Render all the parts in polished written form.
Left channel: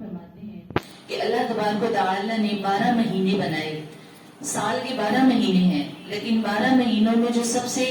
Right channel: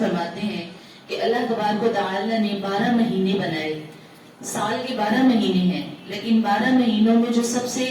فرماتے ہیں کہ اللہ تبارک و تعالی نے 12 مہینے بنائے. سال کے 12 مہینے ہیں، لیکن 12 مہینوں میں جو سب سے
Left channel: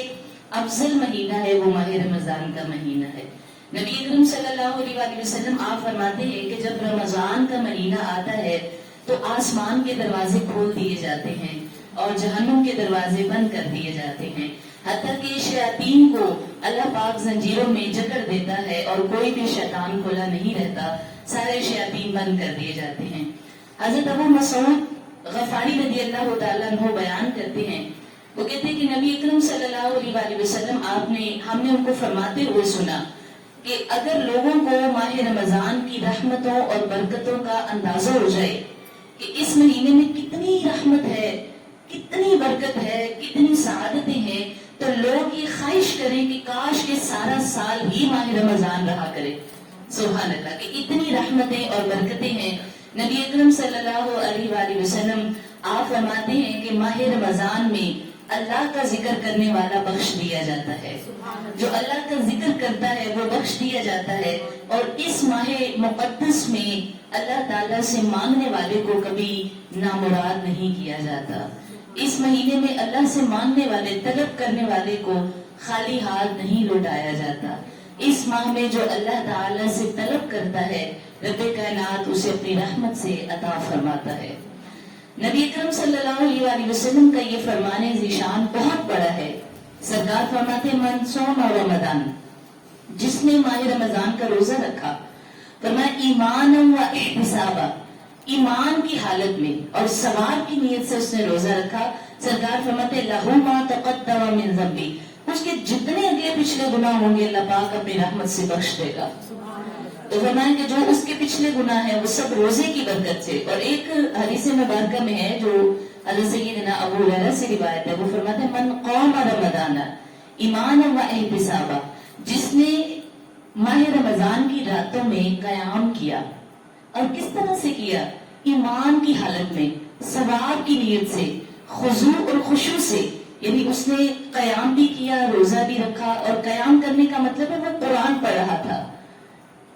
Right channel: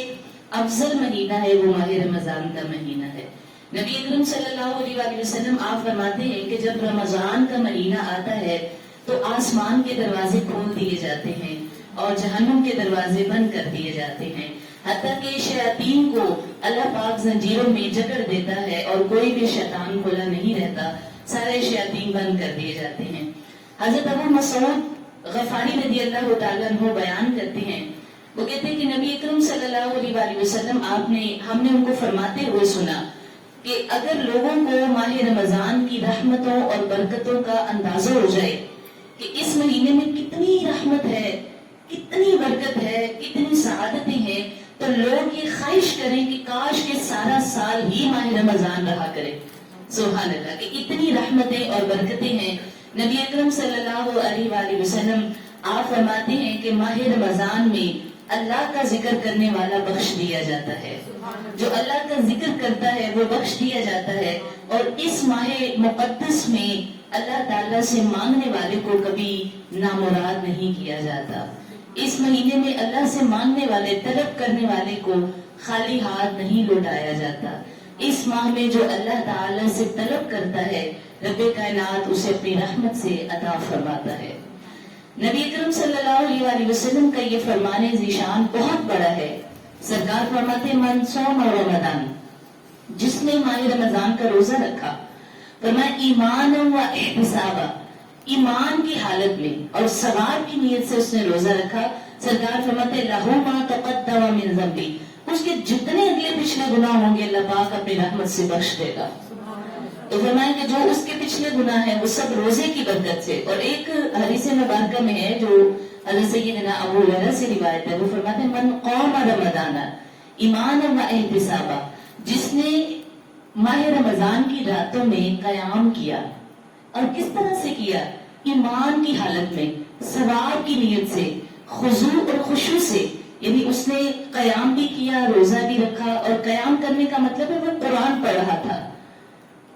افضل مہینہ ہے وہ ماہ رمضان کا مہینہ ہے. نبی اکرم صلی اللہ علیہ وآلہ وسلم آپ فرماتے ہیں کہ جب رمضان کا مہینہ آتا ہے تو آسمان کے دروازے کھول دیے جاتے ہیں اور جہنم کے دروازے بند کر دیے جاتے ہیں، حتیٰ کہ شیاطین کو اللہ پاک زنجیروں میں جکڑ دیتا ہے اور کوئی بھی شیطان کھلا نہیں رہتا، سارے شیاطین بند کر دیے جاتے ہیں. حضرت ابو مسعود غفاری رضی اللہ تعالیٰ عنہ بیان کرتے ہیں، وہ کہتے ہیں کہ نبی اکرم صلی اللہ علیہ وآلہ وسلم ہم نے ان کو فرماتے ہوئے سنا کہ اگر لوگوں کو ماہ رمضان کی رحمتوں اور برکتوں کا اندازہ ہو جائے کہ اس مہینے میں کتنی رحمت ہے، کتنی برکت ہے، کتنی سعادتیں ہیں، تو لوگ یہ خواہش کریں کہ کاش کے سارا سال ہی ماہ رمضان رہا کرے. سبحان اللہ، کہ اتنی رحمتیں اور برکتیں ہیں. نبی اکرم صلی اللہ علیہ وآلہ وسلم آپ فرماتے ہیں کہ ماہ رمضان میں اللہ کا ذکر کرنے والا بخش دیا جاتا ہے، جو اللہ کا ذکر کرتا ہے وہ بخش دیا جاتا ہے. اور اس ماہ مقدس میں اللہ تعالیٰ سے مانگنے والے کو کبھی نامراد نہیں کیا جاتا. اس مہینے میں اللہ سے مانگنے والے، طلب کرنے والے کو خالی ہاتھ نہیں لوٹایا جاتا. اس ماہ میں جو اللہ تعالیٰ سے طلب کرتا ہے رب کائنات اسے اپنی رحمت سے عطا فرماتا ہے. نبی اکرم صلی اللہ علیہ وآلہ وسلم کا یہ فرمان ذیشان بہت بڑا ہے. سرکار فرماتے من صام رمضان، جس نے ماہ رمضان کا روزہ رکھا، فرمایا ایمان و احتسابا، ایمان کی حالت میں اور ثواب کی نیت سے اس نے روزہ رکھا، سرکار فرماتے لہو ما تقدم من ذنبی، اس کے جتنے اگلے پچھلے گناہ ہوں گے اللہ پاک اپنی رحمت سے بخش دے گا. تو فرمایا کہ جو اس کے پچھلے گناہ ہیں وہ سب روزے کی برکت سے. اور ایک حدیث مبارکہ میں ہے جو حضرت سیدنا ابو ہریرہ سے روایت ہے، وہ فرماتے ہیں من قام رمضان ایمانا و احتسابا، جس نے ماہ رمضان کی راتوں میں قیام کیا، اور کس طرح سے کیا؟ ایمان کی حالت میں، ثواب کی نیت سے، خضوع اور خشوع سے. یعنی اس نے قیام بھی کیا، روزہ بھی رکھا، اور قیام کرنے کا مطلب ہے وہ قرآن پڑھ رہا تھا.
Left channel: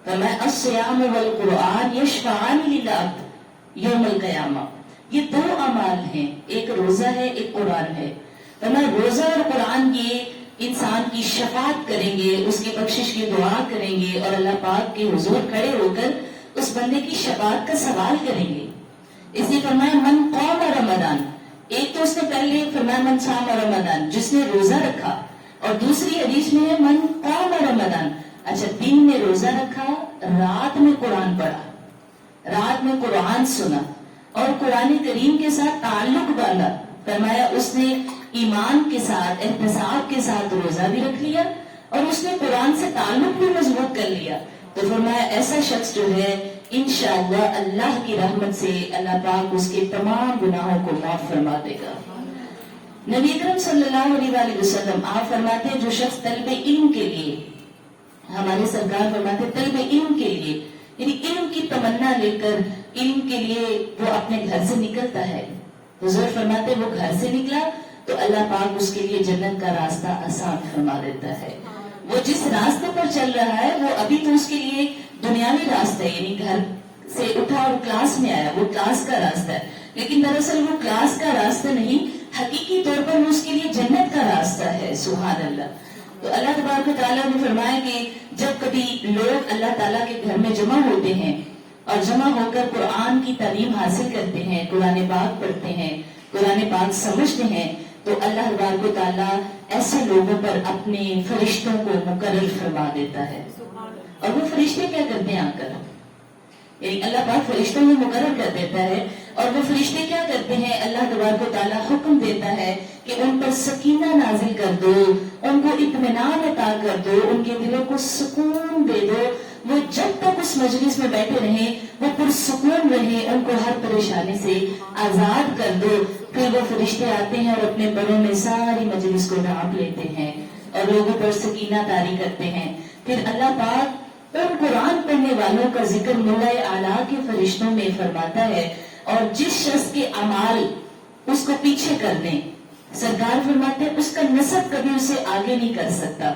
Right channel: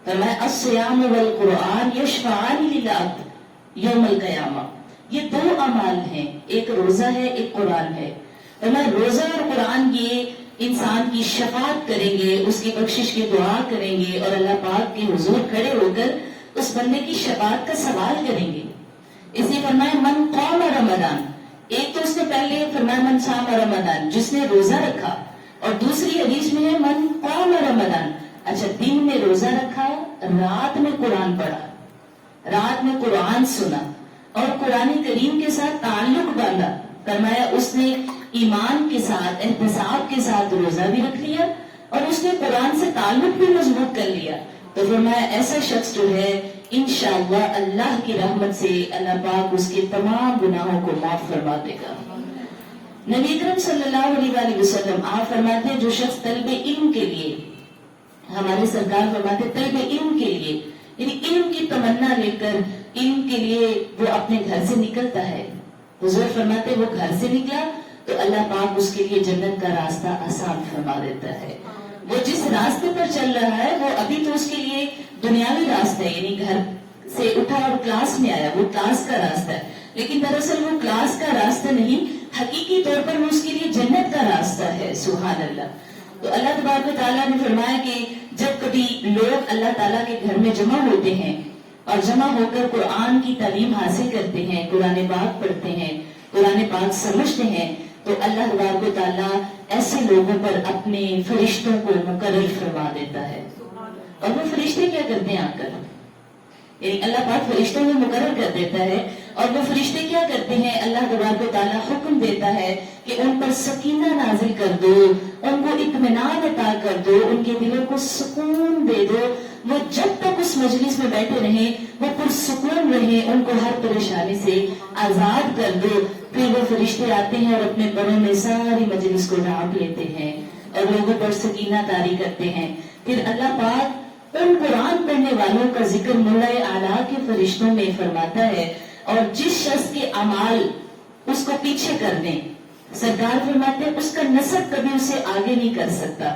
فرمایا الصیام والقرآن یشفعان للعبد یوم القیامہ. یہ دو اعمال ہیں، ایک روزہ ہے، ایک قرآن ہے. فرمایا روزہ اور قرآن یہ انسان کی شفاعت کریں گے، اس کی بخشش کی دعا کریں گے، اور اللہ پاک کے حضور کھڑے ہو کر اس بندے کی شفاعت کا سوال کریں گے. اس لیے فرمایا من قام رمضان، ایک تو اس نے پہلے فرمایا من صام رمضان، جس نے روزہ رکھا، اور دوسری حدیث میں ہے من قام رمضان. اچھا، دن میں روزہ رکھا، رات میں قرآن پڑھا، رات میں قرآن سنا اور قرآن کریم کے ساتھ تعلق باندھا. فرمایا اس نے ایمان کے ساتھ، احتساب کے ساتھ روزہ بھی رکھ لیا اور اس نے قرآن سے تعلق بھی مضبوط کر لیا. تو فرمایا ایسا شخص جو ہے انشاءاللہ اللہ کی رحمت سے اللہ پاک اس کے تمام گناہوں کو معاف فرما دے گا. نبی اکرم صلی اللہ علیہ وآلہ وسلم آپ فرماتے ہیں جو شخص طلب علم کے لیے، ہمارے سرکار فرماتے طلب علم کے لیے، یعنی علم کی تمنا لے کر علم کے لیے وہ اپنے گھر سے نکلتا ہے، حضور فرماتے وہ گھر سے نکلا تو اللہ پاک اس کے لیے جنت کا راستہ آسان فرما دیتا ہے. وہ جس راستے پر چل رہا ہے وہ ابھی تو اس کے لیے دنیاوی راستہ ہے، یعنی گھر سے اٹھا اور کلاس میں آیا، وہ کلاس کا راستہ ہے، لیکن دراصل وہ کلاس کا راستہ نہیں، حقیقی طور پر وہ اس کے لیے جنت کا راستہ ہے. سبحان اللہ. تو اللہ تبارک و تعالیٰ نے فرمایا کہ جب کبھی لوگ اللہ تعالیٰ کے گھر میں جمع ہوتے ہیں اور جمع ہو کر قرآن کی تعلیم حاصل کرتے ہیں، قرآن پاک پڑھتے ہیں، قرآن پاک سمجھتے ہیں، تو اللہ تبارک و تعالیٰ ایسے لوگوں پر اپنے فرشتوں کو مقرر فرما دیتا ہے. اور وہ فرشتے کیا کرتے ہیں آ کر، یعنی اللہ پاک فرشتوں کو مقرر کر دیتا ہے، اور وہ فرشتے کیا کرتے ہیں؟ اللہ تبارک و تعالیٰ حکم دیتا ہے کہ ان پر سکینہ نازل کر دو، ان کو اطمینان عطا کر دو، ان کے دلوں کو سکون دے دو. وہ جب تک اس مجلس میں بیٹھے رہیں وہ پرسکون رہیں، ان کو ہر پریشانی سے آزاد کر دو. پھر وہ فرشتے آتے ہیں اور اپنے پروں میں ساری مجلس کو ڈھانپ لیتے ہیں اور لوگوں پر سکینہ طاری کرتے ہیں. پھر اللہ پاک ان قرآن پڑھنے والوں کا ذکر ملائے اعلیٰ کے فرشتوں میں فرماتا ہے، اور جس شخص کے اعمال اس کو پیچھے کر دیں، سرکار فرماتے ہیں اس کا نسب کبھی اسے آگے نہیں کر سکتا.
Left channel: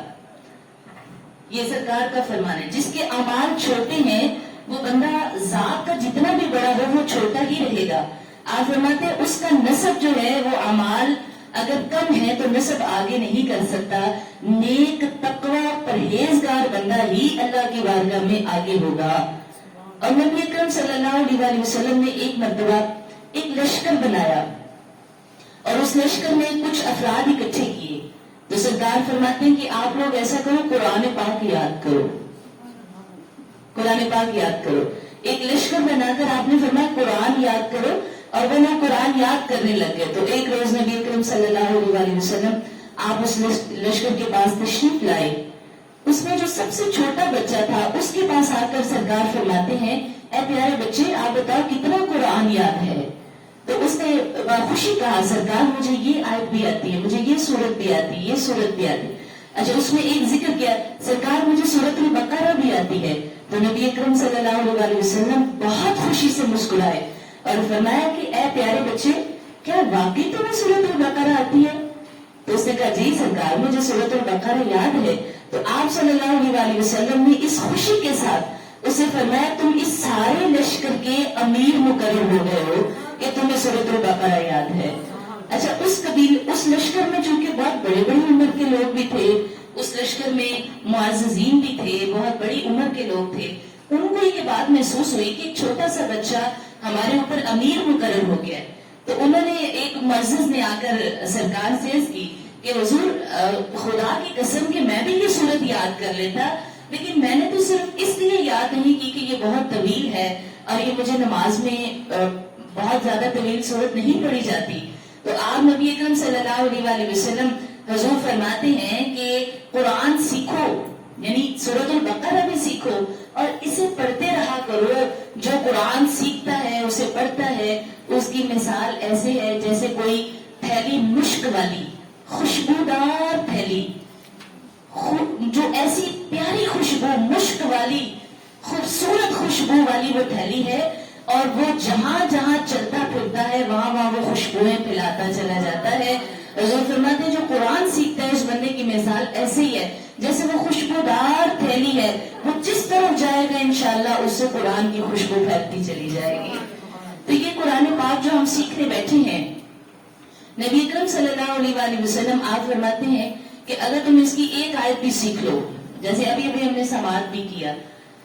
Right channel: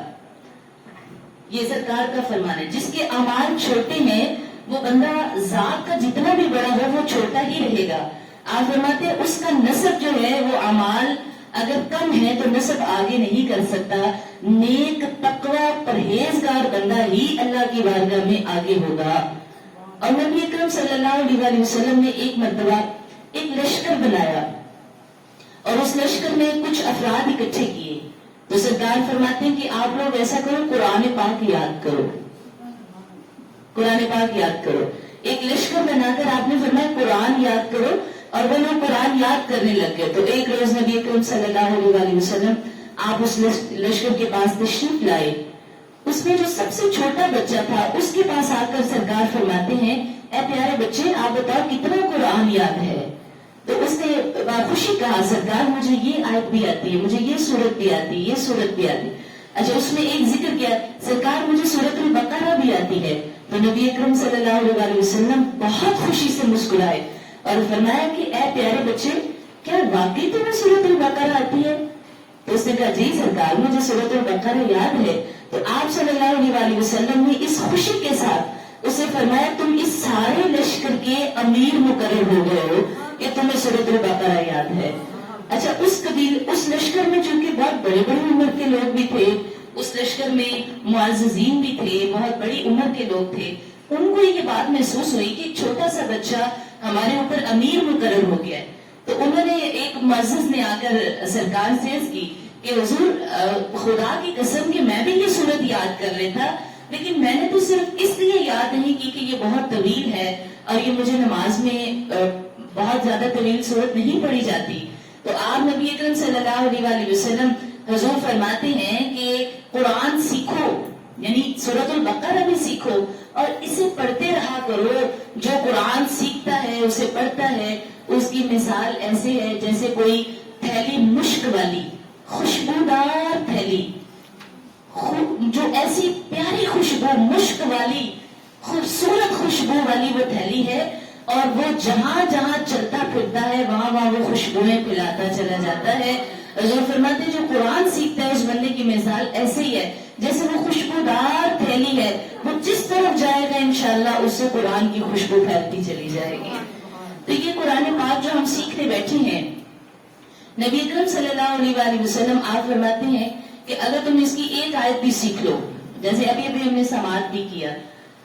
یہ سرکار کا فرمان ہے. جس کے اعمال چھوٹے ہیں وہ بندہ ذات کا جتنا بھی بڑا ہو وہ چھوٹا ہی رہے گا. آپ فرماتے ہیں اس کا نسب جو ہے وہ اعمال اگر کم ہے تو نسب آگے نہیں کر سکتا. نیک تقوی پرہیزگار بندہ ہی اللہ کی بارگاہ میں آگے ہوگا. اور نبی اکرم صلی اللہ علیہ وسلم نے ایک مرتبہ ایک لشکر بنایا اور اس لشکر میں کچھ افراد اکٹھے کیے. تو سرکار فرماتے ہیں کہ آپ لوگ ایسا کرو، قرآن پاک یاد کرو، قرآن پاک یاد کرو. ایک لشکر بنا کر آپ نے فرمایا قرآن یاد کرو، اور وہ لوگ قرآن یاد کرنے لگ گئے. تو ایک روز نبی اکرم صلی اللہ علیہ وسلم آپ اس لشکر کے پاس تشریف لائے. اس میں جو سب سے چھوٹا بچہ تھا اس کے پاس آ کر سرکار فرماتے ہیں اے پیارے بچے آپ بتاؤ کتنا قرآن یاد ہے. تو اس نے خوشی کہا سرکار مجھے یہ آیت بھی آتی ہے، مجھے یہ سورت بھی آتی ہے، یہ سورت بھی آتی ہے. اچھا اس میں ایک ذکر کیا سرکار مجھے سورت البقرہ بھی آتی ہے. تو نبی اکرم صلی اللہ علیہ وسلم بہت خوشی سے مسکرائے اور فرمایا کہ اے پیارے بچے کیا واقعی تمہیں سورت البقرہ آتی ہے؟ تو اس نے کہا جی سرکار مجھے سورت البقرہ یاد ہے. تو آپ صلی اللہ علیہ وسلم نے اس خوشی کے ساتھ اسے فرمایا تم اس سارے لشکر کے امیر مقرر ہو گئے ہو کہ تمہیں سورت البقرہ یاد ہے. اچھا اس لشکر میں چونکہ بہت بڑے بڑے عمر کے لوگ بھی تھے، اس لشکر میں معززین بھی تھے، بہت بڑی عمر کے لوگ تھے. ان کو یہ بات محسوس ہوئی کہ ایک چھوٹا سا بچہ ہمارے اوپر امیر مقرر ہو گیا ہے. تو انہوں نے ایک معزز نے آ کر سرکار سے عرض کی کہ حضور خدا کی قسم کہ میں بھی یہ سورت یاد کر لیتا لیکن میں نے تو صرف اس لیے یاد نہیں کی کہ یہ بہت طویل ہے اور یہ مجھے نماز میں بہت زیادہ طویل سورت نہیں پڑھی جاتی. تو آپ نبی اکرم صلی اللہ علیہ وسلم حضور فرماتے ہیں کہ قرآن سیکھو، یعنی سورت البقرہ بھی سیکھو اور اسے پڑھتے رہا کرو. جو قرآن سیکھتا ہے اسے پڑھتا ہے اس کی مثال ایسے ہے جیسے کوئی تھیلی مشک والی خوشبودار تھیلی، جو ایسی پیاری خوشبو مشک والی خوبصورت خوشبو والی وہ تھیلی ہے اور وہ جہاں جہاں چلتا پھرتا ہے وہاں وہاں وہ خوشبوئیں پھیلاتا چلا جاتا ہے. حضور فرماتے ہیں جو قرآن سیکھتا ہے اس بندے کی مثال ایسے ہی ہے جیسے وہ خوشبودار تھیلی ہے، وہ جس طرف جائے گا انشاءاللہ اس سے قرآن کی خوشبو پھیلتی چلی جائے گی. تو یہ قرآن پاک جو ہم سیکھنے بیٹھے ہیں نبی اکرم صلی اللہ علیہ وسلم آپ فرماتے ہیں کہ اگر تم اس کی ایک آیت بھی سیکھ لو، جیسے ابھی ہم نے سماعت بھی کیا.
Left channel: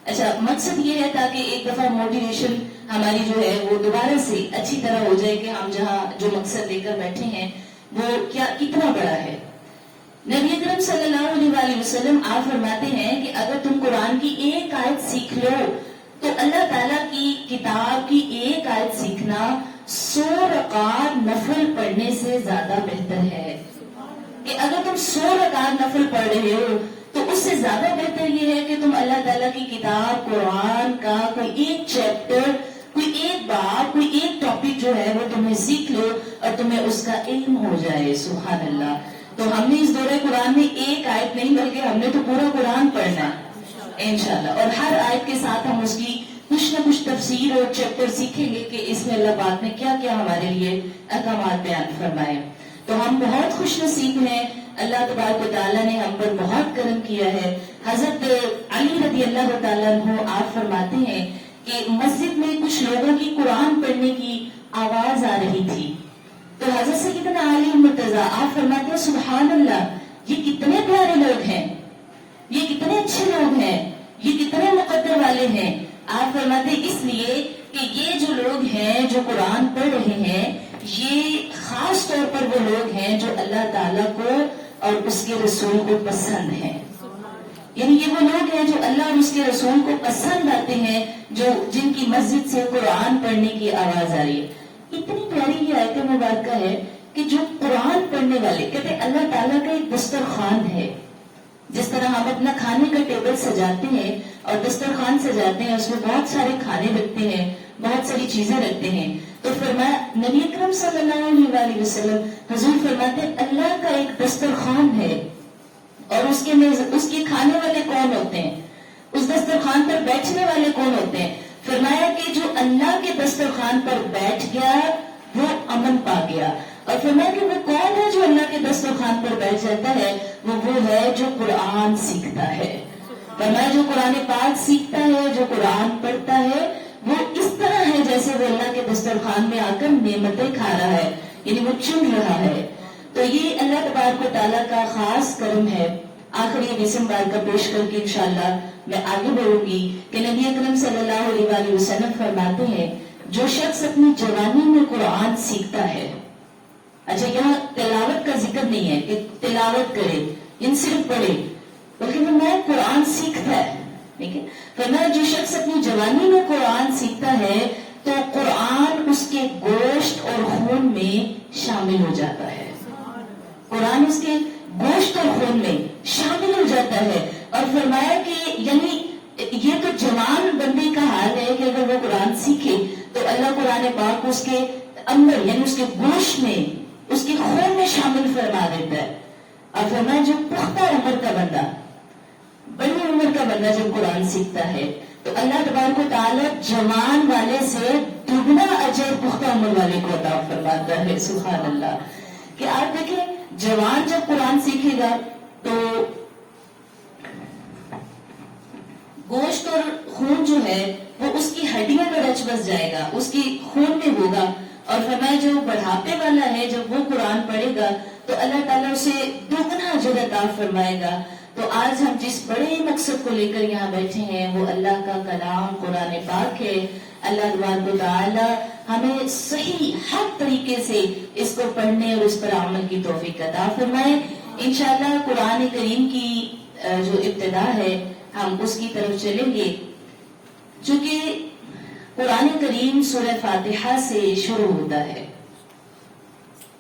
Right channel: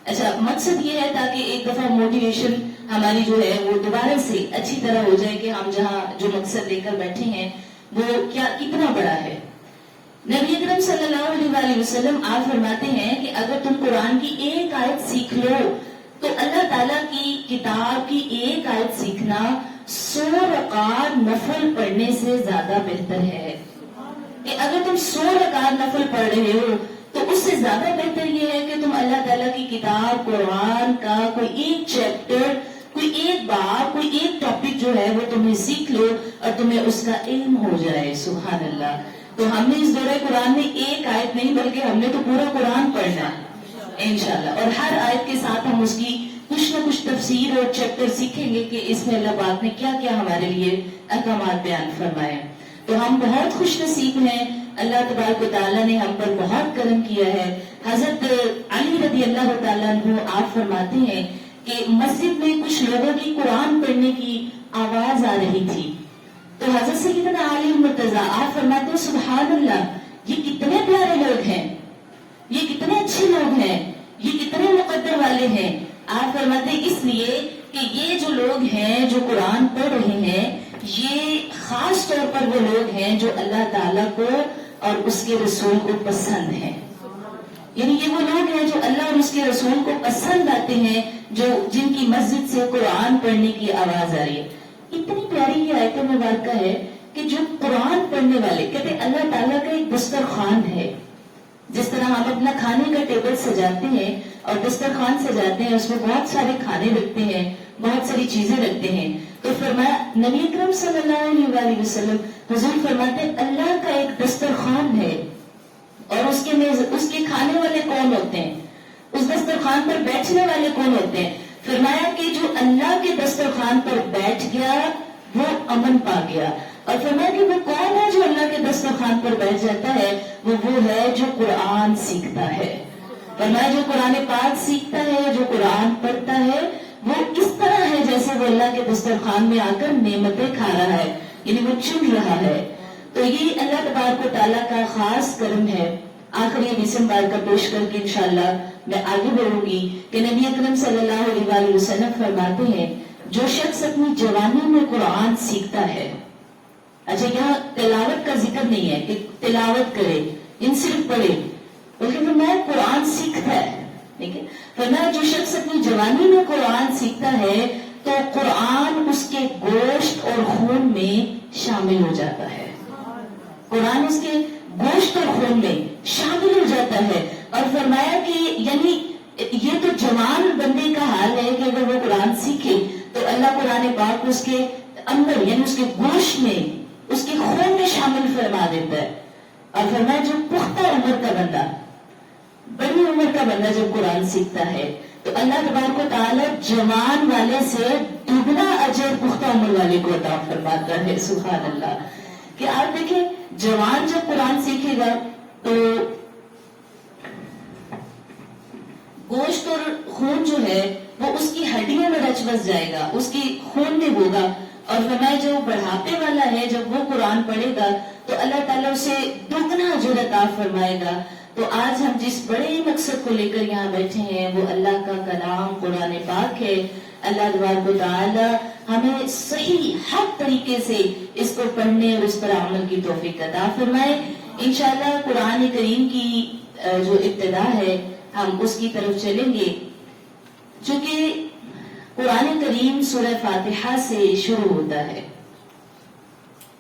اچھا مقصد یہ ہے تاکہ ایک دفعہ موٹیویشن ہماری جو ہے وہ دوبارہ سے اچھی طرح ہو جائے کہ ہم جہاں جو مقصد لے کر بیٹھے ہیں وہ کیا کتنا بڑا ہے. نبی اکرم صلی اللہ علیہ وسلم آپ فرماتے ہیں کہ اگر تم قرآن کی ایک آیت سیکھ لو تو اللہ تعالیٰ کی کتاب کی ایک آیت سیکھنا 100 رکعت نفل پڑھنے سے زیادہ بہتر ہے. کہ اگر تم 100 رکعت نفل پڑھ رہے ہو تو اس سے زیادہ بہتر یہ ہے کہ تم اللہ تعالیٰ کی کتاب قرآن کا کوئی ایک چیپٹر، کوئی ایک باب، کوئی ایک ٹاپک جو ہے وہ تمہیں سیکھ لو اور تمہیں اس کا علم ہو جائے. سبحان اللہ. تو ہم نے اس دورہ قرآن میں ایک آیت نہیں بلکہ ہم نے تو پورا قرآن پڑھنا انشاءاللہ، اور ہر آیت کے ساتھ ہم اس کی کچھ نہ کچھ تفسیر اور چیپٹر سیکھیں گے کہ اس میں اللہ پاک نے کیا کیا ہمارے لیے احکامات بیان فرمائے. تو ہم بہت خوش نصیب ہیں، اللہ تبارک و تعالیٰ نے ہم پر بہت کرم کیا ہے. حضرت علی رضی اللہ تعالیٰ عنہ آپ فرماتے ہیں کہ مسجد میں کچھ لوگوں کی قرآن پڑھنے کی آواز آ رہی تھی. تو حضرت سیدنا علی مرتضی آپ فرماتے ہیں سبحان اللہ، یہ کتنے پیارے لوگ ہیں، یہ کتنے اچھے لوگ ہیں، یہ کتنے مقدر والے ہیں. آپ فرماتے ہیں اس لیے کہ یہ جو لوگ ہیں جو قرآن پڑھ رہے ہیں یہ خاص طور پر وہ لوگ ہیں جو اللہ تعالیٰ کو اور اس کے رسول کو پسند ہیں. یعنی یہ وہ لوگ ہیں جو اللہ اور اس کے رسول کو پسند آتے ہیں، جو جن کی مسجد سے قرآن پڑھنے کی آواز آ رہی ہے. اتنی پیاری یہ آیت مبارکہ ہے کہ جو قرآن پڑھنے والے کہتے ہیں اللہ تعالیٰ کا ایک دسترخوان ہے. جس طرح ہم اپنا کھانے کا ٹیبل سجاتے ہیں اور دسترخوان سجاتے ہیں، اس میں بہت سارے کھانے رکھتے ہیں، بہت ساری چیزیں رکھتے ہیں. تو فرمایا نبی اکرم صلی اللہ علیہ وسلم حضور فرماتے ہیں اللہ کا ایک دسترخوان ہے اور اس کے کھانے والے کون ہوتے ہیں، اس دسترخوان پر بیٹھنے والے کون ہوتے ہیں. فرمایا کہ جو اللہ کے دسترخوان پر بیٹھ گیا وہ امن پا گیا. اور فرمایا کہ وہ کون ہے جو اللہ کے دسترخوان پر بیٹھ جاتا ہے، وہ ہے جو قرآن سیکھتا ہے. فرمایا جو قرآن پاک سیکھتا ہے، جو قرآن پڑھتا ہے، وہ اس طرح ہے جیسے وہ اللہ کے دسترخوان میں آ کر نعمتیں کھا رہا ہے، یعنی وہ چن رہا ہے۔ تو یہ اللہ تبارک و تعالیٰ کا خاص کرم ہے۔ آخری اسم بار کا پیش کر کے انشاءاللہ میں آگے بڑھوں گی کہ نبی اکرم صلی اللہ علیہ وآلہ وسلم فرماتے ہیں جو شخص اپنی جوانی میں قرآن سیکھتا ہے، اچھا یہاں تلاوت کا ذکر نہیں ہے کہ تلاوت کرے، ان صرف پڑھے، بلکہ فرمایا قرآن سیکھتا ہے، ٹھیک ہے، فرمایا جو شخص اپنی جوانی میں قرآن سیکھتا ہے تو قرآن اس کے گوشت اور خون میں شامل ہو جاتا ہے، قرآن اس کے گوشت اور خون میں شامل ہو جاتا ہے۔ اور فرمایا کہ یعنی یہ تو جوان بندے کا حال ہے کہ اگر وہ قرآن سیکھے تو اللہ قرآن پاک اس کے اندر یعنی اس کے گوشت میں، اس کے خون میں شامل فرما دیتا ہے۔ اور فرمایا جو پختہ عمر کا بندہ، بڑی عمر کا بندہ جب قرآن سیکھتا ہے تو اللہ تبارک و تعالیٰ جوان والے سے دگنا اجر پختہ عمر والے کو عطا فرماتا ہے۔ سبحان اللہ، کہ آپ دیکھیں جوان جب قرآن سیکھے گا تو گوشت اور خون جو ہے وہ اس کی ہڈیوں میں رچ بس جائے گا، اس کی خون میں ہوگا۔ اور فرمایا جو بڑھاپے والا ہے جب وہ قرآن پڑھے گا تو اللہ تعالیٰ اسے دگنا اجر عطا فرمائے گا۔ تو آج ہم جس بڑے مقصد کو لے کر یہاں بیٹھے ہیں وہ اللہ کا کلام قرآن پاک ہے۔ اللہ تبارک و تعالیٰ ہمیں صحیح حق طریقے سے اس کو پڑھنے اور اس پر عمل کی توفیق عطا فرمائے۔ انشاءاللہ قرآن کریم کی جو ابتدا ہے ہم اس کی طرف چلیں گے، چونکہ قرآن کریم سورہ فاتحہ سے شروع ہوتا ہے۔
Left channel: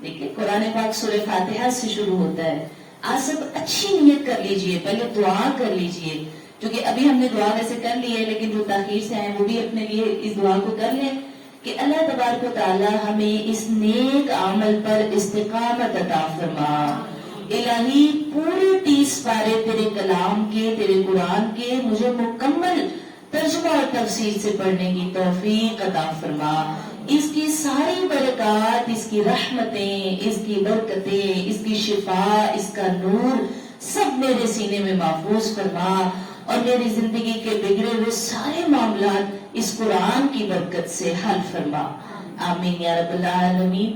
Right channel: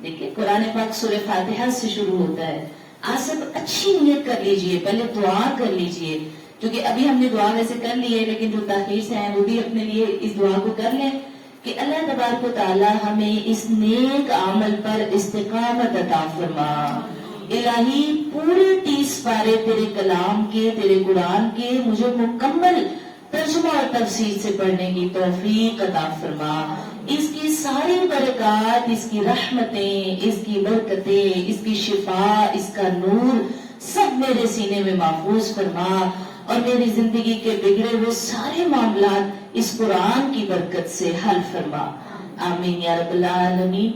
دیکھیں قرآن پاک سورہ فاتحہ سے شروع ہوتا ہے۔ آج سب اچھی نیت کر لیجئے، پہلے دعا کر لیجئے، کیونکہ ابھی ہم نے دعا ویسے کر لی ہے لیکن جو تاخیر سے آئے وہ بھی اپنے لیے اس دعا کو کر لیں کہ اللہ تبارک و تعالی ہمیں اس نیک عمل پر استقامت عطا فرما۔ الہی پورے 30 پارے تیرے کلام کے، تیرے قرآن کے مجھے مکمل ترجمہ اور تفسیر سے پڑھنے کی توفیق عطا فرما۔ اس کی ساری برکات، اس کی رحمتیں، اس کی برکتیں، اس کی شفا، اس کا نور سب میرے سینے میں محفوظ فرما اور میری زندگی کے بگڑے ہوئے سارے معاملات اس قرآن کی برکت سے حل فرما۔ آمین یا رب العالمین۔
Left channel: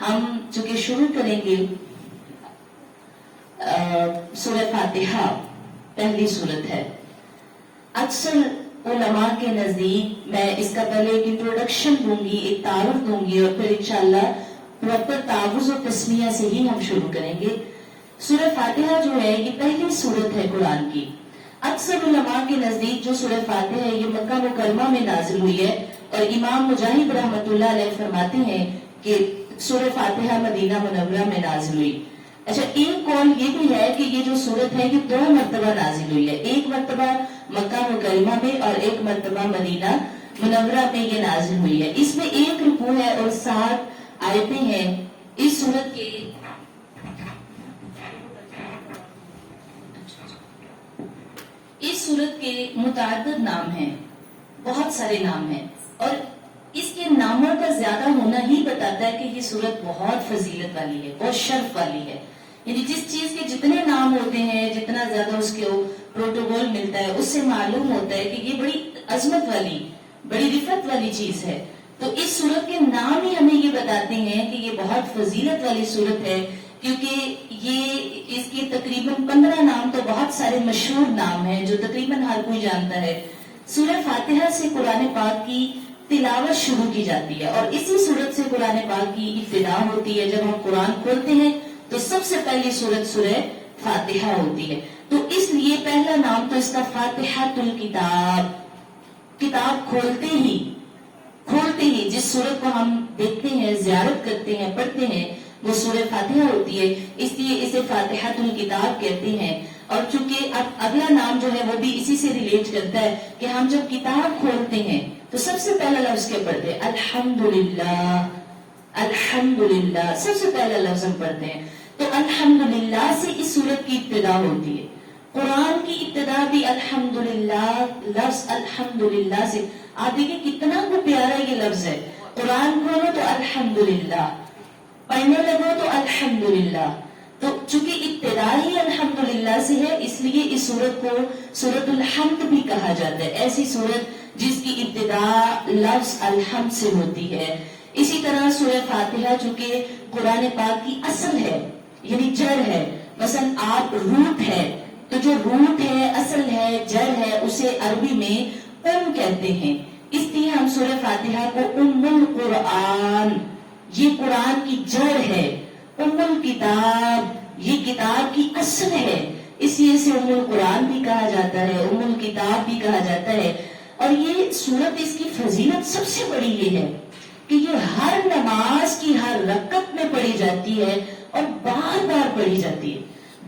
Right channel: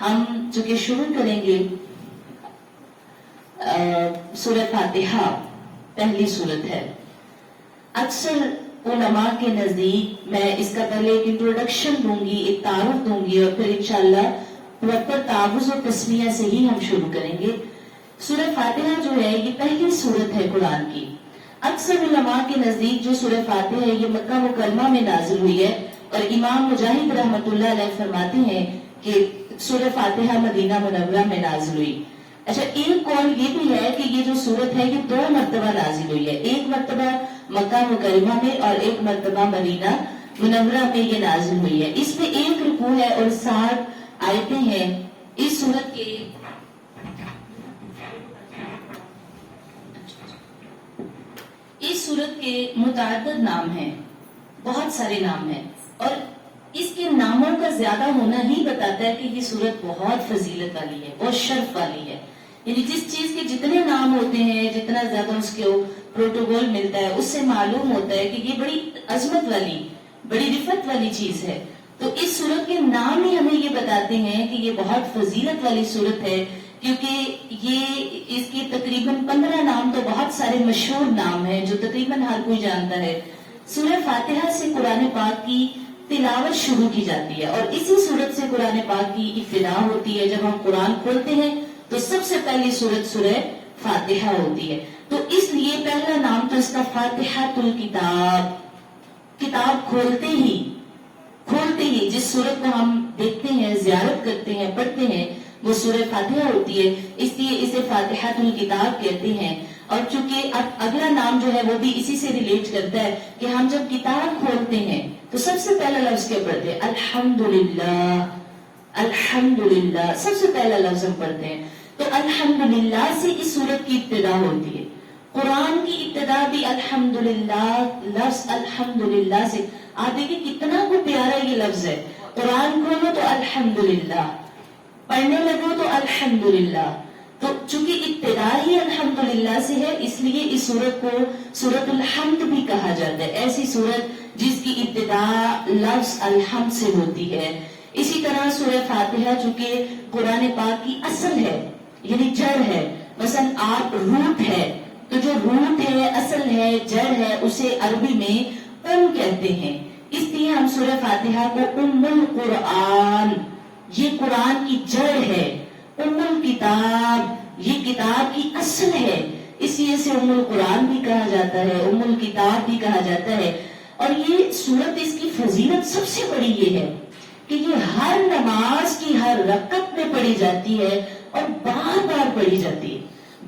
ہم چونکہ شروع کریں گے سورہ فاتحہ، پہلی سورت ہے۔ اکثر علماء کے نزدیک میں اس کا پہلے ایک انٹروڈکشن دوں گی، ایک تعارف دوں گی اور پھر انشاءاللہ پراپر تعوذ و تسمیہ سے ہی ہم شروع کریں گے۔ سورہ فاتحہ جو ہے یہ پہلی سورت ہے قرآن کی۔ اکثر علماء کے نزدیک جو سورہ فاتحہ ہے یہ مکہ مکرمہ میں نازل ہوئی ہے، اور امام مجاہد رحمۃ اللہ علیہ فرماتے ہیں کہ سورہ فاتحہ مدینہ منورہ میں نازل ہوئی۔ اچھا، ایک قول یہ بھی ہے کہ یہ جو سورت ہے یہ 2 مرتبہ نازل ہوئی ہے، ایک مرتبہ مکہ مکرمہ میں اور ایک مرتبہ مدینہ منورہ میں یہ نازل ہوئی ہے۔ اس میں 1 رکوع ہے اور 7 آیتیں ہیں۔ اس سورت کے متعدد نام ہیں، بہت سارے نام ہیں، اور اس کے ناموں کا زیادہ ہونا ہی بتاتا ہے کہ یہ سورت بہت فضیلت والی ہے، بہت شرف والی ہے۔ یعنی جس چیز کے جتنے نام ہوتے ہیں، جتنا زیادہ اس کے پروٹوکول ملتا ہے، اس سے معلوم ہوتا ہے کہ یہ بڑی عظمت والی، بڑی رفت والی چیز ہے۔ تو اس سورت کے نام ہی ہمیں یہ بتاتے ہیں کہ یہ بہت فضیلت والی سورت ہے، کیونکہ یہ اس کی تقریباً 15 نام تو بہت سارے مشہور نام ہیں جو تقریباً ہر کوئی جانتا ہے۔ سورہ فاتحہ سے قرآن پاک کی تلاوت شروع کی جاتی ہے اور اسی سورت سے قرآن پاک کی ابتدا ہوتی ہے۔ جب ہم قرآن کھولتے ہیں تو سب سے پہلی سورت سورہ فاتحہ ہوتی ہے، تو اس لیے پہلا نام تو اس کا فاتحۃ الکتاب، کتاب کھولتے ہی جس سورت کو ہم دیکھتے ہیں، زیارت کرتے ہیں، پڑھتے ہیں، وہ سورہ فاتحہ ہوتی ہے، اس لیے اسے فاتحۃ الکتاب کہتے ہیں۔ اور چونکہ اگلا نام جو ہے وہ بھی اسی سے ریلیٹ کرتا ہے کہ ہم جب کتاب کھولتے ہیں تو سب سے پہلا لفظ کیا پڑھتے ہیں؟ الحمدللہ، الحمدللہ سب سے پہلا لفظ ہم پڑھتے ہیں۔ تو الحمدللہ سے اس سورت کی ابتدا ہوتی ہے۔ قرآن کی ابتدا بھی الحمدللہ، لفظ الحمدللہ سے۔ آپ دیکھیں کتنا کو پیارا یہ لفظ ہے۔ قرآن کھولو تو الحمدللہ، پڑھنے لگو تو الحمدللہ، تو چونکہ ابتدا ہی الحمدللہ سے ہے، اس لیے اس سورت کو سورت الحمد بھی کہا جاتا ہے، ایسی سورت جس کی ابتدا لفظ الحمد سے ہوتی ہے۔ اسی طرح سورہ فاتحہ چونکہ قرآن پاک کی اصل ہے، یعنی جڑ ہے، مثلا آپ روٹ ہے، تو جو روٹ ہے، اصل ہے، جڑ ہے، اسے عربی میں ام کہتے ہیں، اس لیے ہم سورہ فاتحہ کو ام القرآن، یہ قرآن کی جڑ ہے، ام الکتاب یہ کتاب کی اصل ہے، اس لیے اسے ام القرآن بھی کہا جاتا ہے، ام الکتاب بھی کہا جاتا ہے۔ اور یہ سورت، اس کی فضیلت سب سے بڑی یہ ہے کہ یہ ہر نماز کی ہر رکعت میں پڑھی جاتی ہے اور بار بار پڑھی جاتی ہے،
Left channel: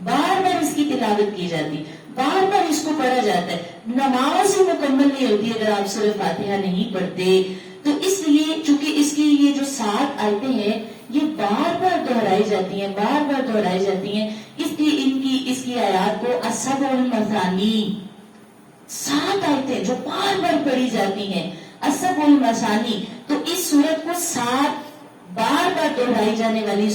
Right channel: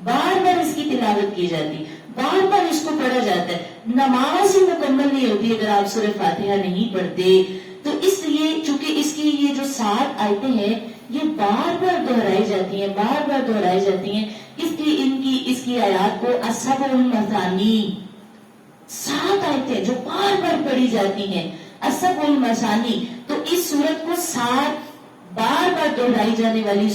بار بار اس کی تلاوت کی جاتی ہے، بار بار اس کو پڑھا جاتا ہے۔ نماز ہی مکمل نہیں ہوتی اگر آپ سورہ فاتحہ نہیں پڑھتے، تو اس لیے چونکہ اس کی یہ جو 7 آیتیں ہیں یہ بار بار دہرائی جاتی ہیں، بار بار دہرائی جاتی ہیں، اس لیے اس کی آیات کو السبع المثانی، 7 آیتیں جو بار بار پڑھی جاتی ہیں، السبع المثانی، تو اس سورت کو 7 بار بار دہرائی جانے والی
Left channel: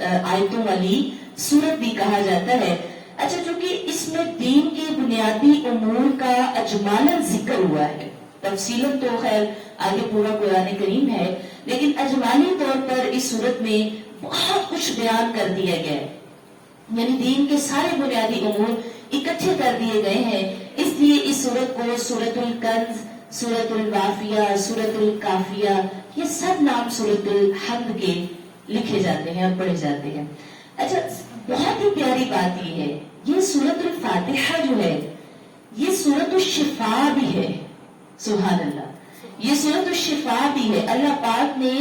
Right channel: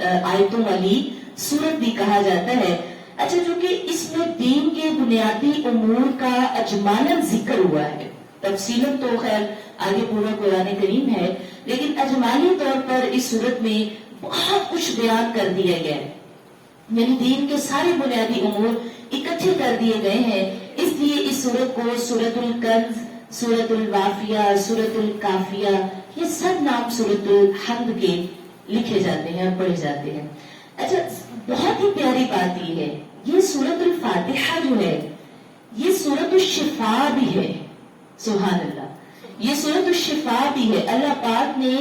آیتوں والی سورت بھی کہا جاتا ہے۔ اچھا، چونکہ اس میں دین کے بنیادی امور کا اجمالاً ذکر ہوا ہے، تفصیلاً تو خیر آگے پورا قرآن کریم ہے، لیکن اجمالی طور پر اس سورت میں بہت کچھ بیان کر دیا گیا ہے، یعنی دین کے سارے بنیادی امور اکٹھے کر دیے گئے ہیں۔ اس لیے اس سورت کو سورت الکنز، سورت الوافیہ، سورت الکافیہ، یہ سب نام سورت الحمد کے لکھے جاتے ہیں اور پڑھے جاتے ہیں۔ اچھا، بہت ہی پیاری بات یہ ہے، یہ سورت الفاتحہ جو ہے یہ سورت الشفا بھی ہے، سبحان اللہ، یہ سورت الشفا بھی ہے۔ اللہ پاک نے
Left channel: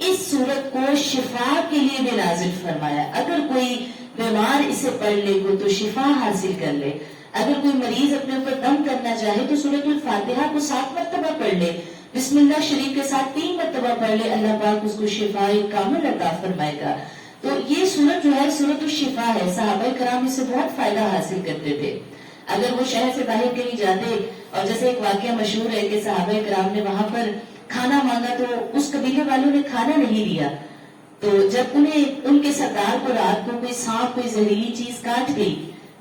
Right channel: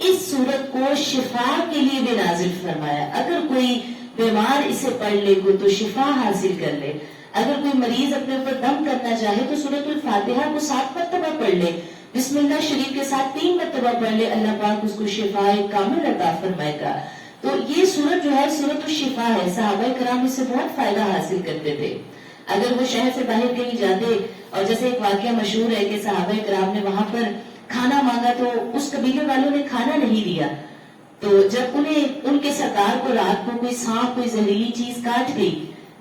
اس سورت کو شفا کے لیے بھی نازل فرمایا، اگر کوئی بیمار اسے پڑھ لے گو تو شفا حاصل کر لے، اگر کوئی مریض اپنے اوپر دم کرنا چاہے تو سورت الفاتحہ کو 7 مرتبہ پڑھ لے، بسم اللہ شریف کے ساتھ 3 مرتبہ پڑھ لے، اللہ پاک اس کو شفا کامل عطا فرمائے گا۔ تو یہ سورت جو ہے سورت الشفا ہے، صحابہ کرام اس سے بہت فائدہ حاصل کرتے تھے۔ اگر وہ شہر سے باہر کہیں جاتے، اور جیسے ایک واقعہ مشہور ہے کہ صحابہ کرام نے وہاں پر کھانا مانگا تو اس قبیلے والوں نے کھانا نہیں دیا، تو جب ان کے سردار کو رات کو کوئی سانپ، کوئی زہریلی چیز کاٹ گئی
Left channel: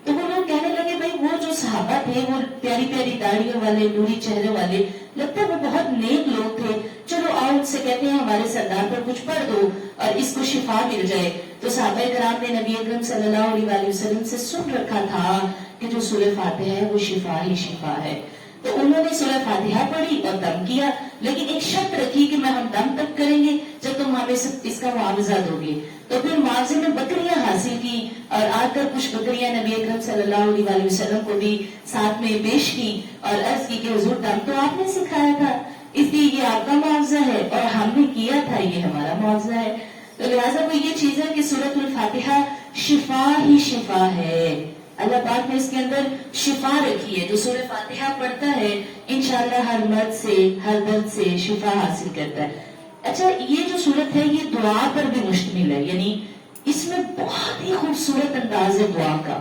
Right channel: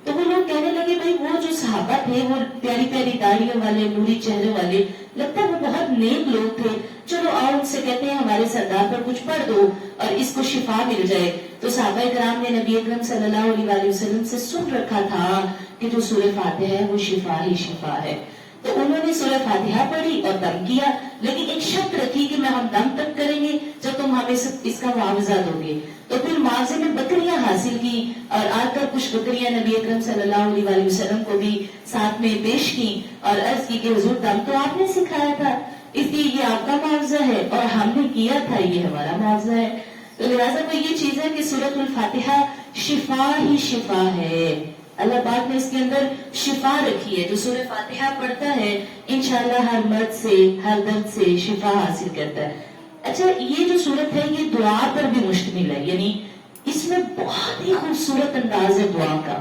تو وہ لوگ کہنے لگے بھائی وہ جو صحابہ تھے وہ پیاری پیاری داڑھیوں والے، نوری چہرے والے، لگتا ہے وہ بہت نیک لوگ تھے، چلو آؤ ان سے کہتے ہیں ہمارے سردار پر کچھ پڑھ دو اور اس کو شفا مل جائے۔ تو صحابہ کرام نے نبی اکرم صلی اللہ علیہ وسلم سے سن رکھا تھا کہ جو سورہ فاتحہ ہے وہ شفا ہی شفا ہے، تو انہوں نے سورہ فاتحہ پڑھی اور دم کیا، لیکن ایک شرط رکھی کہ میں ہم دم تک کریں گے جب تم ہمیں اس کا معاوضہ دو گے۔ تو پھر معاوضے میں بکریاں حاصل کی اور آ کر کچھ بکریاں نبی اکرم صلی اللہ علیہ وسلم کو بھی ساتھ میں پیش کی اور عرض کی کہ حضور دم تو آپ نے سکھایا تھا، اس لیے یہ آپ کا معاوضہ ہے اور ہم نے کیا تھا، یہ ہمارا معاوضہ ہے۔ تو لہٰذا وہ یہ چیز ہے کہ سورۃ الفاتحہ شفا ہی شفا ہے، اللہ پاک نے اس کے اندر شفا رکھی ہے، جو سورہ فاتحہ پڑھتا ہے انشاءاللہ ہر مرض سے، ہر درد سے شفا حاصل کرتا ہے۔ اچھا، یہ جو سورت ہے یہ دعا پر بھی مشتمل ہے، یعنی اس میں بہت ہی خوبصورت انداز ہے دعا کا،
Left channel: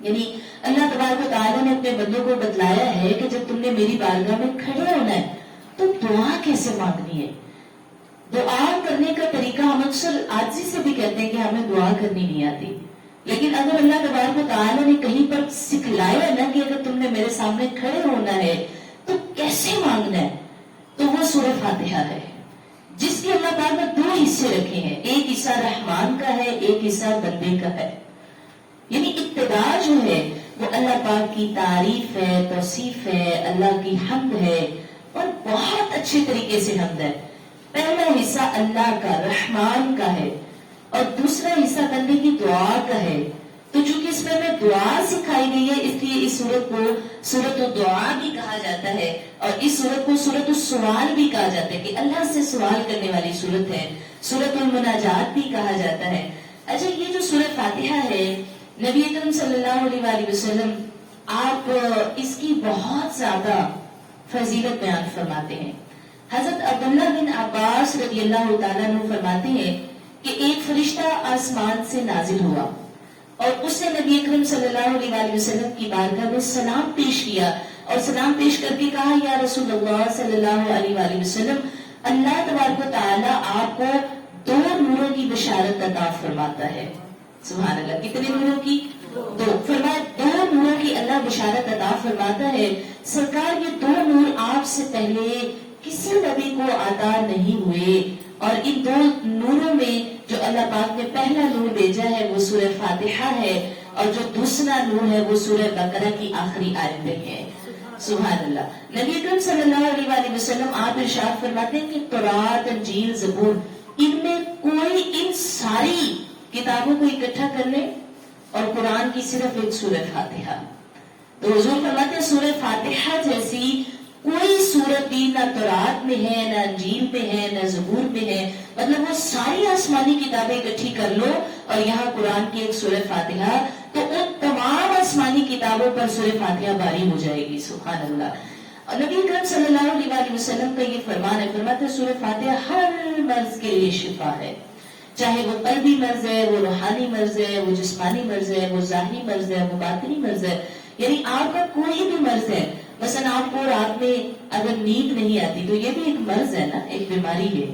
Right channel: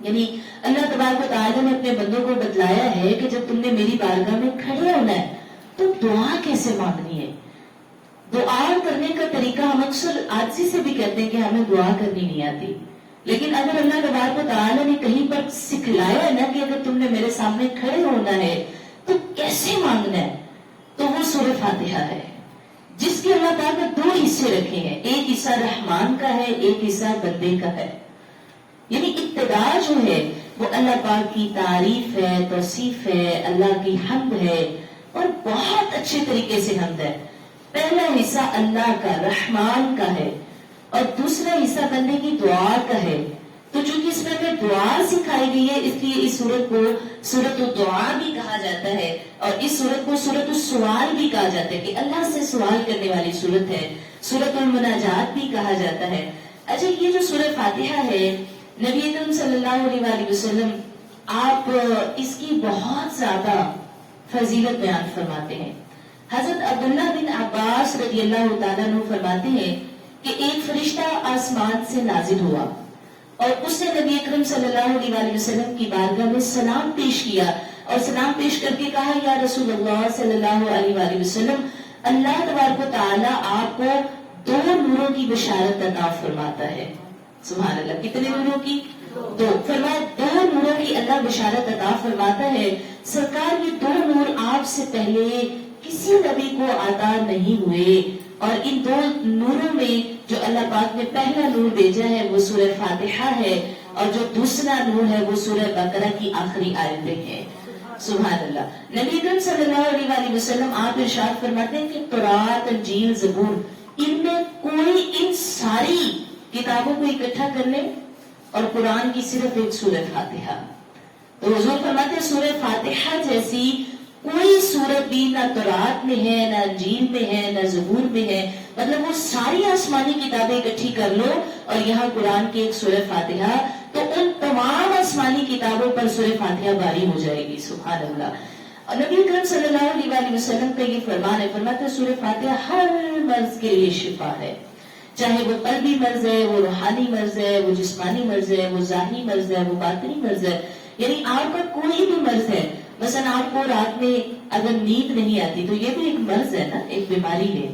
یعنی اللہ تبارک و تعالیٰ نے اپنے بندوں کو بتلایا ہے کہ جب تم نے میری بارگاہ میں کھڑے ہونا ہے تو دعا کیسے مانگنی ہے۔ دعا کرنے کا طریقہ ہم اکثر عاجزی سے بھی کہتے ہیں کہ ہمیں دعا کرنی نہیں آتی، لیکن اگر اللہ تبارک و تعالیٰ نے کہیں پر سکھلایا نا کہ اگر تم نے میرے سامنے کھڑے ہونا ہے تو کیسے مانگنا ہے، تو وہ سورہ فاتحہ ہے، جس کے اللہ تعالیٰ نے 2 حصے رکھے ہیں، ایک حصہ رحمان کا ہے، ایک حصہ بندے کا ہے، یعنی ابتدا جو ہے وہ اللہ پاک کی تعریف ہے، توصیف ہے، اللہ کی حمد ہے اور بہت اچھے طریقے سے حمد ہے۔ پہلا حصہ اللہ کا، رحمان کا ہے، اور دوسرا حصہ بندے کی دعا کا ہے۔ تو چونکہ اس میں ہمیں دعا سکھائی گئی ہے، اس لیے اس سورت کو سورت الدعا بھی کہا جاتا ہے، اور اس سورت کو سورت السوال بھی کہا جاتا ہے کہ اللہ سے سوال کرنے والی سورت ہے، سورت المناجات بھی کہا جاتا ہے۔ اچھا، یہ جو سورہ فاتحہ ہے، نبی اکرم صلی اللہ علیہ وسلم آپ اس کی بہت زیادہ فضیلت بیان فرماتے ہیں۔ حضرت عبداللہ بن عباس رضی اللہ تعالیٰ عنہ فرماتے ہیں کہ ایک فرشتہ آسمان سے نازل ہوا اور اس نے نبی اکرم صلی اللہ علیہ وسلم کی بارگاہ میں سلام پیش کیا اور سلام پیش کر کے کہا، یا رسول اللہ صلی اللہ علیہ وسلم، اللہ تبارک و تعالیٰ آپ کو 2 نوروں کی بشارت عطا فرماتا ہے۔ سبحان اللہ. کتنے نوروں کی؟ دو. فرمایا 2 نوروں کی اللہ بشارت عطا فرماتا ہے. سرکار یہ 2 نور آپ سے پہلے کسی نبی کو عطا نہیں ہوئے، اور ان 2 نوروں میں جو اللہ پاک نے پہلا نور بھیجا ہے وہ سورہ فاتحہ ہے، اور جو دوسرا نور ہے وہ سورہ بقرہ کی آخری آیتیں ہیں. سبحان اللہ. نبی اکرم صلی اللہ علیہ وآلہ وسلم آپ ارشاد فرماتے ہیں کہ تورات، انجیل، زبور، ان میں کوئی ان ساری کتابوں کو اکٹھا کر لے اور قرآن کی صرف ایک سورہ فاتحہ. تو حضور فرماتے ہیں سورہ فاتحہ جیسی کوئی سورت بھی نہ تورات میں ہے، نہ انجیل میں ہے، نہ زبور میں ہے. مطلب وہ ساری آسمانی کتابیں اکٹھی کر لو اور یہاں قرآن کی ایک سورہ فاتحہ، تو ان تمام آسمانی کتابوں پر سورہ فاتحہ باری ہو جائے گی. سبحان اللہ. اور نبی اکرم صلی اللہ علیہ وسلم کا یہ فرمان ہے، فرماتے ہیں سورہ فاتحہ ہر مرض کے لیے شفا ہے، چاہے وہ قلبی مرض ہے، وہ روحانی مرض ہے، وہ جسمانی مرض ہے، وہ ظاہری مرض ہے، وہ باطنی مرض ہے. یعنی آپ کا کوئی بھی مرض ہے، مثلا آپ کو رات میں اگر نیند نہیں آتی تو یہ بھی ایک مرض ہے نا، ایک بیماری ہے.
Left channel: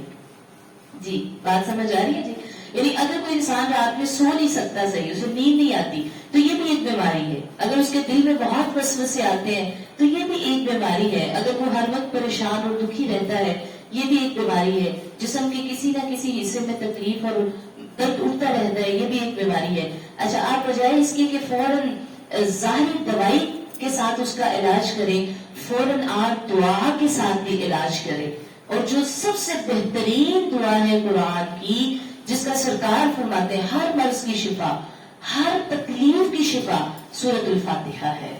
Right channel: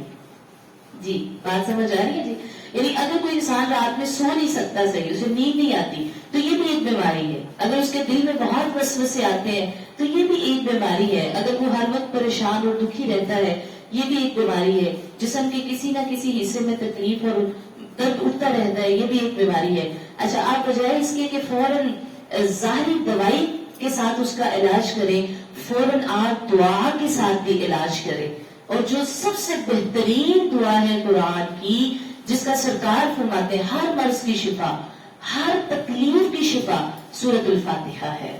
جی بات سمجھ آ رہی ہے؟ جی یعنی اگر کوئی انسان رات میں سو نہیں سکتا صحیح، اسے نیند نہیں آتی تو یہ بھی ایک بیماری ہے. اگر اس کے دل میں بہت وسوسے آتے ہیں تو یہ بھی ایک بیماری ہے. اگر وہ ہر وقت پریشان اور دکھی رہتا ہے یہ بھی ایک بیماری ہے. جسم کے کسی نہ کسی حصے میں تکلیف اور درد اٹھتا رہتا ہے یہ بھی ایک بیماری ہے. اچھا آپ بجائے اس کے کہ فوراً ظاہری دوائی کے ساتھ اس کا علاج کریں، فوراً آپ دعا کے ساتھ بھی علاج کریں. اور جو سب سے بہترین دعا ہے قرآن کی، جس کا سرکار فرماتے ہیں ہر مرض کی شفا، ہر تکلیف کی شفا، سورۃ الفاتحہ ہے.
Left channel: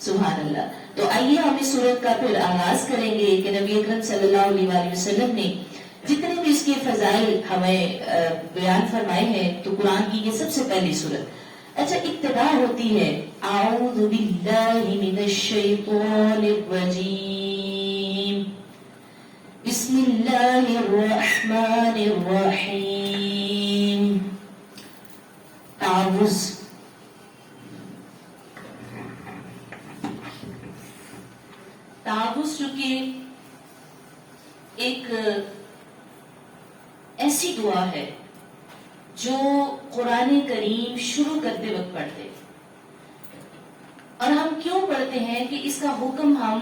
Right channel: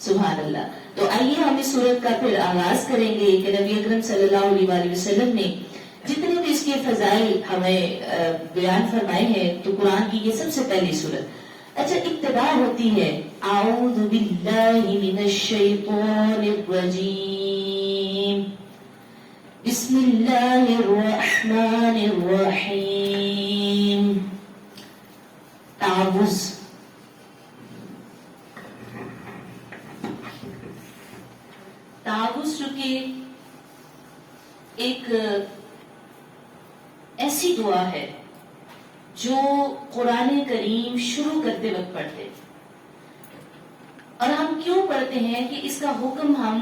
سبحان اللہ. تو آئیے ہم اس سورت کا پھر آغاز کریں گے کہ نبی اکرم صلی اللہ علیہ وسلم نے جتنے بھی اس کے فضائل ہمیں بیان فرمائے ہیں تو قرآن کی یہ سب سے پہلی سورت. اچھا ابتدا ہوتی ہے اعوذ باللہ من الشیطان الرجیم، بسم اللہ الرحمن الرحیم. تعوذ. تعوذ چونکہ ایک ایسی دعا ہے جو قرآن کریم شروع کرتے وقت پڑھتے، اور ہم کیوں پڑھتے ہیں کہ اس کا حکم ہم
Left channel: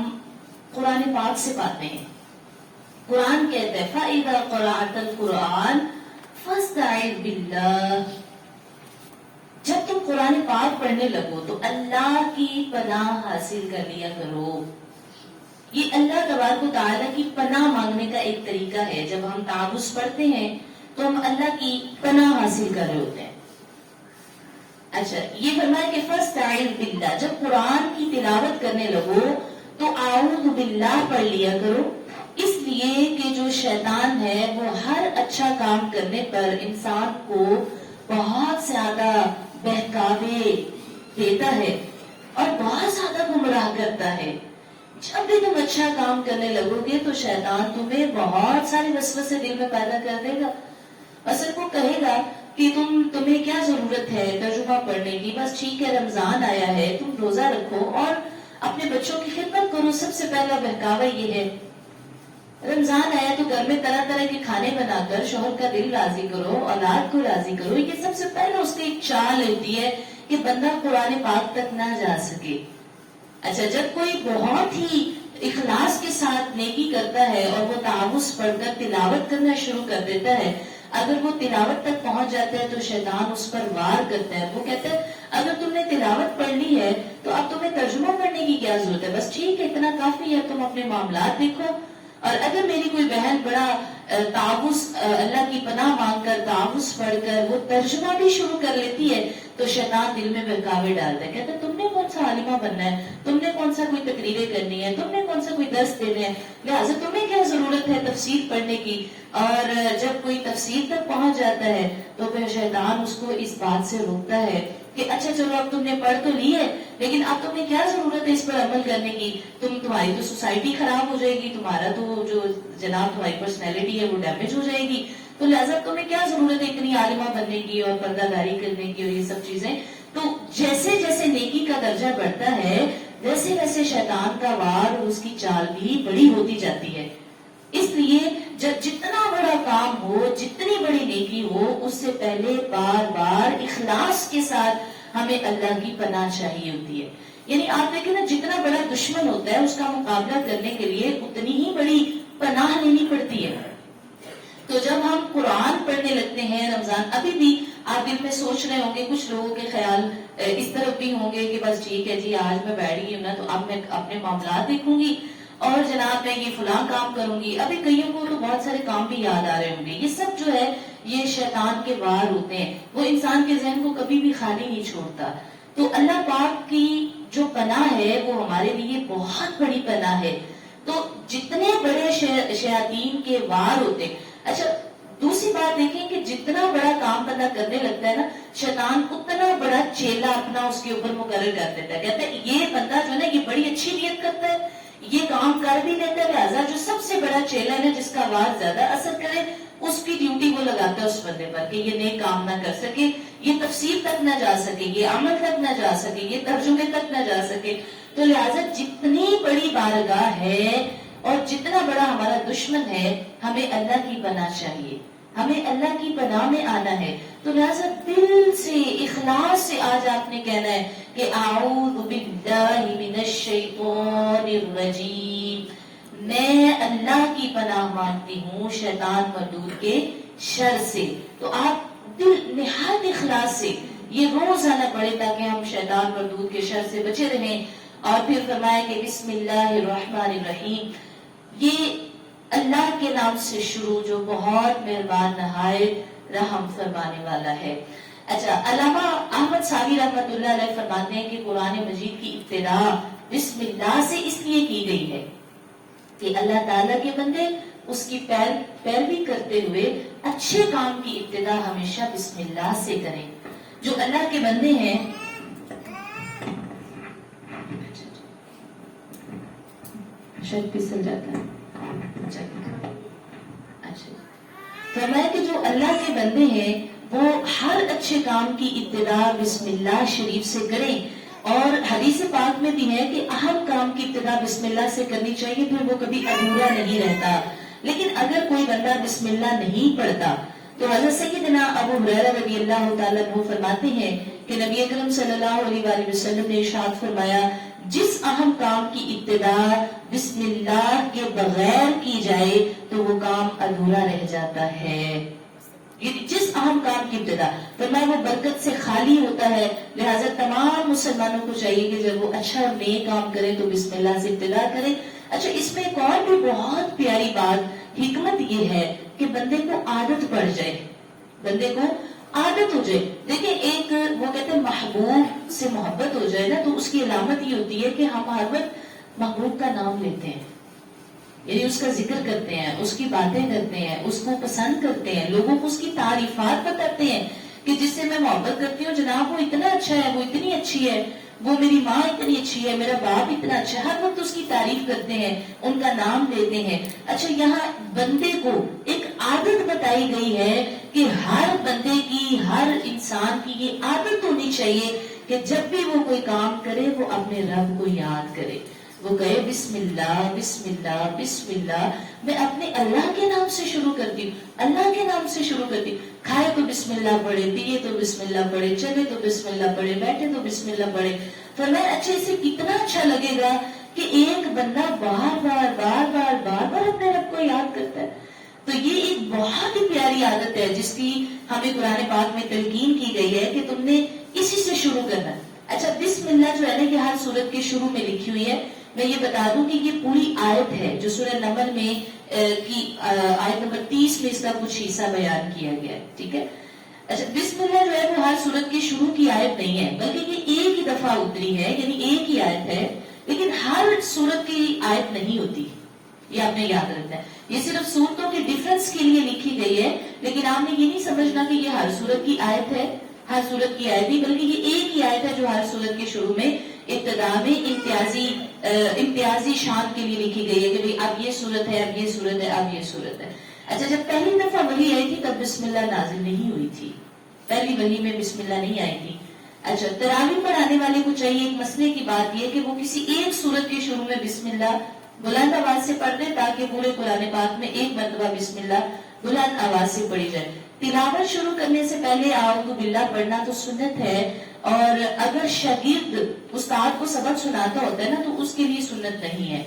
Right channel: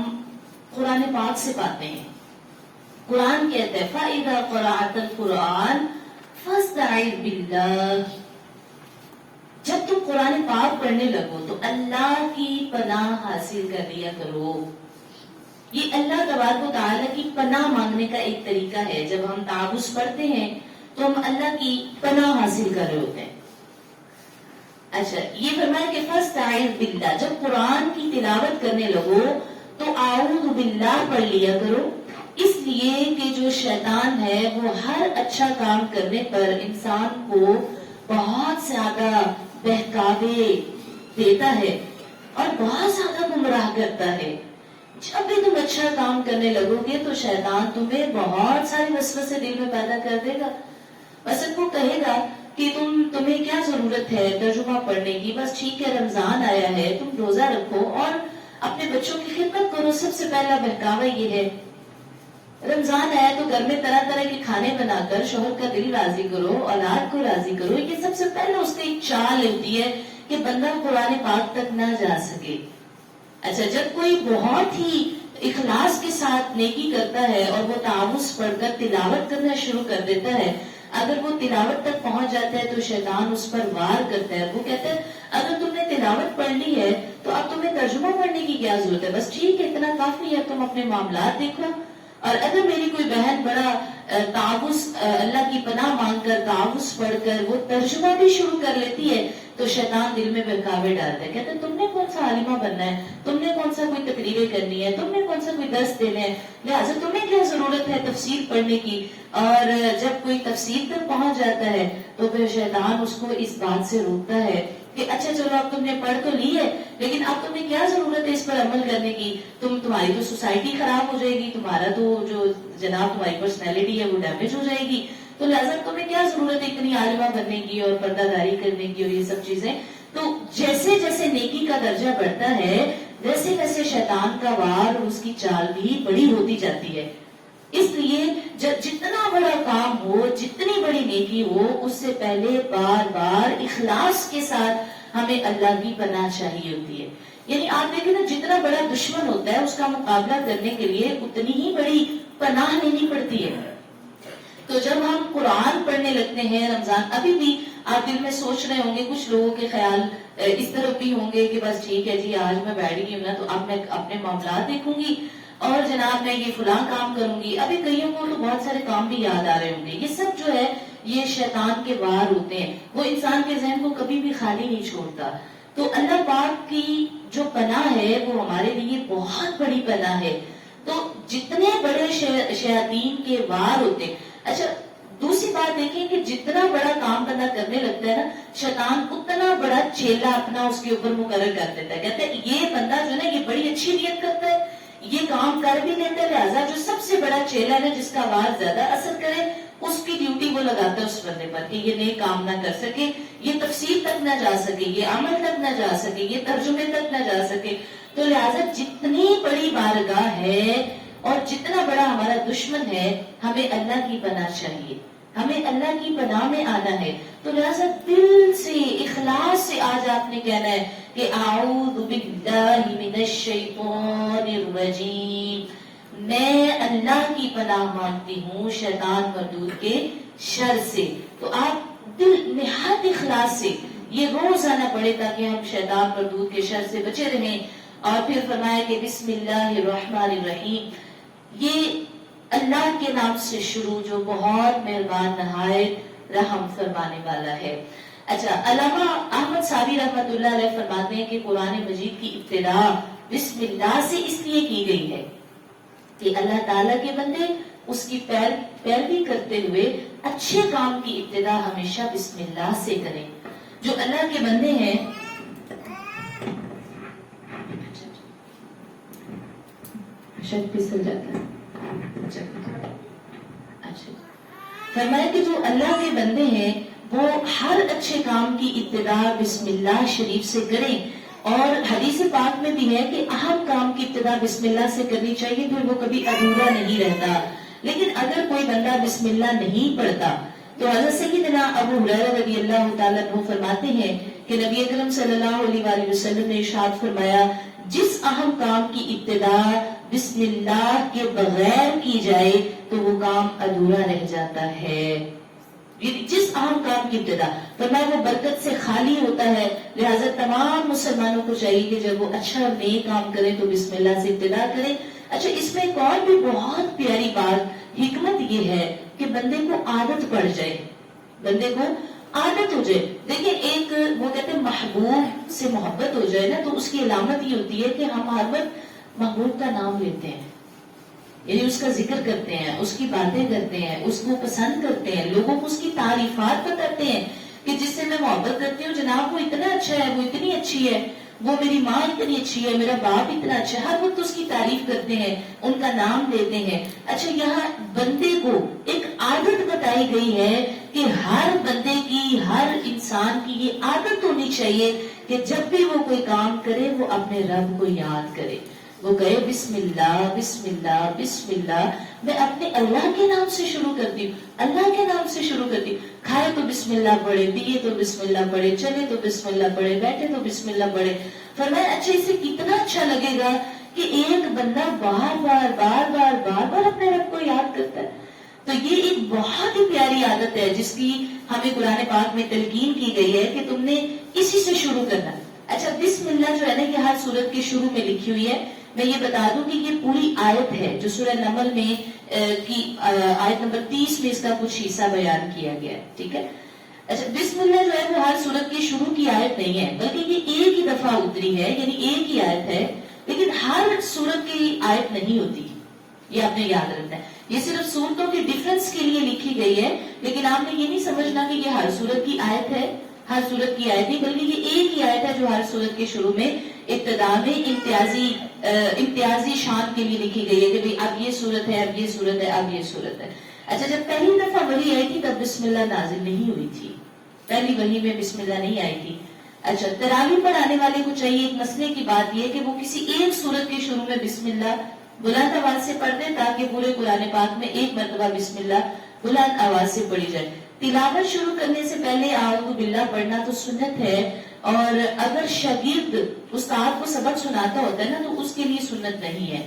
قرآن پاک سے پاتے ہیں. قرآن کہتا ہے فَإِذَا قَرَأْتَ الْقُرْآنَ فَاسْتَعِذْ بِاللَّهِ. جب تم قرآن پاک پڑھنے لگو تو اللہ کی پناہ حاصل کر لیا کرو. یہ اللہ تبارک و تعالیٰ کی پناہ مانگنے کا ایک طریقہ ہے. جب ہم تعوذ پڑھتے ہیں تو ہم اللہ کی پناہ حاصل کر رہے ہوتے ہیں. اچھا یہ فرمایا کہ فاستعذ باللہ، جب قرآن کی تلاوت کرنے لگو تو اعوذ باللہ پڑھ لیا کرو، اس لیے کہ جو شیطان ہے وہ ہر اچھا کام کرنے پر انسان کو بہت زیادہ بہکاوے دیتا ہے اور بہت زیادہ گمراہ کرتا ہے. جب بھی تم اچھا کام کرنے لگو گے تو شیطان تمہیں بہت سارے وسوسے دل میں پیدا کر دے گا. بس وہ کہے گا کہ تمہیں کیا ضرورت ہے ترجمہ پڑھنے کی، بس ٹھیک ہے رمضان آیا ہے تم روزہ رکھو اور اپنے بچوں کی خدمت کرو. سب سے پہلا بہکاوا یہ ہے رمضان آیا تو گھر میں طرح طرح کے کھانے بنا کر شوہر کا دل راضی کرو، اولاد کو راضی کرو. یہ سب سے پہلے اس کی ایک چال ہوتی ہے کہ بندہ قرآن پاک تک نہ جا سکے. اچھا جب کوئی بہت ہی اخلاص کے ساتھ نیکی کرتا ہے اور وہ تعوذ پڑھ کر تلاوت کرنا شروع کر دیتا ہے، اگر وہ تلاوت تک پہنچ جاتا ہے تو شیطان اس پر وار کرتا ہے. وہ کہتا ہے اگر تم نے تلاوت پڑھنی ہے تو اب تمہیں ترجمہ پڑھنے کی کیا ضرورت ہے، بس ٹھیک ہے اتنا کافی ہے، تم اپنے معاملات دیکھو. اور اگر میری کوئی بہن بڑا تعوذ اللہ کی پناہ مانگ کر تعوذ پڑھ کر وہ ترجمہ بھی شروع کر لیتی ہے تو شیطان دل میں بہکاوے ڈالتا ہے. کہتا ہے تم نے کون سا عالمہ بننا ہے، تم نے کون سا کوئی تقریریں کرنی ہے، تم نے کون سا کوئی درس دینا ہے، لہٰذا تمہیں کیا ضرورت ہے تفسیر پڑھنے کی. اور جب کوئی تفسیر تک پہنچ جاتا ہے تو پھر شیطان اس کو اس بات سے روکتا ہے کہ اچھا چلو اب تم نے پڑھ تو لی ہے لیکن اب تمہیں کیا ضرورت ہے اس پر عمل کرنے کی، تمہاری تو سوسائٹی خراب ہو جائے گی، تمہارا تو جو جناب تمہاری پرسنالٹی ہے وہ ڈیمیج ہو جائے گی، تو لہٰذا تمہیں کیا ضرورت ہے اتنی عالمہ بننے کی اور پردہ داری کرنے کی اور یہ سب چیزیں. تو جیسے جیسے نیکی کا درجہ بڑھتا ہے ویسے ویسے شیطان کا وار اور اس کی چال بھی بڑی ہوتی جاتی ہے. اس لیے جتنا بڑا کام ہو، جتنی بڑی نیکی ہو، اس سے پہلے بار بار اخلاص کے ساتھ ہمیں اللہ کی پناہ چاہیے ہوتی ہے. یعنی آپ دیکھیں نا، جتنا بڑا دشمن ہوتا ہے اس کا مقابلہ کرنے کے لیے اتنی ہی بڑی پناہ لینی پڑتی ہے. تو جب ہم قرآن پڑھنے لگتے ہیں رمضان، ابھی بھی آپ دل میں سوچ رہے ہوں گے، کچھ لوگوں کے خیال اس طرف بھی ہوں گے کہ بس ٹھیک ہے جی، آج میں بیٹھ گئی ہوں نا تو اب میں اپنے معاملات دیکھوں گی اور جناب میں یہ فلاں کام کروں گی. ابھی کئیوں کو تو بہت سارے کام بھی یاد آ رہے ہوں گے. یہ سب جو ہے یہ شیطان کے وار ہوتے ہیں، وہ انسان کے ذہن کو کبھی بھی خالی نہیں چھوڑتا. تو اللہ پاک کی جو پناہ ہے وہ ہمارے لیے بہت بڑی پناہ ہے. تو جتنے بڑے شیاطین کے وار ہوتے ہیں. اچھا دوسری بات دیکھیں کہ جتنا بڑا کام بندہ کرنے لگتا ہے نا، شیطان اتنا بڑا چیلا اپنا اس کے اوپر مقرر کر دیتا ہے. کہتا ہے یہ بندہ جو ہے نا یہ بڑی اچھی نیت کرتا ہے، یہ کام کر بھی لیتا ہے، لہٰذا جو سب سے بڑا چیلا ہے نا، جس کا وار زیادہ اثر کرے، اس کی ڈیوٹی وہ لگاتا ہے اس بندے پر کہ یہ نیک کام نہ کر سکے، یہ تفسیر تک نہ جا سکے، یہ عمل تک نہ جا سکے، یہ ترجمے تک نہ جا سکے. تو لہٰذا جتنی بڑی بارگاہ ہے اور جتنا بڑا ہمارا دشمن ہے، ہمیں اللہ کی پناہ چاہیے، ہمیں اللہ کی پناہ میں آنا ہے. تو لہٰذا دل سے اخلاص سے آج آپ نے کہنا ہے کہ اعوذ باللہ من الشیطان الرجیم، میں اللہ کی پناہ مانگتی ہوں شیطان مردود کے شر سے. تو آپ دل نہایت اخلاص سے یہ روز آنا پڑے تاکہ ہم شیطان مردود کے شر سے بچے رہیں. اور پھر فرمائے کہ بسم اللہ الرحمن الرحیم، یہ اللہ کے نام سے شروع جو بہت مہربان نہایت رحم فرمانے والا ہے. اچھا علامہ احمد صابری رحمۃ اللہ علیہ فرماتے ہیں کہ قرآن مجید کی ابتدا بسم اللہ سے اس لیے کی گئی ہے کہ اللہ تعالیٰ کے بندے اس کی پیروی کرتے ہوئے اچھے کام کی ابتدا ہمیشہ بسم اللہ سے کریں. جو اللہ کے بندے ہیں شاید پھسل جاتا ہے. فرمایا کہ جو اللہ کے بندے ہیں وہ ہر اچھے کام کی ابتدا بسم اللہ شریف سے کریں. اور حدیث پاک میں بھی ہے کہ ہر کام کی ابتدا بسم اللہ سے کرنی چاہیے، پھر وہ کبھی ادھورا نہیں رہتا. لیکن اگر کوئی بندہ بسم اللہ نہیں پڑھتا تو حضرت سیدنا ابو ہریرہ رضی اللہ تعالیٰ عنہ فرماتے ہیں کہ نبی اکرم صلی اللہ علیہ وآلہ وسلم نے ارشاد فرمایا، جس اہم کام کی ابتدا بسم اللہ کے بغیر کی جائے تو وہ کام ادھورا رہ جاتا ہے. جس اہم کام کی ابتدا فرمایا وہ برکت سے خالی ہوتا ہے. لہٰذا تمام مسلمانوں کو چاہیے کہ جب وہ اچھا اور نیک کام کریں تو بسم اللہ سے ابتدا کریں. اچھا اس میں ایک اور بھی بہت پیاری بات حکمت یہ ہے کہ بندے کو عادت پڑ جائے، بندے کو عادت ہو جائے. دیکھیں ایک وہ کہتے ہیں محبوب سے محبت ہو جائے نا تو اس کی علامت یہ ہوتی ہے کہ ہم ہر وقت محبوب کا نام لیتے ہیں، یعنی اس کا ذکر کرتے ہیں، اس کی باتیں کرتے ہیں، اس کو پسند کرتے ہیں، لوگوں کو اس کی تعریفات بتاتے ہیں کہ جس سے میں محبت کرتی ہوں جناب وہ اتنا اچھا ہے، وہ اتنی اچھی ہے، وہ میری ماں اتنی اچھی ہے، میرا باپ اتنا اچھا ہے. ہر وقت اس کی تعریف کرتے ہیں، ان کا نام لیتے ہیں. اچھا یہاں بندے کو ایک عادت بتائی گئی ہے کہ ہر بندے کی، ہر انسان کی یہ عادت ہونی چاہیے کہ جب بھی وہ کوئی کام کرے وہ اپنے رب کو یاد کرے، وہ کہے بسم اللہ بسم اللہ بسم اللہ. میں اپنے اللہ کے نام سے شروع کرتی ہوں، اللہ کے نام سے شروع کرتی ہوں. کھائے تو بسم اللہ پڑھے، پیے تو بسم اللہ پڑھے، چلے تو بسم اللہ پڑھے، بیٹھے تو بسم اللہ پڑھے. فرمایا اچھا اسے کتنا اچھا لگے گا کہ ایک بندہ بار بار بار بار بار بار اپنے رب کو یاد کرتا ہے. تو یہ ایک بہت ہی پیاری عادت ہے جس کی ہمیں قرآن پاک میں تلقین کی گئی ہے کہ تم نے اسی سے شروع کرنا. اچھا بسم اللہ جو ہے نا یہ ہر سورت کے شروع میں لکھی ہوئی ہے. میں یہ بتا دوں کہ یہ پوری آیت ہے جو سورہ نمل میں کی آیت نمبر 30 میں اس کا کچھ حصہ بیان کیا گیا ہے. ٹھیک ہے. اچھا بسم اللہ جو ہے وہ ہر سورت کی شروع کی آیت نہیں ہے بلکہ یہ ایک ہی دفعہ اتری ہے، یعنی ایک ہی آیت ہے، لیکن ہر سورت کی آیت نہیں ہوتی، یہ آپ نے یاد رکھنا ہے. یہ صرف سورتوں کے ڈیفرنس کے لیے لکھی گئی ہے، لیکن آپ نے یہ نہیں سمجھنا کہ یہ ہر سورت کی آیت ہے، ہر سورت کی آیت نہیں، بلکہ یہ ایک ہی آیت ہے جو ہر سورت کے شروع میں ابتدا میں امتیازی شان کے لیے لکھی گئی ہے کہ بھئی اب یہ سورت ہے، اب یہ سورت ہے، اب یہ سورت ہے. اچھا جب پہلی دفعہ وحی آئی تھی تب بسم اللہ نازل نہیں ہوئی تھی، پہلی وحی میں بسم اللہ نہیں آئی تھی. اچھا تراویح پڑھانے والے کو چاہیے ایک مسئلے کی بات یہ کہ وہ کسی ایک سورت کے شروع میں بسم اللہ بلند آواز سے پڑھتے تاکہ پورے قرآن پاک میں ایک مرتبہ بسم اللہ بلند آواز سے پڑھی جائے. تلاوت شروع کرنے سے پہلے اعوذ باللہ پڑھنا تو سنت ہے، اور اگر شاگرد استاد کو سبق سناتا ہوتا ہے نا تو اس کے لیے سنت نہیں ہے.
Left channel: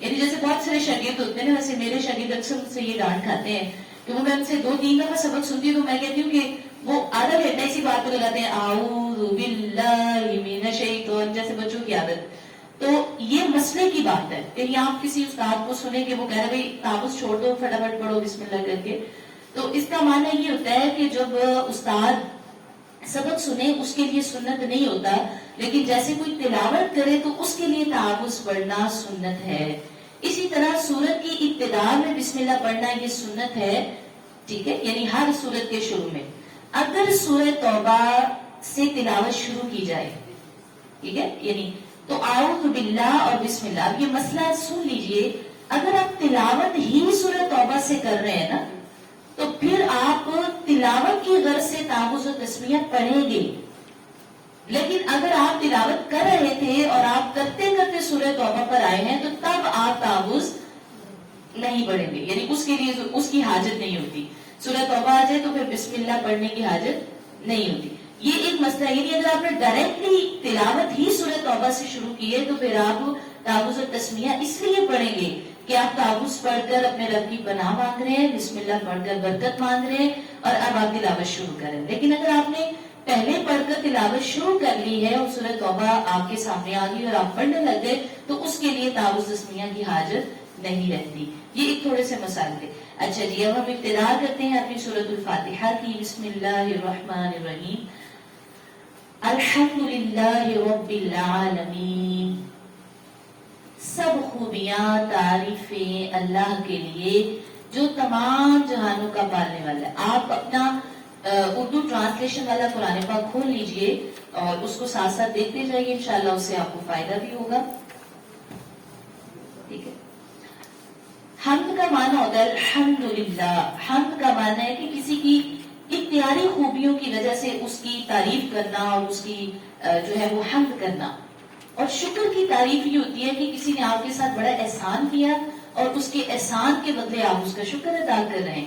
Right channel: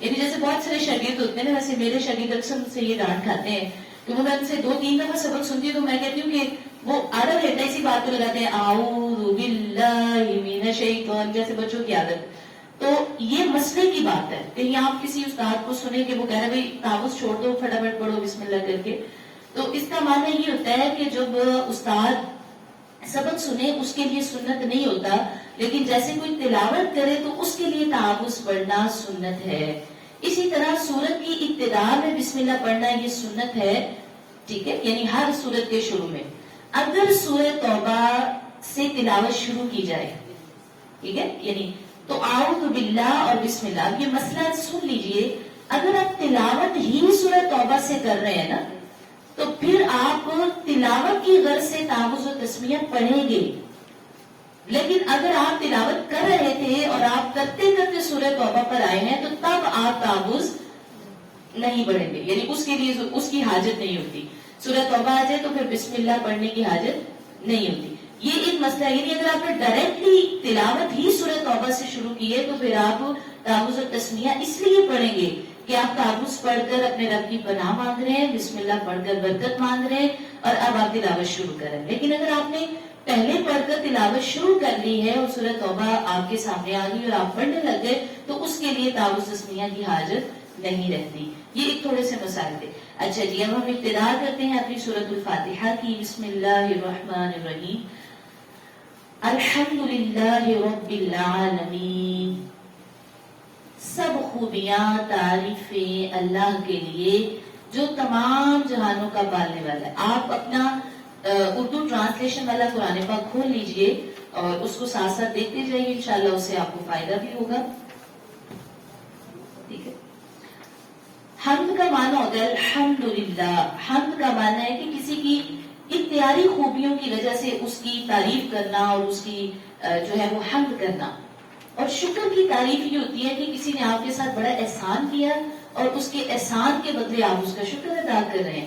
یعنی جیسے بہت سارے شاگرد ہوتے ہیں نا، ویسے میرے شاگرد اکثر مجھ سے یہ ڈانٹ کھاتے ہیں کہ میں ان سے 2-3 دفعہ سبق سنتی ہوں تو میں کہتی ہوں کہ وہ آدھا گھنٹہ اسی بات کو لگاتے ہیں اعوذ باللہ من الشیطان، جیسے بچوں کی عادت. تو یہ مسئلے کی بات ہے کہ یہاں آپ کسی استاد کو سنیں کہ وہ کہہ رہے بھائی تعوذ چھوڑ دو، فٹافٹ پڑھو بسم اللہ کر کے. تو اس کا معنی یہ ہوتا ہے کہ جب استاد سبق سنے اس کے لیے سنت نہیں ہوتا، لیکن جیسے کوئی تلاوت کرے تو اس کے لیے تعوذ پڑھنا سنت ہے. اسی طرح سورت کی ابتدا میں بسم اللہ پڑھنا یہ سنت ہے، ٹھیک ہے، یعنی ہر سورت کے شروع میں. اگر سورۃ توبہ سے تلاوت شروع کی جائے، ٹھیک ہے، یعنی تو اعوذ باللہ اور بسم اللہ، یہ مسئلہ سن لیجئے. اگر آپ تلاوت ہی سورۃ توبہ سے کر رہے ہیں نا تو پھر آپ تلاوت کی غرض سے تعوذ و تسمیہ پڑھیں گے. لیکن اگر آپ تلاوت کر رہے تھے اور آپ کرتے کرتے سورۃ توبہ پر آئے ہیں تو تب آپ تعوذ نہیں پڑھیں گے، یعنی اس کے لیے اس کی حاجت نہیں ہوتی. سورۃ توبہ آ جائے تو پھر بسم اللہ پڑھنے کی حاجت نہیں ہوتی. یہ ایک مسئلہ ہے. یعنی اگر آپ نے ڈائریکٹلی تلاوت ہی سورۃ توبہ سے شروع کی ہے تو پھر آپ تعوذ و تسمیہ اس لیے پڑھیں گے کہ آپ تعوذ پڑھ کر اپنے رب کی پناہ مانگ رہے ہیں، بسم اللہ پڑھ کر برکت مانگ رہے ہیں، اور اب آپ تلاوت شروع کریں. لیکن اگر آپ نے پہلے پڑھ کر تلاوت شروع کر لی ہے اور سورۃ توبہ آپ کے سامنے آ گئی اور آپ پڑھنے لگ گئے تو اس کے لیے تعوذ تسمیہ کی حاجت نہیں رہتی. یہ ایک تھوڑے سے مسائل تھے. اچھا جی، اب ہم ابتدا کرتے ہیں اپنی سورۃ الفاتحہ کی. بسم اللہ الرحمن الرحیم. الحمدللہ رب العالمین. سب خوبیاں تعریفیں اللہ کے لیے جو تمام جہانوں کا پالنے والا ہے. آپ اپنا اردو ٹرانسلیشن والا قرآن پاک کھول لیجئے اور اس کو ساتھ ساتھ دیکھتے جائیے، انشاءاللہ اس سے آپ کو فائدہ بھی ہوگا. ٹھیک ہے. حمد کا معنی ہوتا ہے الحمدللہ. حمد کا معنی ہے کہ کسی کی اختیاری خوبیوں کی وجہ سے اس کی تعریف کرنا اور اس کی جو ہے وہ حمد کرنا. اور شکر کی تعریف یہ ہوتی ہے کہ کسی نے آپ کے ساتھ بڑا احسان کیا اور اس کے احسان کے بدلے آپ اس کا شکر ادا کر رہے ہیں.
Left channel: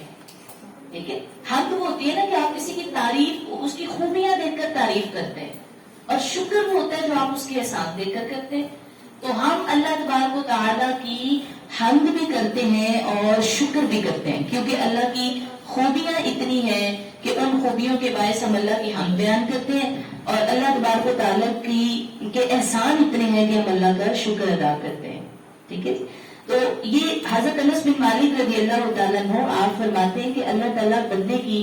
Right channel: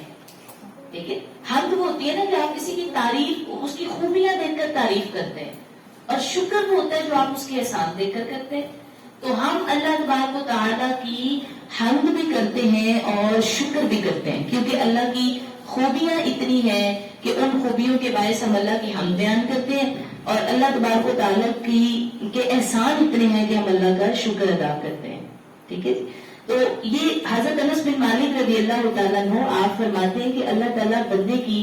ٹھیک ہے. حمد وہ ہوتی ہے نا کہ آپ کسی کی تعریف، اس کی خوبیاں دیکھ کر تعریف کرتے ہیں، اور شکر وہ ہوتا ہے جو آپ اس کے احسان دیکھ کر کرتے ہیں. تو ہم اللہ تبارک و تعالیٰ کی حمد بھی کرتے ہیں اور شکر بھی کرتے ہیں، کیونکہ اللہ کی خوبیاں اتنی ہیں کہ ان خوبیوں کے باعث ہم اللہ کی حمد بیان کرتے ہیں، اور اللہ تبارک و تعالیٰ کے احسان اتنے ہیں کہ ہم اللہ کا شکر ادا کرتے ہیں. ٹھیک ہے. تو یہ حضرت انس بن مالک رضی اللہ تعالیٰ عنہ آپ فرماتے ہیں کہ اللہ تعالیٰ بندے کی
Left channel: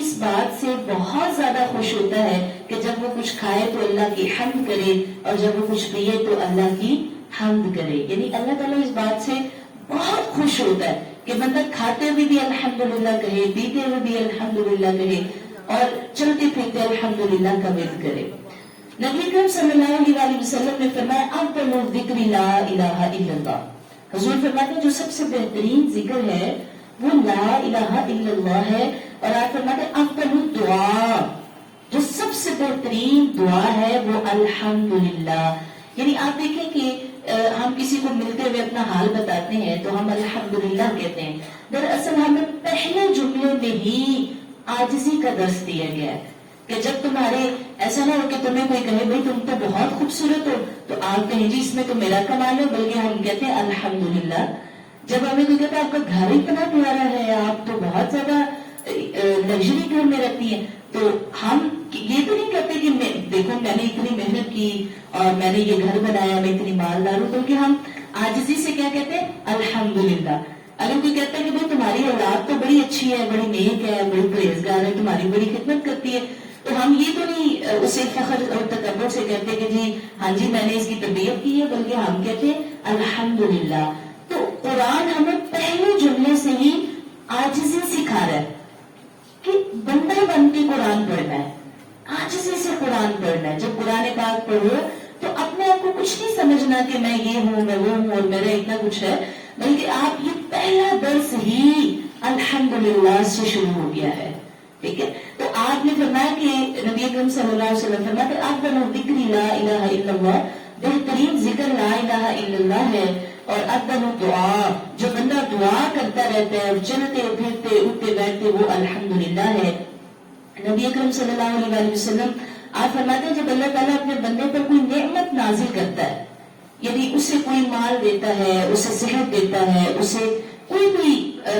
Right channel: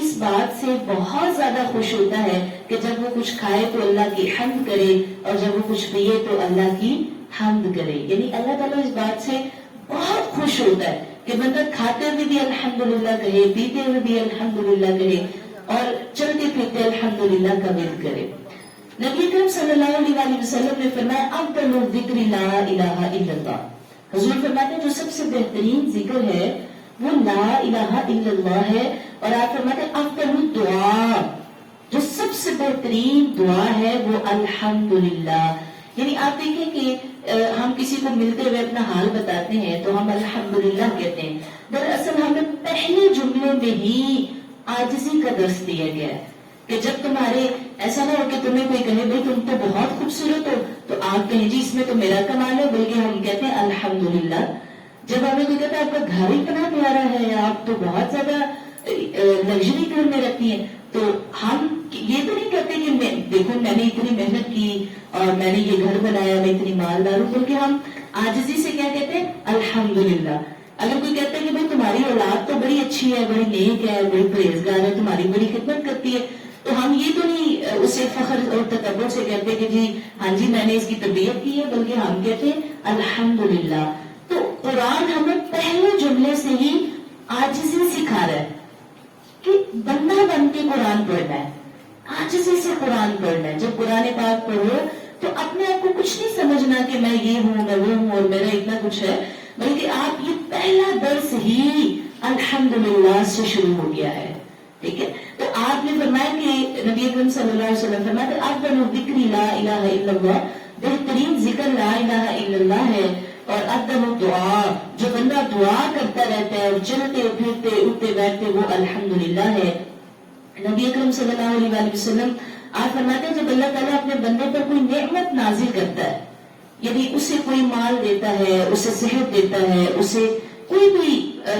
اس بات سے بہت زیادہ خوش ہوتا ہے کہ جب وہ کچھ کھائے تو اللہ کی حمد کرے، اور جب وہ کچھ پیے تو اللہ کی حمد کرے. یعنی اللہ تعالیٰ اس بات سے بہت خوش ہوتا ہے کہ بندہ کھاتے ہوئے بھی الحمدللہ کہے، پیتے ہوئے بھی الحمدللہ کہے، اور چلتے پھرتے الحمدللہ کا ورد کرے. نبی کریم صلی اللہ علیہ وسلم نے فرمایا افضل الذکر لا الہ الا اللہ. حضور فرماتے ہیں جو سب سے بہترین ذکر ہے وہ لا الہ الا اللہ ہے، اور آپ فرماتے ہیں افضل الدعاء، جو سب سے بہترین دعا ہے وہ الحمدللہ. یعنی آپ دیکھیں کہ ہم کسی کو ملتے ہوئے اپنا حال بتاتے ہیں تو ہم الحمدللہ کہتے ہیں. دراصل ہمیں پہلے جملے میں ہی عاجزی کا درس دیا گیا ہے کہ جب تمہارے ایسا نہ ہو کہ تمہیں کوئی کہے بھائی تم تو بہت خوبصورت ہو تو آپ کہیں جی اس میں تو میرا کمال ہے، بلکہ ہم کہتے ہیں الحمدللہ. جب ہمیں کوئی کہتا ہے آپ کا گھر اتنا پیارا ہے، آپ تو بہت زیادہ لگژری گھر میں رہتی ہیں، تو ہم یہ تو نہیں کہتے کہ دیکھو میں نے اتنی محنت کی اور میں نے یہ گھر بنایا، میں اتنی مالدار ہوں، بلکہ ہم عاجزی سے کیا کہتے ہیں الحمدللہ. اگر کوئی کہتا ہے کہ بھائی تمہاری اولاد تو بڑی اچھی ہے، بڑی نیک ہے، بڑی پرہیزگار ہے، تمہاری بڑی خدمت کرتی ہے، تو ہم یہ تو نہیں اسے فخر اور تکبر سے کہتے کہ جی ہاں جی میں نے اس کی تربیت کی ہے، بلکہ ہم کہتے ہیں الحمدللہ. تو قرآن ہمیں پہلے جملے سے ہی عاجزی سکھا رہا ہے کہ بندہ بن کے قرآن پڑھنا ہے، عاجزی سے قرآن پڑھنا ہے. جب قرآن پاک پڑھو تو اپنے آپ کو کچھ نہیں سمجھنا کہ میں یہ ہوں، میں وہ ہوں اور میرا اتنا کچھ ہے، بلکہ آپ یہ پہلا درس ہی الحمدللہ سے شروع ہو گیا ہے. ٹھیک ہے. تو آپ نے فرمایا کہ نبی اکرم صلی اللہ علیہ وسلم فرمایا کہ افضل الذکر لا الہ الا اللہ، بہترین ذکر لا الہ الا اللہ ہے. اور عدم دعا، جو بندہ دعا کرتا رہتا ہے اور چلتے پھرتے اٹھتے بیٹھتے وہ الحمدللہ ہے۔ نبی اکرم صلی اللہ علیہ وآلہ وسلم آپ فرماتے ہیں جب اللہ تعالیٰ اپنے بندے پر کوئی نعمت نازل کرتا ہے، یعنی اسے کوئی مال دیتا ہے، اسے صحت دیتا ہے، اسے کوئی بھی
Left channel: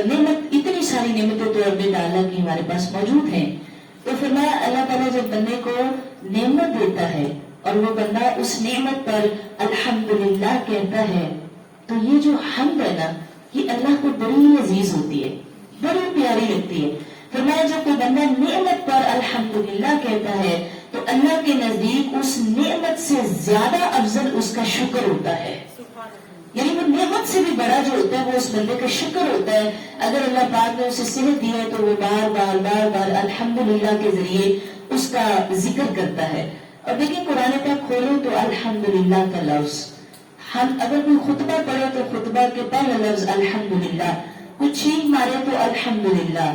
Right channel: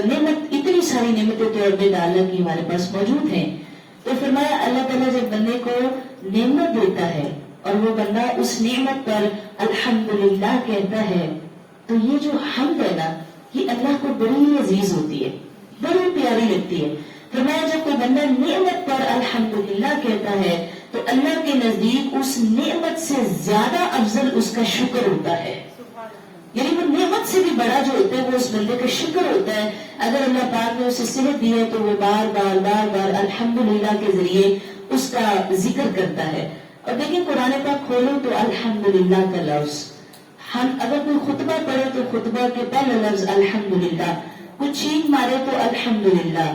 نعمت، اتنی ساری نعمتیں تو رب تعالیٰ کی ہمارے پاس موجود ہیں، تو فرمایا اللہ تعالیٰ جب بندے کو نعمت دیتا ہے اور وہ بندہ اس نعمت پر الحمدللہ کہتا ہے، تو یہ جو حمد ہے نا، یہ اللہ کو بڑی عزیز ہوتی ہے، بڑی پیاری لگتی ہے۔ فرمایا جب کوئی بندہ نعمت پر الحمدللہ کہتا ہے تو اللہ کے نزدیک اس نعمت سے زیادہ افضل اس کا شکر ہوتا ہے، یعنی وہ نعمت سے بھی بڑا جو ہوتا ہے وہ اس بندے کا شکر ہوتا ہے۔ اگر اللہ پاک نے اسے صحت دی ہے تو وہ بار بار بار بار الحمدللہ کے ذریعے اس کا ذکر کرتا ہے۔ اور دیکھیں قرآن پاک کھولے تو الحمدللہ کا لفظ، ہم اگر کوئی خطبہ پڑھے تو خطبہ کے پہلا لفظ الحمدللہ، کوئی چھینک مارے تو الحمدللہ،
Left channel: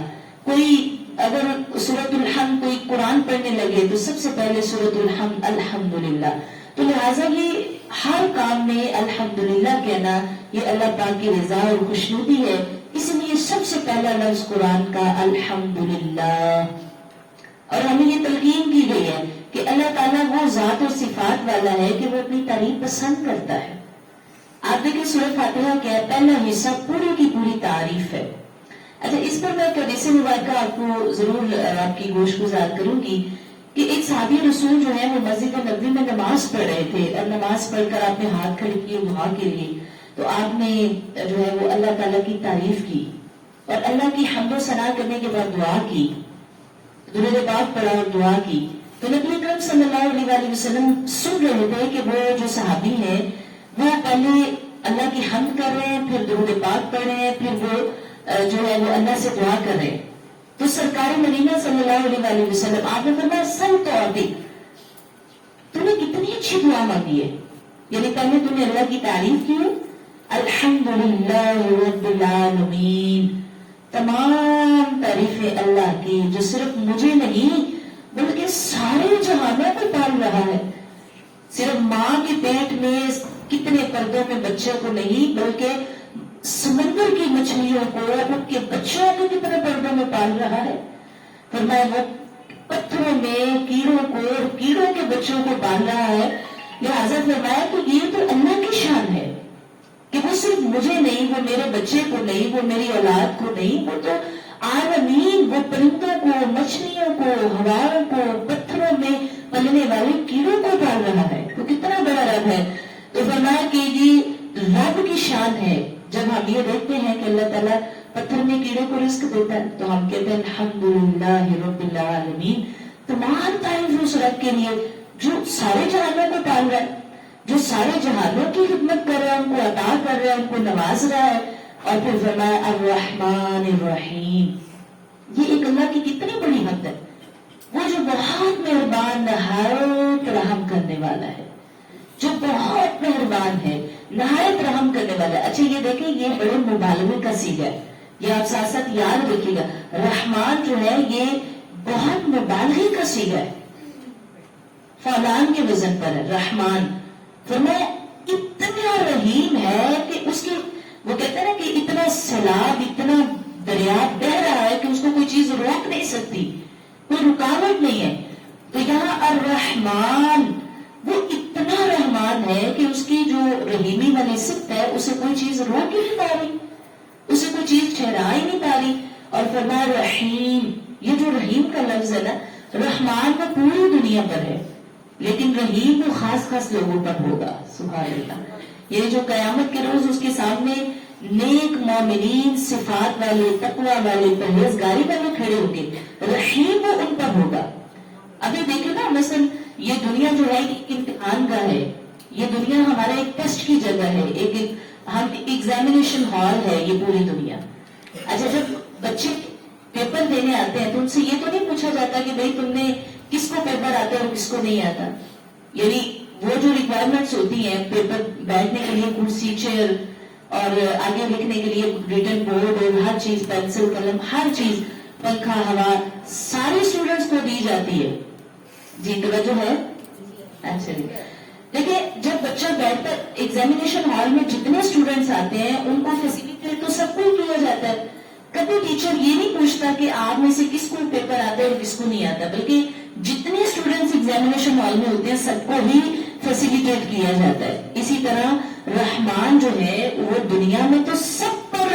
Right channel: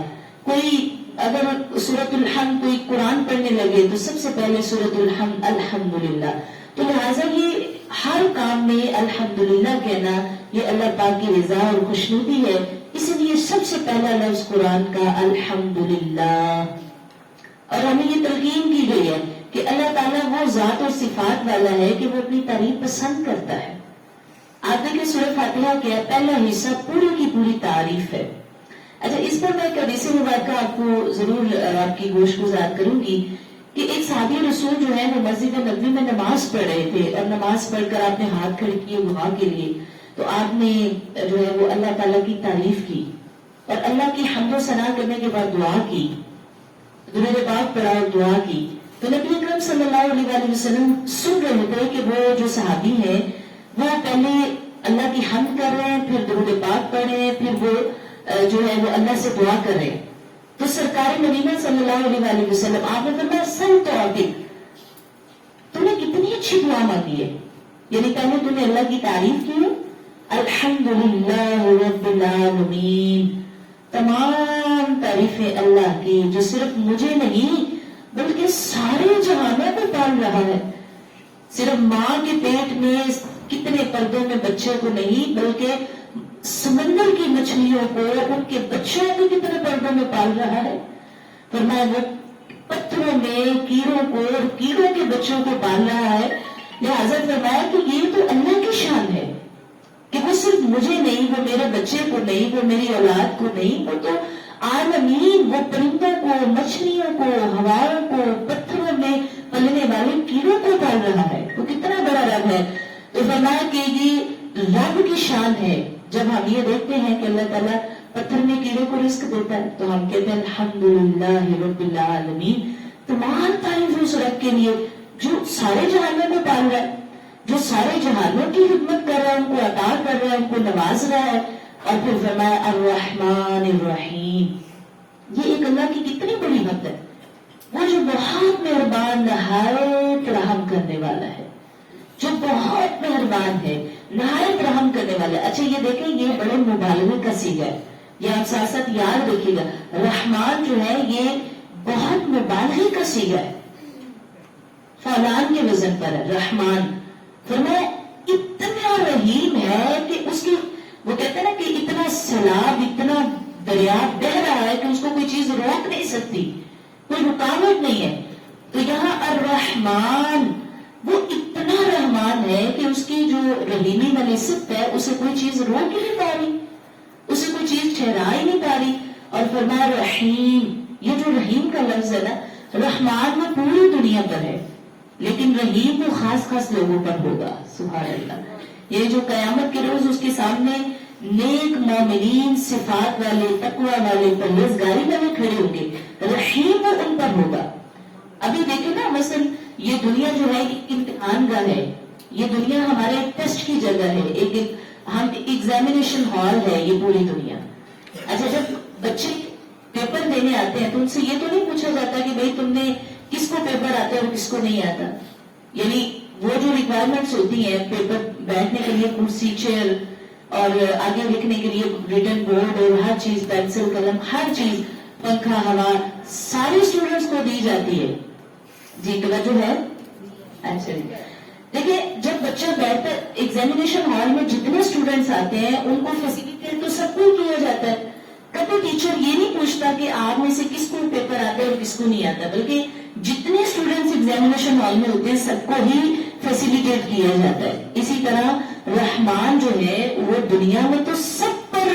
کوئی اگر سورۃ الحمد کوئی قرآن پڑھنے لگے تو سب سے پہلے سورۃ الحمد الحمدللہ۔ تو لہٰذا یہ ہر کام میں الحمدللہ کہنا یہ اللہ پاک کی رضا اور خوشنودی ہے، اس لیے سب سے پہلا لفظ قرآن کا الحمدللہ۔ اور ہمیں یہ تلقین کی گئی ہے کہ اللہ تعالیٰ وہ ذات اور صفات والا ہے کہ وہ اپنی تعریف پسند کرتا ہے۔ آپ دیکھیں سورۃ فاتحہ کیا ہے، پہلا حصہ پوری کی پوری تعریف ہے۔ اچھا، اس پر میں ایک حدیث مبارکہ آپ کو ضرور آپ کی گوش گزار کروں گی کہ ایک صحابی رسول جو ہے وہ مسجد نبوی میں نماز پڑھ رہے تھے، اور نماز پڑھ کر آپ نے ہاتھ کھڑے کیے دعا کے لیے، تو آپ نے جو ہے وہ اللہ تعالیٰ کی تعریف کی اور اللہ کی حمد و ثنا کرنے کے بعد دعا کی، درود پاک پڑھا اور دعا کی۔ تو نبی اکرم صلی اللہ علیہ وآلہ وسلم سن رہے تھے کہ وہ جو صحابی ہیں وہ پہلے اللہ کی حمد کر رہے ہیں، پھر درود پاک پڑھ رہے ہیں، پھر وہ جو ہے وہ اللہ سے دعا کر رہے ہیں۔ تو سرکار مدینہ صلی اللہ علیہ وآلہ وسلم آپ نے فرمایا سل تو عبد، تم نے کتنی اچھی دعا مانگی ہے، یعنی پہلے تم نے اللہ کی تعریف کی، الحمدللہ رب العالمین، تمام تعریفیں اللہ کی جو صرف مجھے نہیں بلکہ سارے جہانوں کو پال رہا ہے، صرف ماں کے پیٹ میں کتنے پردوں میں بچے کو نہیں بلکہ سمندر کی مچھلیوں کو، ان کے بچوں کو کتنے پردوں میں پال رہا ہے۔ فرمایا وہ پتھروں میں کیڑوں کو اور کیڑوں کے بچوں کو پال رہا ہے، لہٰذا فرمایا کہ یہ تو اللہ کی شان ہے کہ وہ صرف مجھے نہیں، وہ میرے بچے کو نہیں، وہ میری اولاد کو نہیں، وہ تو عالمین، وہ پرندوں کو، مچھلیوں کو، ہواؤں کو، پتھروں میں پلنے والے کیڑوں کو پال رہا ہے، وہ کتنا بڑا رب ہے۔ تو فرمایا کہ یہ رب کی شان ہے۔ جب ہم یہ دیکھتے ہیں کہ اللہ تعالیٰ پتھر میں کیڑوں کو رزق دیتا ہے تو ہم کہتے ہیں الحمدللہ رب العالمین، تمام تعریف اس رب کے لیے جو سارے جہانوں کو پال رہا ہے، جو سارے جہانوں کی خدمت کر رہا ہے، ان کو عطا کر رہا ہے، ان کو نواز رہا ہے۔ اور پھر فرمایا الرحمن الرحیم، یہ ایک اللہ کی کتنی بڑی حد ہے، وہ جو بہت مہربان نہایت رحم کرنے والا ہے، جو بہت مہربان ہے نہایت رحم کرنے والا ہے۔ اچھا یہ دیکھیں یہ بڑے مبالغے کا صیغہ ہے، یہ آپ ساتھ ساتھ یاد رکھیے گا، رحمان جو ہے یہ بہت مبالغے کا صیغہ ہے، فعلان کے وزن پر ہے رحمان۔ فرمایا اتنا رحیم ہے کہ اس کی وہ کہتے ہیں نا کہ اتنا سیلاب، اتنا دریا بہ رہا ہے کہ اس کو کوئی چیز روک نہیں سکتی، کوئی رکاوٹ نہیں ہے۔ تو یہاں الرحمان وہ اتنا رحمان ہے کہ اس کی جو رحیمی والی صفت ہے اسے کوئی چیز روک ہی نہیں پا رہی، اسے کوئی چیز ٹھہرا ہی نہیں پا رہی۔ اور فرمایا رحیم، یہ جو رحیم کا لفظ ہے نا، رحمان وہ پوری دنیا پر ہے لیکن رحیم وہ خاص خاص لوگوں پر ہوگا، سبحان اللہ۔ یہ جو قیامت کے روز اس کے سامنے نیک مومنین، صفات والے، تقوی والے، پرہیزگاری والے کھڑے ہوں گے، رحیم وہ ان پر ہوگا۔ ابھی دیکھیں نا مثلا یہ دنیا جو ہے ایک امتحان گاہ ہے، یہ دنیا ہمارے ٹیسٹ کی جگہ ہے، ایک ہم ایگزامینیشن ہال ہے یہ پوری دنیا۔ اچھا جب بچے پیپر دینے آتے ہیں تو ان سے یہ تو نہیں پوچھا جاتا کہ بھائی تم نے کس کو پیپر آتا ہے اور کس کو نہیں آتا، یعنی وہ جو ریکوائرمنٹس ہوتی ہیں پیپر بیٹھنے کے لیے کرسی، چیئر اور آگے لکھنے کے لیے ریٹن بورڈ اور ہر چیز، پینسل، قلم، ہر چیز، پنکھا، ہوا، ساری اسٹوڈنٹس کو دی جاتی ہے۔ جی توجہ ہے؟ اچھا دیکھیں جب بچہ بیٹھتا ہے ایگزامینیشن ہال میں جتنے اسٹوڈینٹس آتے ہیں ان کو فیسیلیٹیٹ تو سب کو ہی کیا جاتا ہے. کبھی ٹیچر یہ نہیں پوچھتا کہ آپ میں سے کس کو پیپر آتا ہے اور کس کو نہیں آتا, بلکہ جتنے اسٹوڈینٹس ایگزامینیشن ہال میں ہوتے ہیں سب کو ہی فیسیلیٹیٹ کیا جاتا ہے. اسی طرح رحمان جو ہے وہ دنیا میں تو سب پر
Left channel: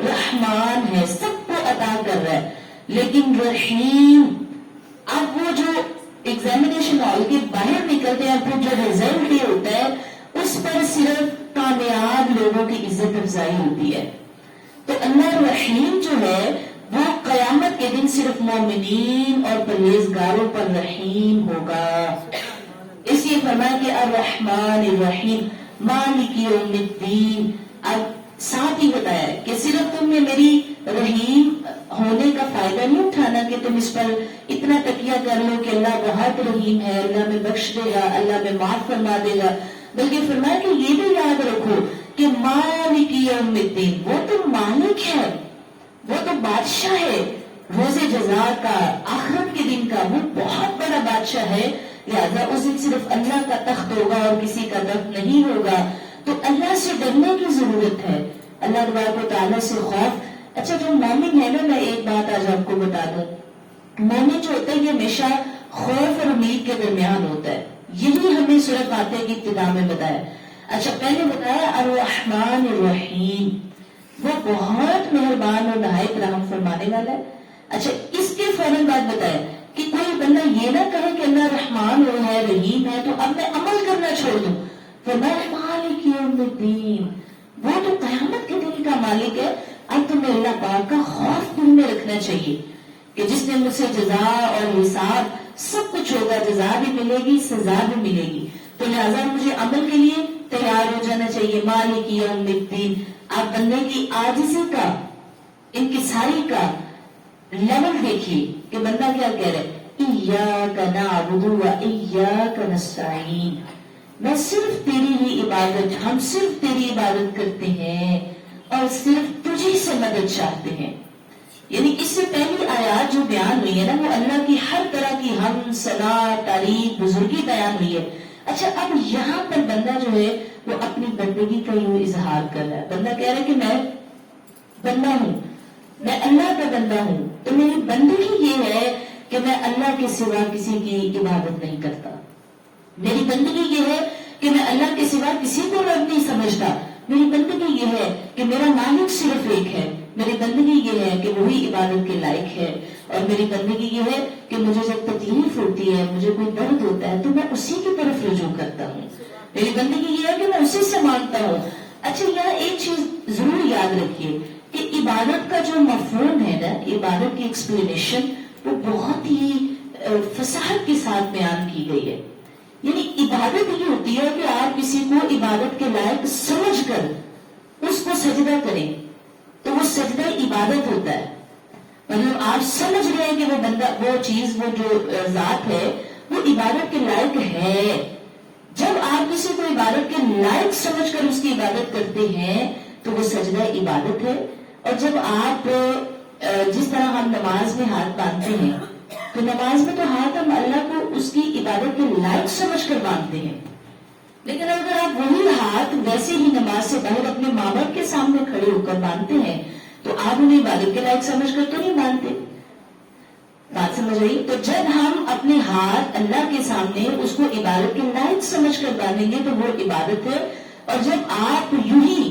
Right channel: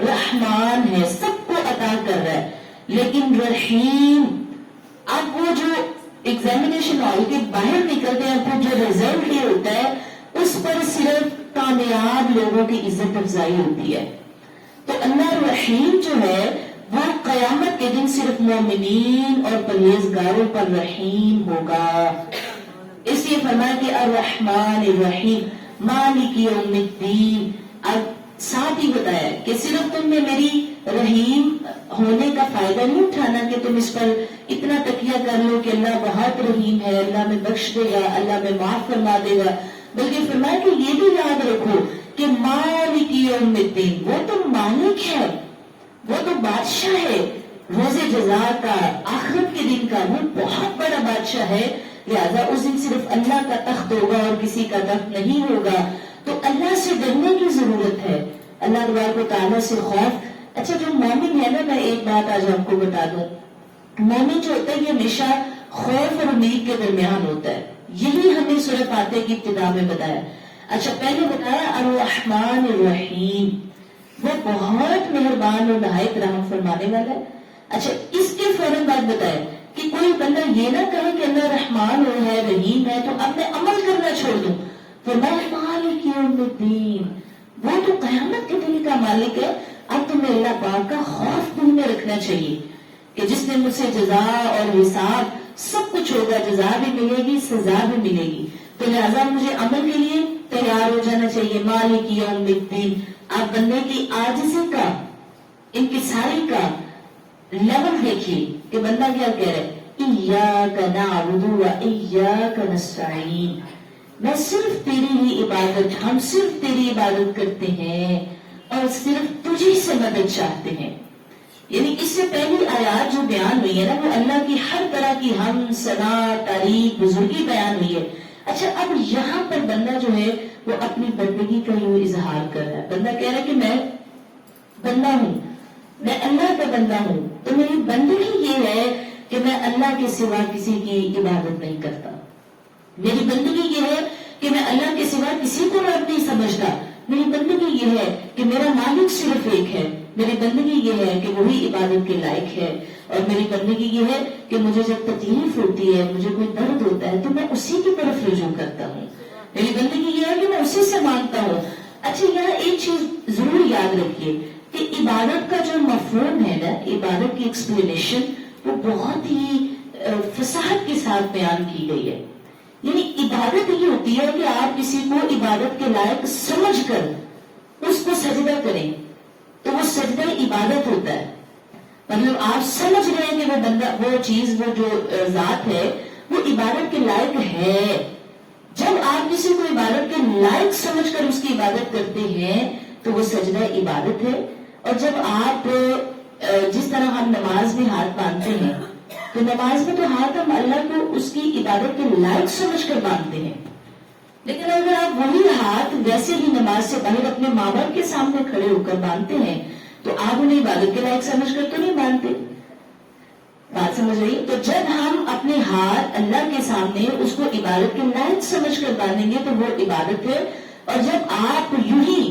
رحمان ہے, سب کو عطا کر رہا ہے, لیکن رحیم اب وہ جو ایگزامینیشن ہال کے باہر نکلتے ہیں پھر جو ریزلٹ یہ ہوتا ہے اس پر صرف کامیاب لوگوں کی عزت افزائی ہوتی ہے. تو اللہ رحیم جو ہے وہ قیامت کے دن صرف مومنین اور پرہیزگاروں پر رحیم ہوگا. اس لیے فرمایا کہ الرحمن الرحیم مالک یوم الدین. اب ساتھ ہی بتایا کہ صرف تم نے میری رحیم ہونے کا فائدہ نہیں اٹھانا کہ تم اس پر اتنا تکیہ کر لو کہ اللہ بہت رحیم ہے, اللہ میں بخش دے گا, اللہ میں معاف فرما دے گا, بلکہ فرمایا کہ یہ بھی یاد رکھو کہ مالک یوم الدین وہ تو مالک ہے, وہ تو بادشاہ ہے روز جزا کا, آخرت کے دن کا, وہ بہت بڑا بادشاہ ہے. لہٰذا اس دن صرف اللہ کا تخت ہوگا اور کسی کا تخت نہیں ہوگا. تو اللہ سے ڈرنے کی ضرورت ہے, اللہ تبارک و تعالیٰ سے خوف. اچھا جو مومن ہے نا, میں ایک بات آج آپ کو بتا دوں, مومن جو ہوتا ہے یہ ہمیشہ خوف اور امید کے درمیان ہوتا ہے. یہی ہمیں سورہ فاتحہ کی ابتدا میں بتایا. اچھا پہلے بتایا الرحمن الرحیم, وہ بہت مہربان اور نہایت رحم فرمانے والا ہے. اچھا اس کے فوراً بعد بتایا کہ کوئی بندہ یہ نہ کہے کہ اللہ رحمان ہے رحیم ہے تو اب میں عمل کرنا چھوڑ دوں. فرمایا مالک یوم الدین, وہ تو قیامت کے دن کا مالک ہے. اب تمہیں اللہ پاک کا خوف دل میں رکھنا چاہیے کہ جس نے مجھ سے جزا اور حساب سب کچھ ہوگا, جزا بھی ملے گی, سزا بھی ملے گی. تو لہٰذا مجھے عمل کے لیے تیار ہو جانا چاہیے. مالک یوم الدین. آپ بندے کی عاجزی کا, انکساری کا لیول دیکھیے کہ بندہ کیا کہہ رہا ہے, ایاک نعبد و ایاک نستعین, میں صرف تیری ہی عبادت, ہم صرف تیری عبادت کرتے ہیں اور صرف تجھی سے مدد چاہتے ہیں. یعنی اس سے پہلی آیات جو بیان ہوئی ہے نا وہ اللہ کی ہر طرح کی حمد ثنا تعریف بزرگی بیان ہوئی ہے. اچھا اب یہاں پر بندہ جو ہے وہ اپنی بندگی کا یہ اظہار کر رہا ہے. بندہ کہہ رہا ہے کہ میں بندہ ہوں, میں اللہ کا بندہ ہوں. تو میری بندگی یہ ہے کہ میں اللہ کے سوا کسی کی عبادت نہیں کرتا. میری بندگی یہ ہے کہ میں اللہ کے سوا کسی کو رب نہیں سمجھتا. میری بندگی یہ ہے کہ میرا مالک صرف ایک ہے. میری بندگی یہ ہے کہ وہی عبادت کے لائق ہے. اور میری بندگی یہ ہے کہ مجھے جب تکلیف ہوتی ہے, مجھے کوئی درد ہوتا ہے تو میں اسی کی طرف رجوع کرتا ہوں. میری بندگی یہ ہے کہ میں اسی سے مانگتا ہوں. اچھا یہاں ایک چیز ضرور یاد رکھیے کہ عبادت کا جو مفہوم ہے نا, عبادت کی ایکسپلینیشن وہ بہت ہی فصاحت کے ساتھ بیان کی گئی ہے. یعنی عبادت یہ ہوتی ہے کہ آپ کسی کو عبادت کے لائق سمجھ کر اس کو سجدہ کریں تو وہ سجدہ عبادت ہوتا ہے. مطلب آپ سمجھ رہے ہیں کہ وہ بندہ, وہ چیز, وہ جو ذات ہے وہ عبادت کے لائق ہے. جب آپ کسی کو عبادت کے لائق سمجھ کر اس کی عبادت کرتے ہیں تو وہ سجدہ عبادت ہے. اور جب آپ جس طرح ہم نماز میں ہاتھ باندھتے ہیں تو نماز میں تو ہاتھ ہم اللہ کو اس کی عبادت کے لائق سمجھ کر باندھتے ہیں. لیکن اگر آپ وہی ہاتھ ویسے ہی نماز سے باہر اپنے ماں باپ کے سامنے کھڑے ہو کر باندھتے ہیں تو آپ انہیں عبادت کے لائق سمجھ کر تو نہیں باندھتے. بات سمجھ رہی؟ تو جب ہم اپنے ہاتھ اللہ کے سامنے اس کو عبادت کے لائق سمجھ کر باندھیں گے تو وہ عبادت ہے. اور جب آپ یوں ہی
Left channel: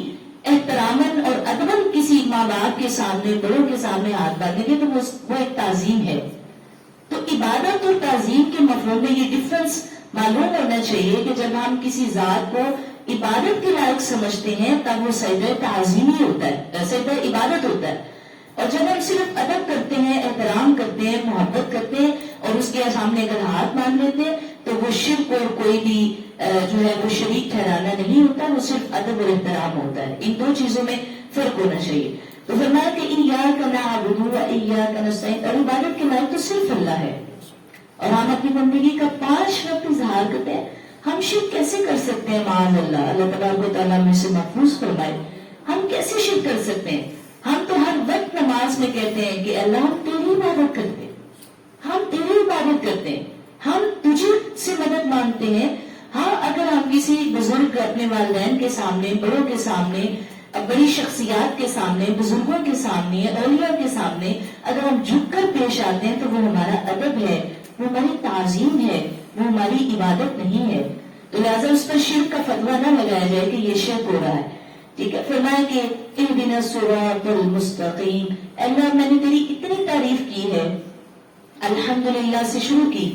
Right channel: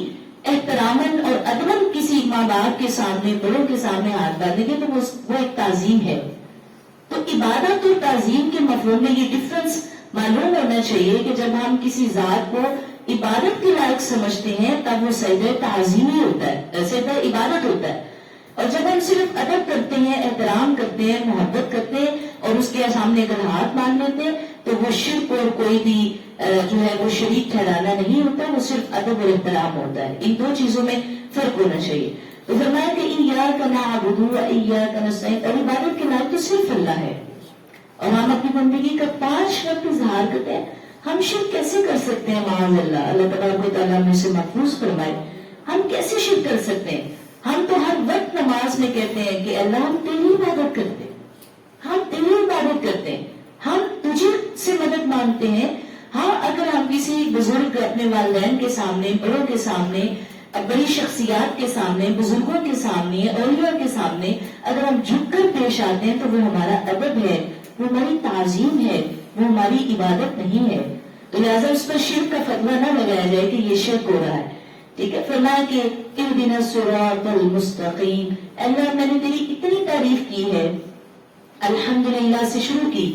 احتراماً اور ادباً کسی ماں باپ کے سامنے, بڑوں کے سامنے ہاتھ باندھیں گے تو وہ ایک تعظیم ہے. تو عبادت اور تعظیم کے مفہوم میں یہ ڈفرنس معلوم ہونا چاہیے کہ جب ہم کسی ذات کو عبادت کے لائق سمجھتے ہیں تب وہ سجدہ تعظیمی ہوتا ہے, سجدہ عبادت ہوتا ہے. اور جب ہم صرف ادب کرتے ہیں, احترام کرتے ہیں, محبت کرتے ہیں اور اس کے سامنے اگر ہاتھ مان لیتے ہیں تو وہ شرک اور کوئی بھی جو ہے وہ شریک ٹھہرانا نہیں ہوتا, وہ صرف ادب اور احترام ہوتا ہے. ان دو چیزوں میں فرق ہونا چاہیے. تو فرمایا کہ ایاک نعبد و ایاک نستعین, اور عبادت کے لائق تو صرف اللہ ہے. اور ہم اپنی بندگی کا 5 وقت اظہار کرتے ہیں. ہم شرک کیسے کر سکتے ہیں؟ معاذ اللہ, اللہ تبارک و تعالیٰ ہم سے محفوظ فرمائے. ہم کیسے شرک کر سکتے ہیں؟ ہم تو ہر وقت نماز میں کہتے ہیں کہ اللہ ہم تیری عبادت کرتے ہیں, ہم تیری عبادت کرتے ہیں, ہم تجھے سے مدد مانگتے ہیں. ہاں اگر ہم کسی بزرگ اپنے والدین کے سامنے، بڑوں کے سامنے، بڑی شخصیات کے سامنے، بزرگوں کے سامنے، اولیاء کے سامنے اگر ہم جھک کر پیش آتے ہیں تو وہ ہمارا ادب ہے، وہ ہماری تعظیم ہے، وہ ہماری عبادت نہیں ہے. تو لہٰذا اس پر شرک کا فتویٰ نہ لگایا جائے کہ یہ شرک ہو رہا ہے. ٹھیک ہے. فرمایا کہ اہدنا الصراط المستقیم، اللہ میں نے تیری اتنی تعریف کی ہے، الحمدللہ سے شروع کی،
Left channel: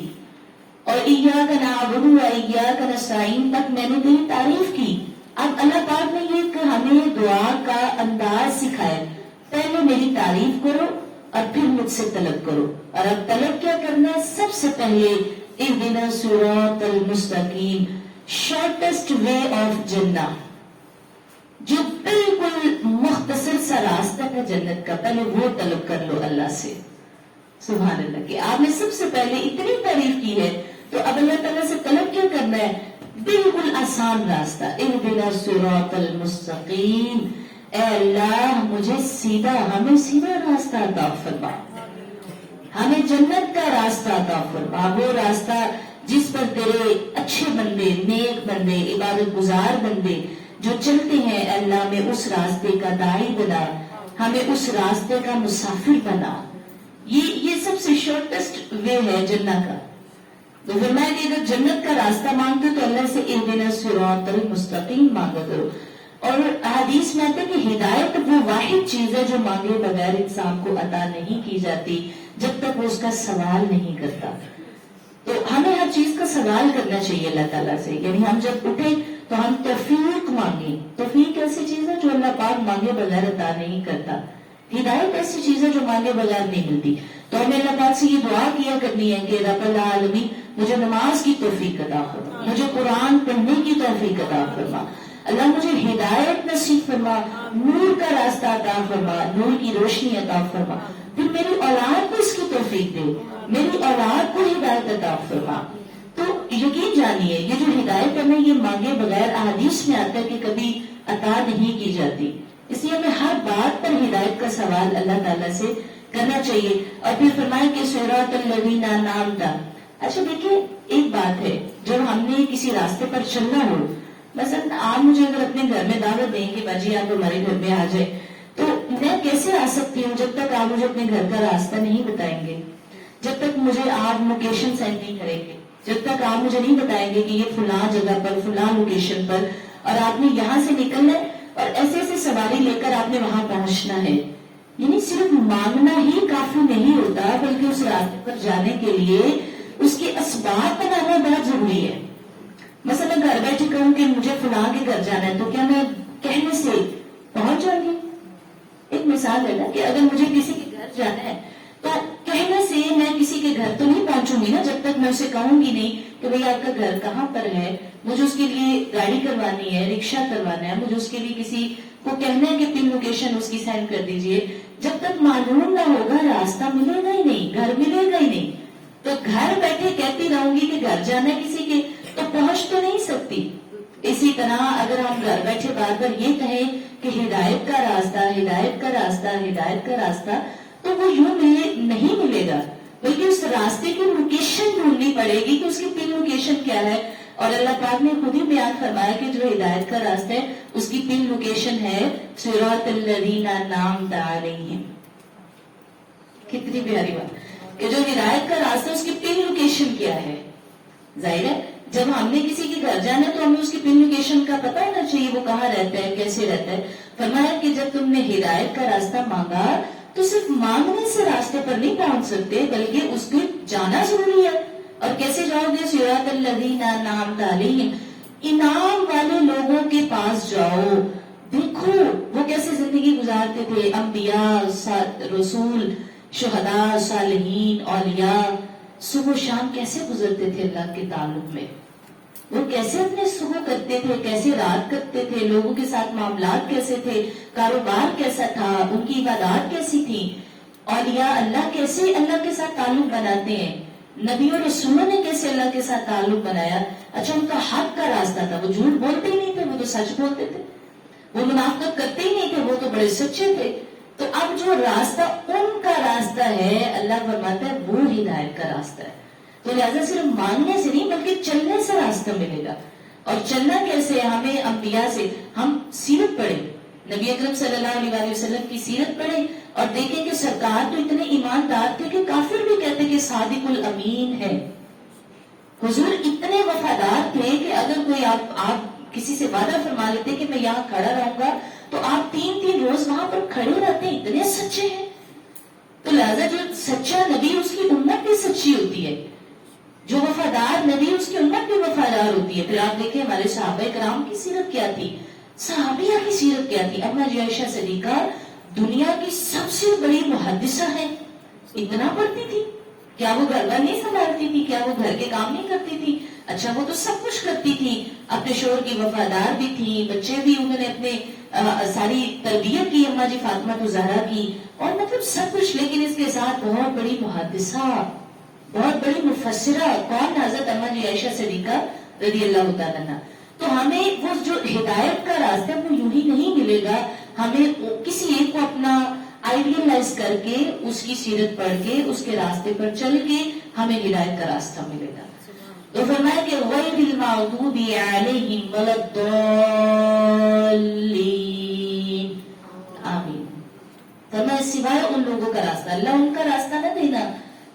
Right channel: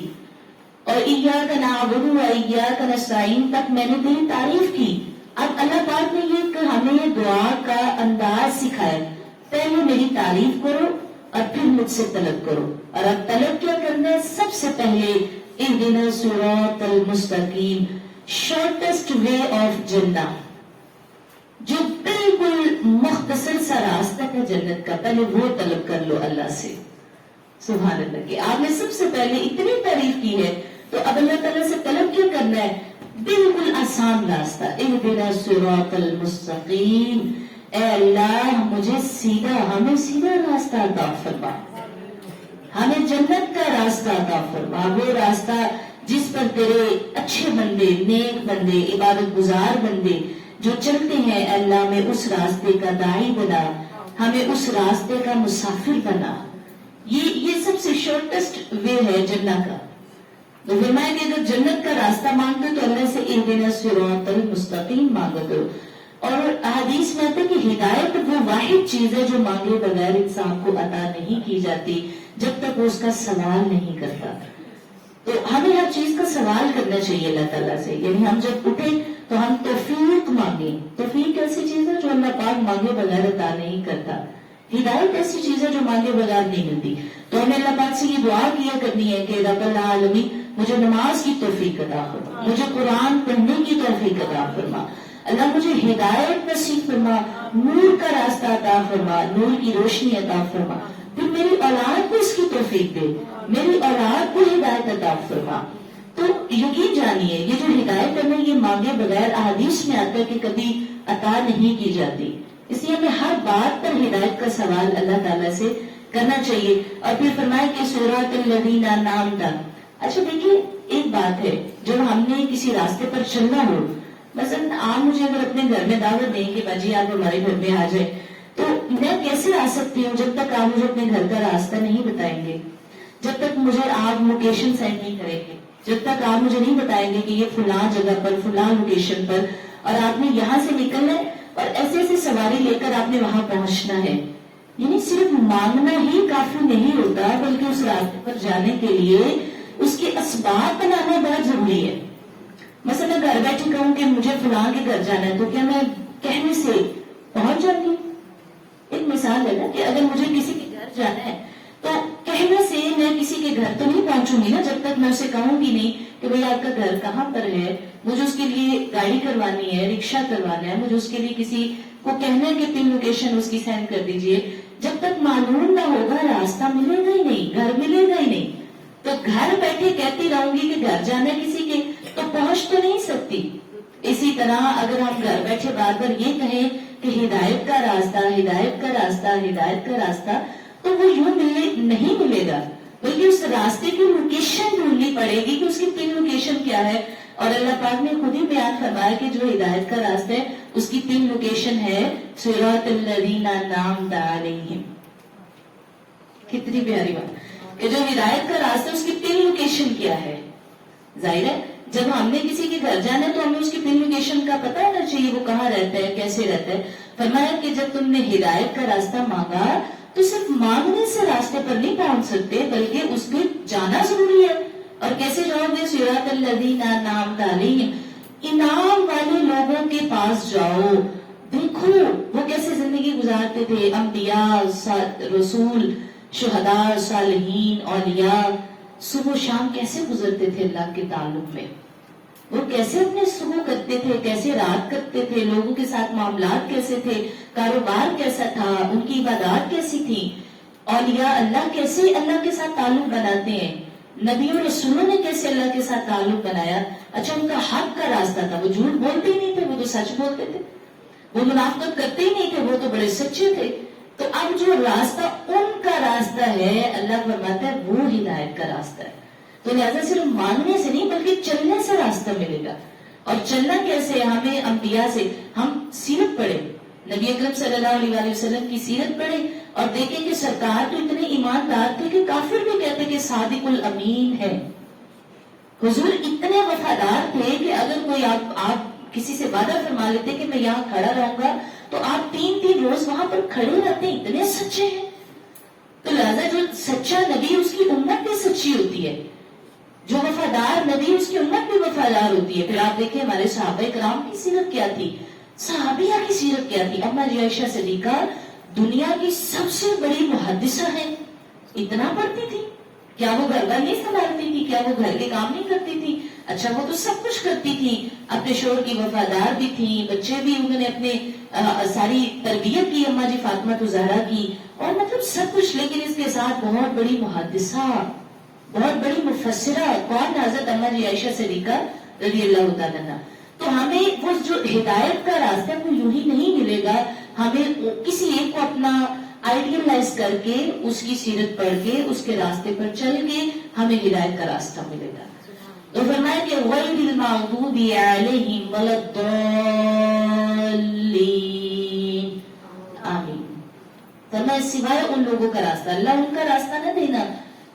اور ایاک نعبد و ایاک نستعین تک میں نے تیری تعریف کی. اب اللہ پاک نے ہمیں دعا کا انداز سکھایا، پہلے میری تعریف کرو اور پھر مجھ سے طلب کرو. اور اب طلب کیا کرنا ہے؟ سب سے پہلے اہدنا الصراط المستقیم، شارٹیسٹ وے آف جنہ، جو بالکل مختصر سا راستہ ہے جنت کا، پہلے وہ طلب کر لو اللہ سے. سبحان اللہ کہ آپ نے سب سے پہلے اتنی تعریف کی ہے تو اب اللہ تعالیٰ سے طلب کیا کرنا ہے؟ بالکل آسان راستہ. اہدنا الصراط المستقیم، اے اللہ مجھے ہمیں سیدھا راستہ عطا فرما، ہمیں جنت کا راستہ عطا فرما، وہ راستہ جس پر تیرے اچھے بندے، نیک بندے، عبادت گزار بندے جو چلتے ہیں، اللہ میں اس راستے کا داعی بنا، ہمیں اس راستے کا مسافر بنا. یہ سب سے شارٹیسٹ وے ہے جنت کا. تو فرمایا کہ اگر جنت کا راستہ مانگتے ہو تو اللہ سے اہدنا الصراط المستقیم مانگا کرو. اور حدیث میں آتا ہے کہ ہدایت وہ واحد چیز ہے جو مانگے بغیر انسان کو عطا نہیں کی جاتی جب تک وہ اس کا سوال نہیں کرتا. تو ہمیں ہر چیز کا سوال کرنا چاہیے اللہ تعالیٰ سے. یعنی ہم جب اٹھے تو ہم توفیق مانگیں. توفیق ایسی چیز ہے جو اللہ پاک مانگے بغیر عطا نہیں کرتا. ہدایت ایسی چیز ہے جو مانگے بغیر نہیں ملتی. تو ہمیں اللہ پاک سے یہ دعا کیا کرنی ہے کہ رب العالمین مجھے نماز کی توفیق عطا فرما، مجھے قرآن پڑھنے کی توفیق عطا فرما، اللہ مجھے ہدایت نصیب فرما، نور کا راستہ عطا فرما، نور کی روشنی عطا فرما. پھر میری اولاد کو اس کی توفیق دے، میری اولاد کو ہدایت عطا فرما. تو یقین جانیے یہ جو ہدایت ہمیں یہ مانگے بغیر احادیث میں آتا ہے کہ کبھی عطا نہیں کی جاتی. اس لیے ہمیں ہر بات پر ہدایت کا سوال اللہ تعالیٰ سے کرنا چاہیے. اور پھر فرمایا کہ صراط الذین انعمت. اچھا دیکھیے ایک بات ہے، جب ہم نے کسی راستے پر چلنا ہو، مثلا آپ مجھے اگر اپنے گھر میں دعوت دیں کہ باجی آپ ہمارے گھر میں آ جائیں، تو میں کیسے آ سکتی ہوں جب تک آپ مجھے اپنے گھر کا راستہ نہیں بتائیں گے، جب تک مجھے آپ لوکیشن سینڈ نہیں کریں گے، جب تک آپ مجھے نہیں بتائیں گے کہ یہ فلاں جگہ پر فلاں لوکیشن پر اور آپ نے یہاں سے نکلنا ہے اور ایسے ایسے سواری لے کر آپ نے وہاں پہنچنا ہے. یعنی صرف مانگنا ہی کافی نہیں ہوتا بلکہ اس راستے پر جانے کے لیے اس کے اسباب بنانا بہت ضروری ہے. مثلا گھر بیٹھے کہوں کہ مجھے فلاں کے گھر جانا ہے تو کیا میں کہنے سے پہنچ جاؤں گی؟ ایک مثال لینا کہ اگر مجھے کسی کے گھر جانا ہے تو کہنے سے میں کسی کے گھر تو نہیں پہنچوں گی نا جب تک میں اسے کہوں گی نہیں کہ بھئی آپ کا گھر کہاں پر ہے، مجھے اس کے لیے گاڑی کروانی ہے، رکشہ کروانا ہے، مجھے اس کے لیے کسی کو کہنا ہے کہ پن لوکیشن اس کی سینڈ کر دیجئے. جب تک معلوم نہ ہوگا راستہ ملے گا ہی نہیں، گھر ملے گا ہی نہیں. تو گھر بیٹھے کہتی رہوں گی کہ گھر جانا ہے کسی کے تو پہنچ تو نہیں سکتی. اسی طرح اگر ہم گھر بیٹھے بار بار یہ کہیں کہ ہدایت کا راستہ، ہدایت کا راستہ، ہدایت کا راستہ، تو وہ یوں نہیں ملے گا بلکہ اس راستے کی لوکیشن ڈھونڈنی پڑے گی کہ اس کی پن لوکیشن کیا ہے. اور اللہ پاک نے خود ہی بیان فرمایا کہ جو ہدایت کا راستہ ہے اس کی پن لوکیشن ہے صراط الذین انعمت علیہم. کتنی پیاری بات. یہ جو ہدایت کا راستہ ہے اس کی پن لوکیشن کیا ہے؟ ظاہر ہے جب ہم نے کسی کے گھر جانا ہے تو ہمیں اس کی پن لوکیشن کا پتہ ہونا چاہیے، وہ کہاں رہتا ہے، کیسے رہتا ہے. فرمایا کہ جب تم نے ہدایت کا راستہ مانگا تو صرف مانگنے سے راستے پر نہیں پہنچ سکتے بلکہ اس میں جانا ضروری ہے. اور کیسے جاؤ گے؟ صراط الذین انعمت علیہم، انعام والے لوگوں کے پاس جاؤ. دیکھو وہ کیسے زندگی گزارتے تھے، انبیاء، رسول، شہداء، صالحین، اولیاء، صبح و شام کیسے گزرتے تھے اللہ کے تعلق میں. وہ کیسے اپنے صبح کرتے تھے، کیسے رات کرتے تھے، لوگوں کے ساتھ معاملات کیسے تھے، کاروبار کیسا تھا، ان کی عبادات کیسی تھی. اولیاء اللہ کیسے اللہ کے ساتھ تعلق بناتے ہیں، نبی اور رسولوں نے کیسے اللہ کے ساتھ تعلق بنایا. اچھا ان کا حق کا راستہ تھا، وہ جھوٹ بولتے ہی نہیں تھے، وہ تو سچ بولتے تھے، وہ منافقت کرتے ہی نہیں تھے، وہ تو بڑے سچے تھے. تو اب جو راستہ ان کا راستہ ہے اللہ فرماتا ہے وہ ہدایت کا راستہ ہے. تو لہذا صرف ماننے سے نہیں بلکہ چلنے سے راستہ ملے گا. اور چلنا کیسے ہے؟ ہمیں انبیاء سے ہم سیرت پڑھیں، نبی اکرم صلی اللہ علیہ وسلم کی سیرت پڑھیں اور دیکھیں کہ سرکار تو اتنے ایماندار تھے کہ کافر بھی کہتے کہ صادق الامین ہے. حضور اتنے وفادار تھے کہ اگر کوئی آپ کسی سے وعدہ فرما لیتے کہ میں یہاں کھڑا رہوں گا تو آپ 3 روز وہاں پر کھڑے رہتے، اتنے سچے ہیں. تو لہذا جو سچا نبی اس کی امت بھی سچی ہوتی ہے، جو وفادار نبی اس کی امت بھی وفادار ہوتی ہے. پھر آپ دیکھیں ہمارے صحابہ کرام کی سیرت کیا تھی، صحابیہ کی سیرت کیا تھی. اما جی عائشہ صدیقہ دنیا کی سب سے بڑی محدثہ ہے، اتنا پڑھتی تھی. کیا وہ گھر بار نہیں سنبھالتی تھی؟ کیا وہ گھر کے کام نہیں کرتی تھی؟ اچھا وہ تو سب کچھ کرتی تھی، اپنے شوہر کی وفادار بھی تھی، بچے بھی انہوں نے اپنے ساری تربیت کی اما جی فاطمہ زہرا کی، اور مطلب سب کچھ. لیکن اس کے ساتھ بہت بڑی محدثہ، بہت بڑی مفسرہ کون؟ حضرت اما جی عائشہ صدیقہ رضی اللہ تعالیٰ عنہا. تو ہمیں وہ جو ہدایت کا راستہ وہ یوں ہی نہیں ملے گا، ہمیں کسی ایک کو اپنا آئیڈیلائز کر کے اس کی سیرت پڑھ کے اس کے راستے پر چل کے ہمیں ہدایت کا راستہ ملے گا. تو فرمایا کہ غیر المغضوب علیہم ولا الضالین، آمین. فرمایا سوائے ان لوگوں کا راستہ، اللہ ان کا راستہ نہ دینا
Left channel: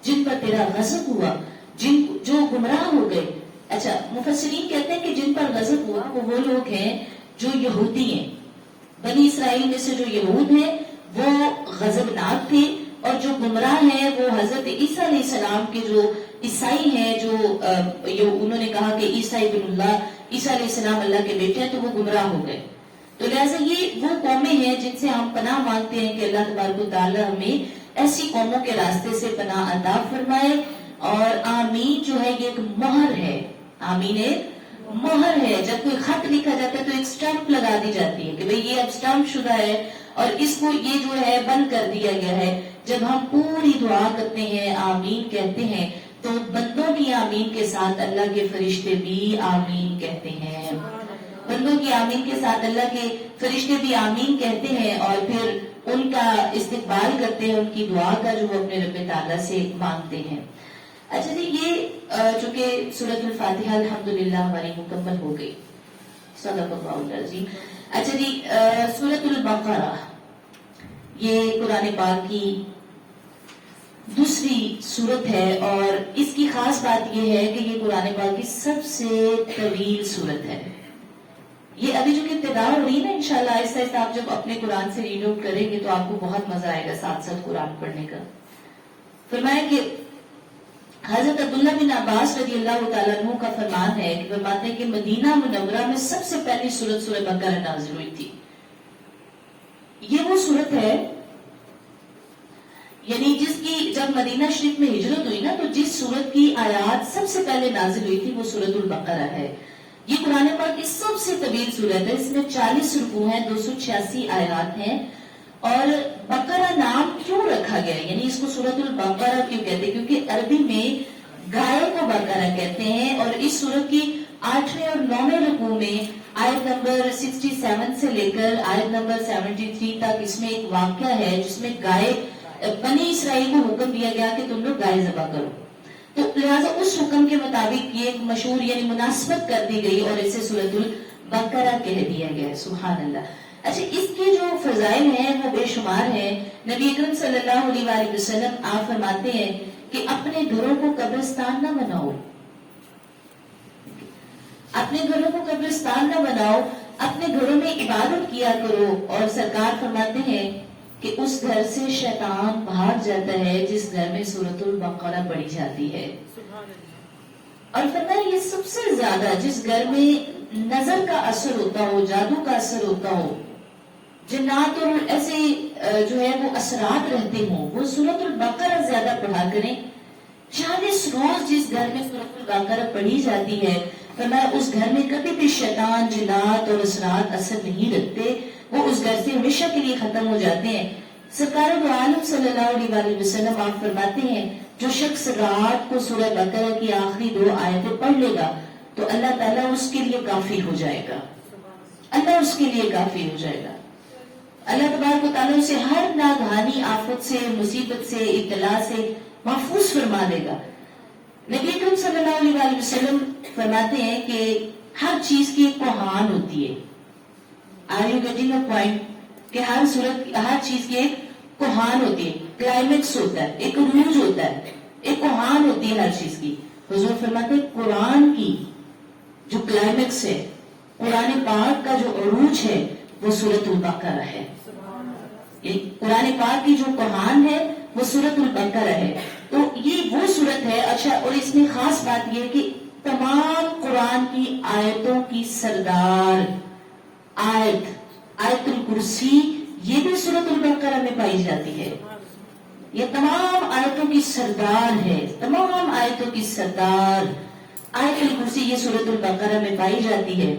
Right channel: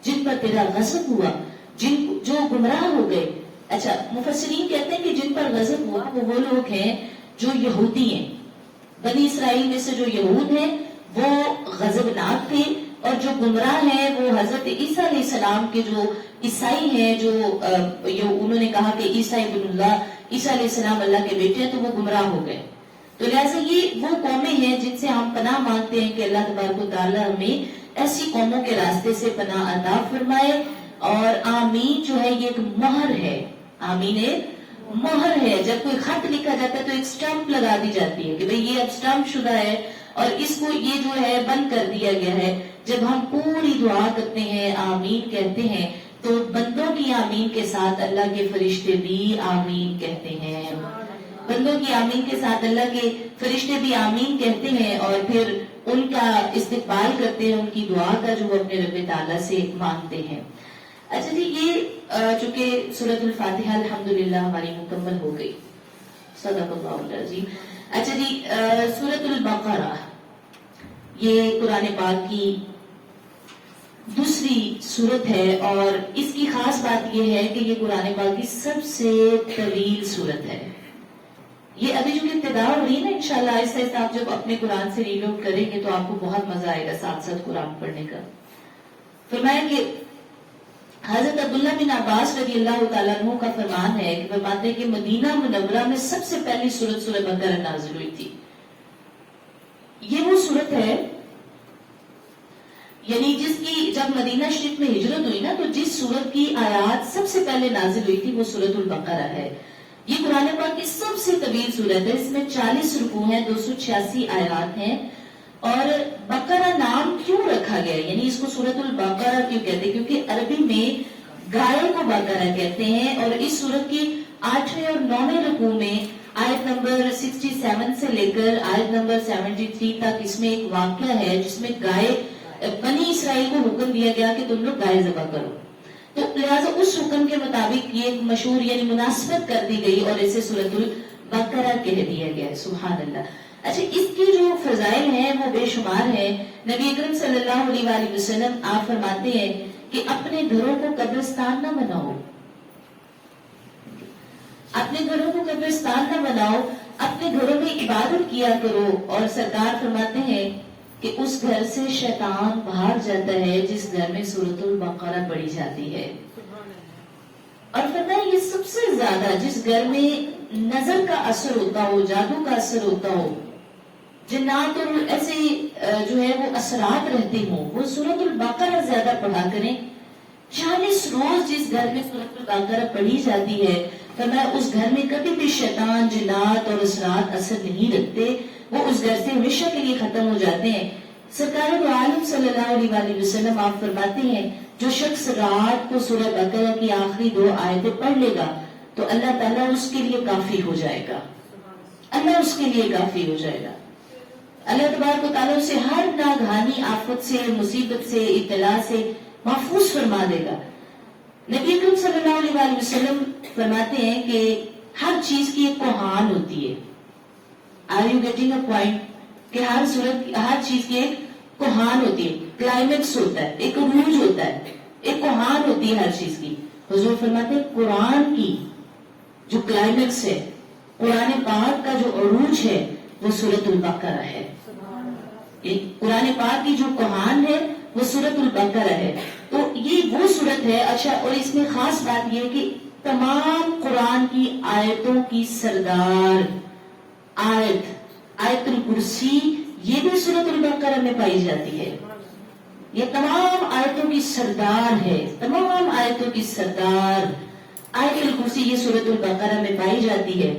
جن پر تیرا غضب ہوا، جو گمراہ ہو گئے. اچھا مفسرین کہتے ہیں کہ جن پر غضب ہوا وہ لوگ ہیں جو یہودی ہیں، بنی اسرائیل میں سے جو یہود ہیں وہ غضبناک تھے، اور جو گمراہ ہیں وہ حضرت عیسیٰ علیہ السلام کے جو عیسائی ہیں، جو انہوں نے کہا کہ عیسیٰ ابن اللہ، عیسیٰ علیہ السلام اللہ کے بیٹے ہیں، تو وہ گمراہ ہو گئے. تو لہٰذا یہ وہ قومیں ہیں جن سے ہم پناہ مانگتے ہیں کہ اللہ تبارک و تعالیٰ ہمیں ایسی قوموں کے راستے سے پناہ عطا فرمائے. اور آمین جو ہے یہ ایک مہر ہے، آمین ایک مہر ہے. جب کوئی خط لکھا جاتا ہے تو ایک سٹامپ لگا دی جاتی ہے کہ بھئی یہ اب سٹامپ شدہ ہے اور اس کو یہ جو ہے بند کر دیا گیا ہے. جب ہم پوری دعا کرتے ہیں، آمین کہتے ہیں، تو بندوں کی آمین کے ساتھ اللہ کے فرشتے بھی آمین کہتے ہیں. بندوں کی آمین کے ساتھ اللہ کے فرشتے بھی آمین کہتے ہیں اور پھر ان کا استقبال کرتے ہیں، ان کی دعا کا جو وہ اپنے رب تعالیٰ سے مانگتے ہیں. اچھا جی، یہ چونکہ سورۃ الفاتحہ الحمدللہ ہماری مکمل ہو گئی، صدق اللہ العظیم. اچھا جی، سورۃ البقرہ یہ قرآن پاک کی دوسری سورت ہے، اور اس کی خاص بات یہ ہے کہ یہ قرآن پاک کی سب سے طویل سورت ہے. یہ ابھی جو ابتدا ہو رہی ہے نا، انشاءاللہ آہستہ آہستہ آپ جب اپنے قرآن سے ریڈ آؤٹ کریں گے تو آپ کو بہت مزہ آئے گا ساتھ ساتھ قرآن پڑھنے کا. فرمایا کہ حضرت عبداللہ بن عباس رضی اللہ تعالیٰ عنہ کا فرمان ہے کہ فرماتے ہیں کہ مدینہ منورہ میں سب سے پہلی سورت سورہ بقرہ نازل ہوئی تھی. یہ وہ سورت ہے یعنی جس کی جب مدینہ شریف میں ہجرت ہوئی نا، تو جس سورت کی آیات سب سے پہلے نازل ہوئی تھی وہ سورۃ البقرہ ہے. یہ قرآن پاک کی سب سے طویل سورت ہے، اس میں 40 رکوع ہیں، 286 آیات ہیں. اور بقرہ نام کیوں رکھا گیا، یعنی اس کو سورۃ البقرہ کیوں کہتے ہیں؟ کیونکہ عربی میں گائے کو بقرہ کہتے ہیں. اور اس سورت کی 8ویں اور 9ویں رکوع میں آیت نمبر 67 سے لے کر آیت نمبر 73 تک اس میں ایک واقعہ ہے جس میں گائے بنی اسرائیل کو حکم دیا گیا کہ تم لوگ گائے ذبح کرو. تو لہٰذا اس حکم کے مطابق یہ ایک مشہور یعنی مناسبت کر دی گئی اور اسے سورۃ البقرہ کہہ دیا گیا. سبحان اللہ. اچھا، اس کی جو فضائل ہیں وہ بے شمار ہیں. نبی اکرم صلی اللہ علیہ وآلہ وسلم آپ فرماتے ہیں کہ اپنے گھروں کو قبرستان نہ بناؤ، اپنے گھروں کو قبرستان نہ بناؤ، اپنے گھروں میں عبادت کیا کرو. اور سرکار فرماتے ہیں کہ اس گھر سے شیطان بھاگ جاتا ہے جس گھر میں سورۃ البقرہ پڑھی جاتی ہے. اور فرمایا یہ سب سے زیادہ جس گھر میں نظر کا اثر ہوتا ہو، جادو کا اثر ہوتا ہو، جنات اور ایسے جو ہے وہ اثرات رہتے ہوں، وہ سورۃ البقرہ زیادہ پڑھا کریں. 40 روز جس گھر میں سورۃ البقرہ پڑھی جاتی ہے، فرمایا اس گھر میں کبھی بھی شیطان، جنات اور اثرات اثر نہیں رکھتے، وہ اس گھر سے ہمیشہ کے لیے ختم ہو جاتے ہیں. سرکار دو عالم صلی اللہ علیہ وآلہ وسلم آپ فرماتے ہیں جو شخص رات کو سورہ بقرہ کی آخری 2 آیتیں پڑھ لے گا تو اللہ تعالیٰ اس کے لیے کافی ہو جائے گا، اللہ اس کے لیے کافی ہو جائے گا. اللہ تبارک و تعالیٰ اسے ہر ناگہانی آفت سے، مصیبت سے، ابتلا سے محفوظ فرما دے گا. نبی اکرم صلی اللہ علیہ وآلہ وسلم فرماتے ہیں کہ ہر چیز کی ایک کوہان ہوتی ہے. Are you getting a point? کہ ہر چیز کی ایک کوہان ہوتی ہے، کلائمیکس ہوتا ہے، ایک عروج ہوتا ہے، ایک کوہان ہوتی ہے ہر چیز کی. حضور فرماتے ہیں قرآن کی جو کلائمیکس ہے، قرآن پاک کا جو عروج ہے وہ سورۃ البقرہ ہے. قرآن پاک کی جو کوہان ہے وہ سورۃ البقرہ ہے. تو یہ وہ سورت ہے. اچھا، اور اس میں خاص بات یہ ہے کہ تمام قرآن کی آیتوں کی سردار آیت الکرسی یہ بھی سورۃ البقرہ میں پائی جاتی ہے. یہ تمام آیتوں کی سردار ہے، تمام آیتوں کی سردار آیت الکرسی یہ سورۃ البقرہ میں پائی جاتی ہے.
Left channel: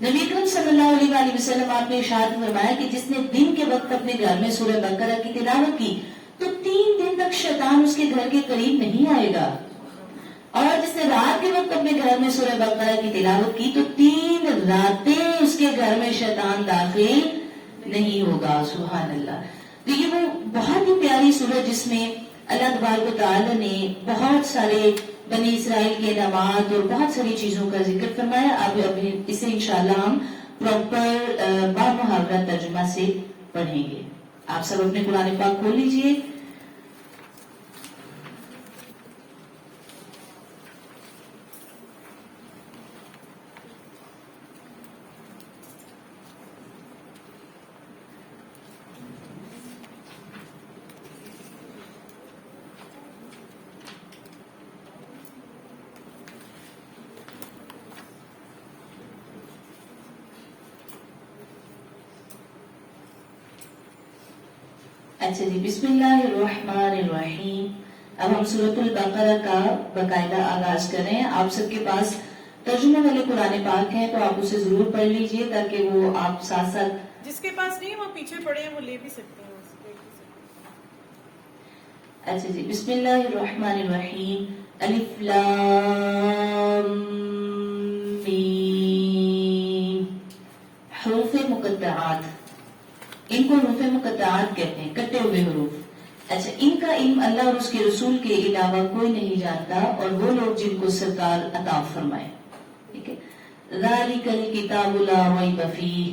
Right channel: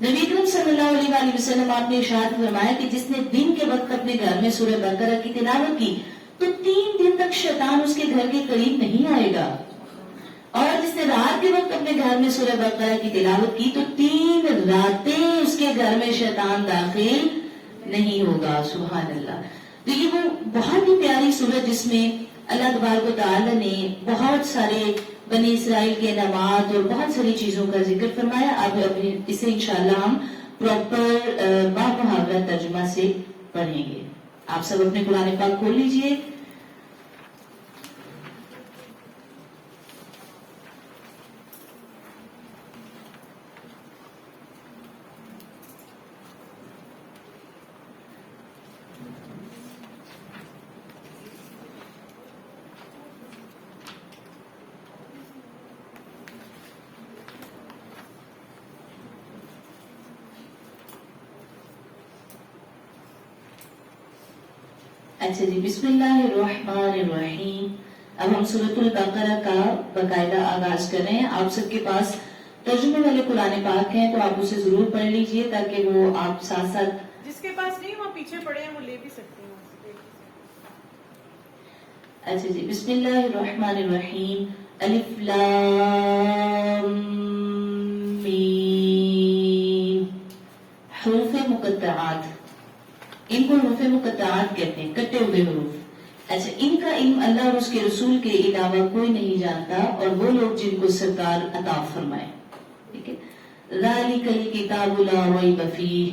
نبی اکرم صلی اللہ علیہ وآلہ وسلم آپ نے ارشاد فرمایا کہ جس نے دن کے وقت اپنے گھر میں سورہ بقرہ کی تلاوت کی تو 3 دن تک شیطان اس کے گھر کے قریب نہیں آئے گا، اور جس نے رات کے وقت اپنے گھر میں سورہ بقرہ کی تلاوت کی تو 3 راتیں اس کے گھر میں شیطان داخل نہیں ہوگا. سبحان اللہ. تو یہ وہ بہت ہی پیاری سورت جس میں اللہ تبارک و تعالی نے بہت سارے بنی اسرائیل کے انعامات اور بہت ساری چیزوں کا ذکر فرمایا. اب اسے انشاءاللہ ہم پراپر بامحاورہ ترجمہ سے پڑھیں گے. آپ سب اپنے قرآن پاک کھول لیجئے. اچھا جی، بسم اللہ الرحمن الرحیم. اب ہم سورۃ البقرہ کا باقاعدہ آغاز کریں. آپ سب کے پاس ترجمے والے قرآن پاک ہیں تو آپ اسے ضرور پڑھ لیجئے تاکہ وہ آپ ساتھ ساتھ. جس کے پاس نہیں وہ پیچھے پڑے ہیں وہ لے بھی سکتے ہیں. اچھا جی، بسم اللہ الرحمن الرحیم. الف لام میم. حروف مقطعات، ان کو حروف مقطعات کہتے ہیں، کٹے ہوئے حروف. اچھا، ان کا علم اللہ اور اس کے رسول کے علاوہ کوئی نہیں جانتا اور وہ لوگ جن کو سرکار عطا فرمائے. ٹھیک ہے. ذالک الکتاب لا ریب فیہ،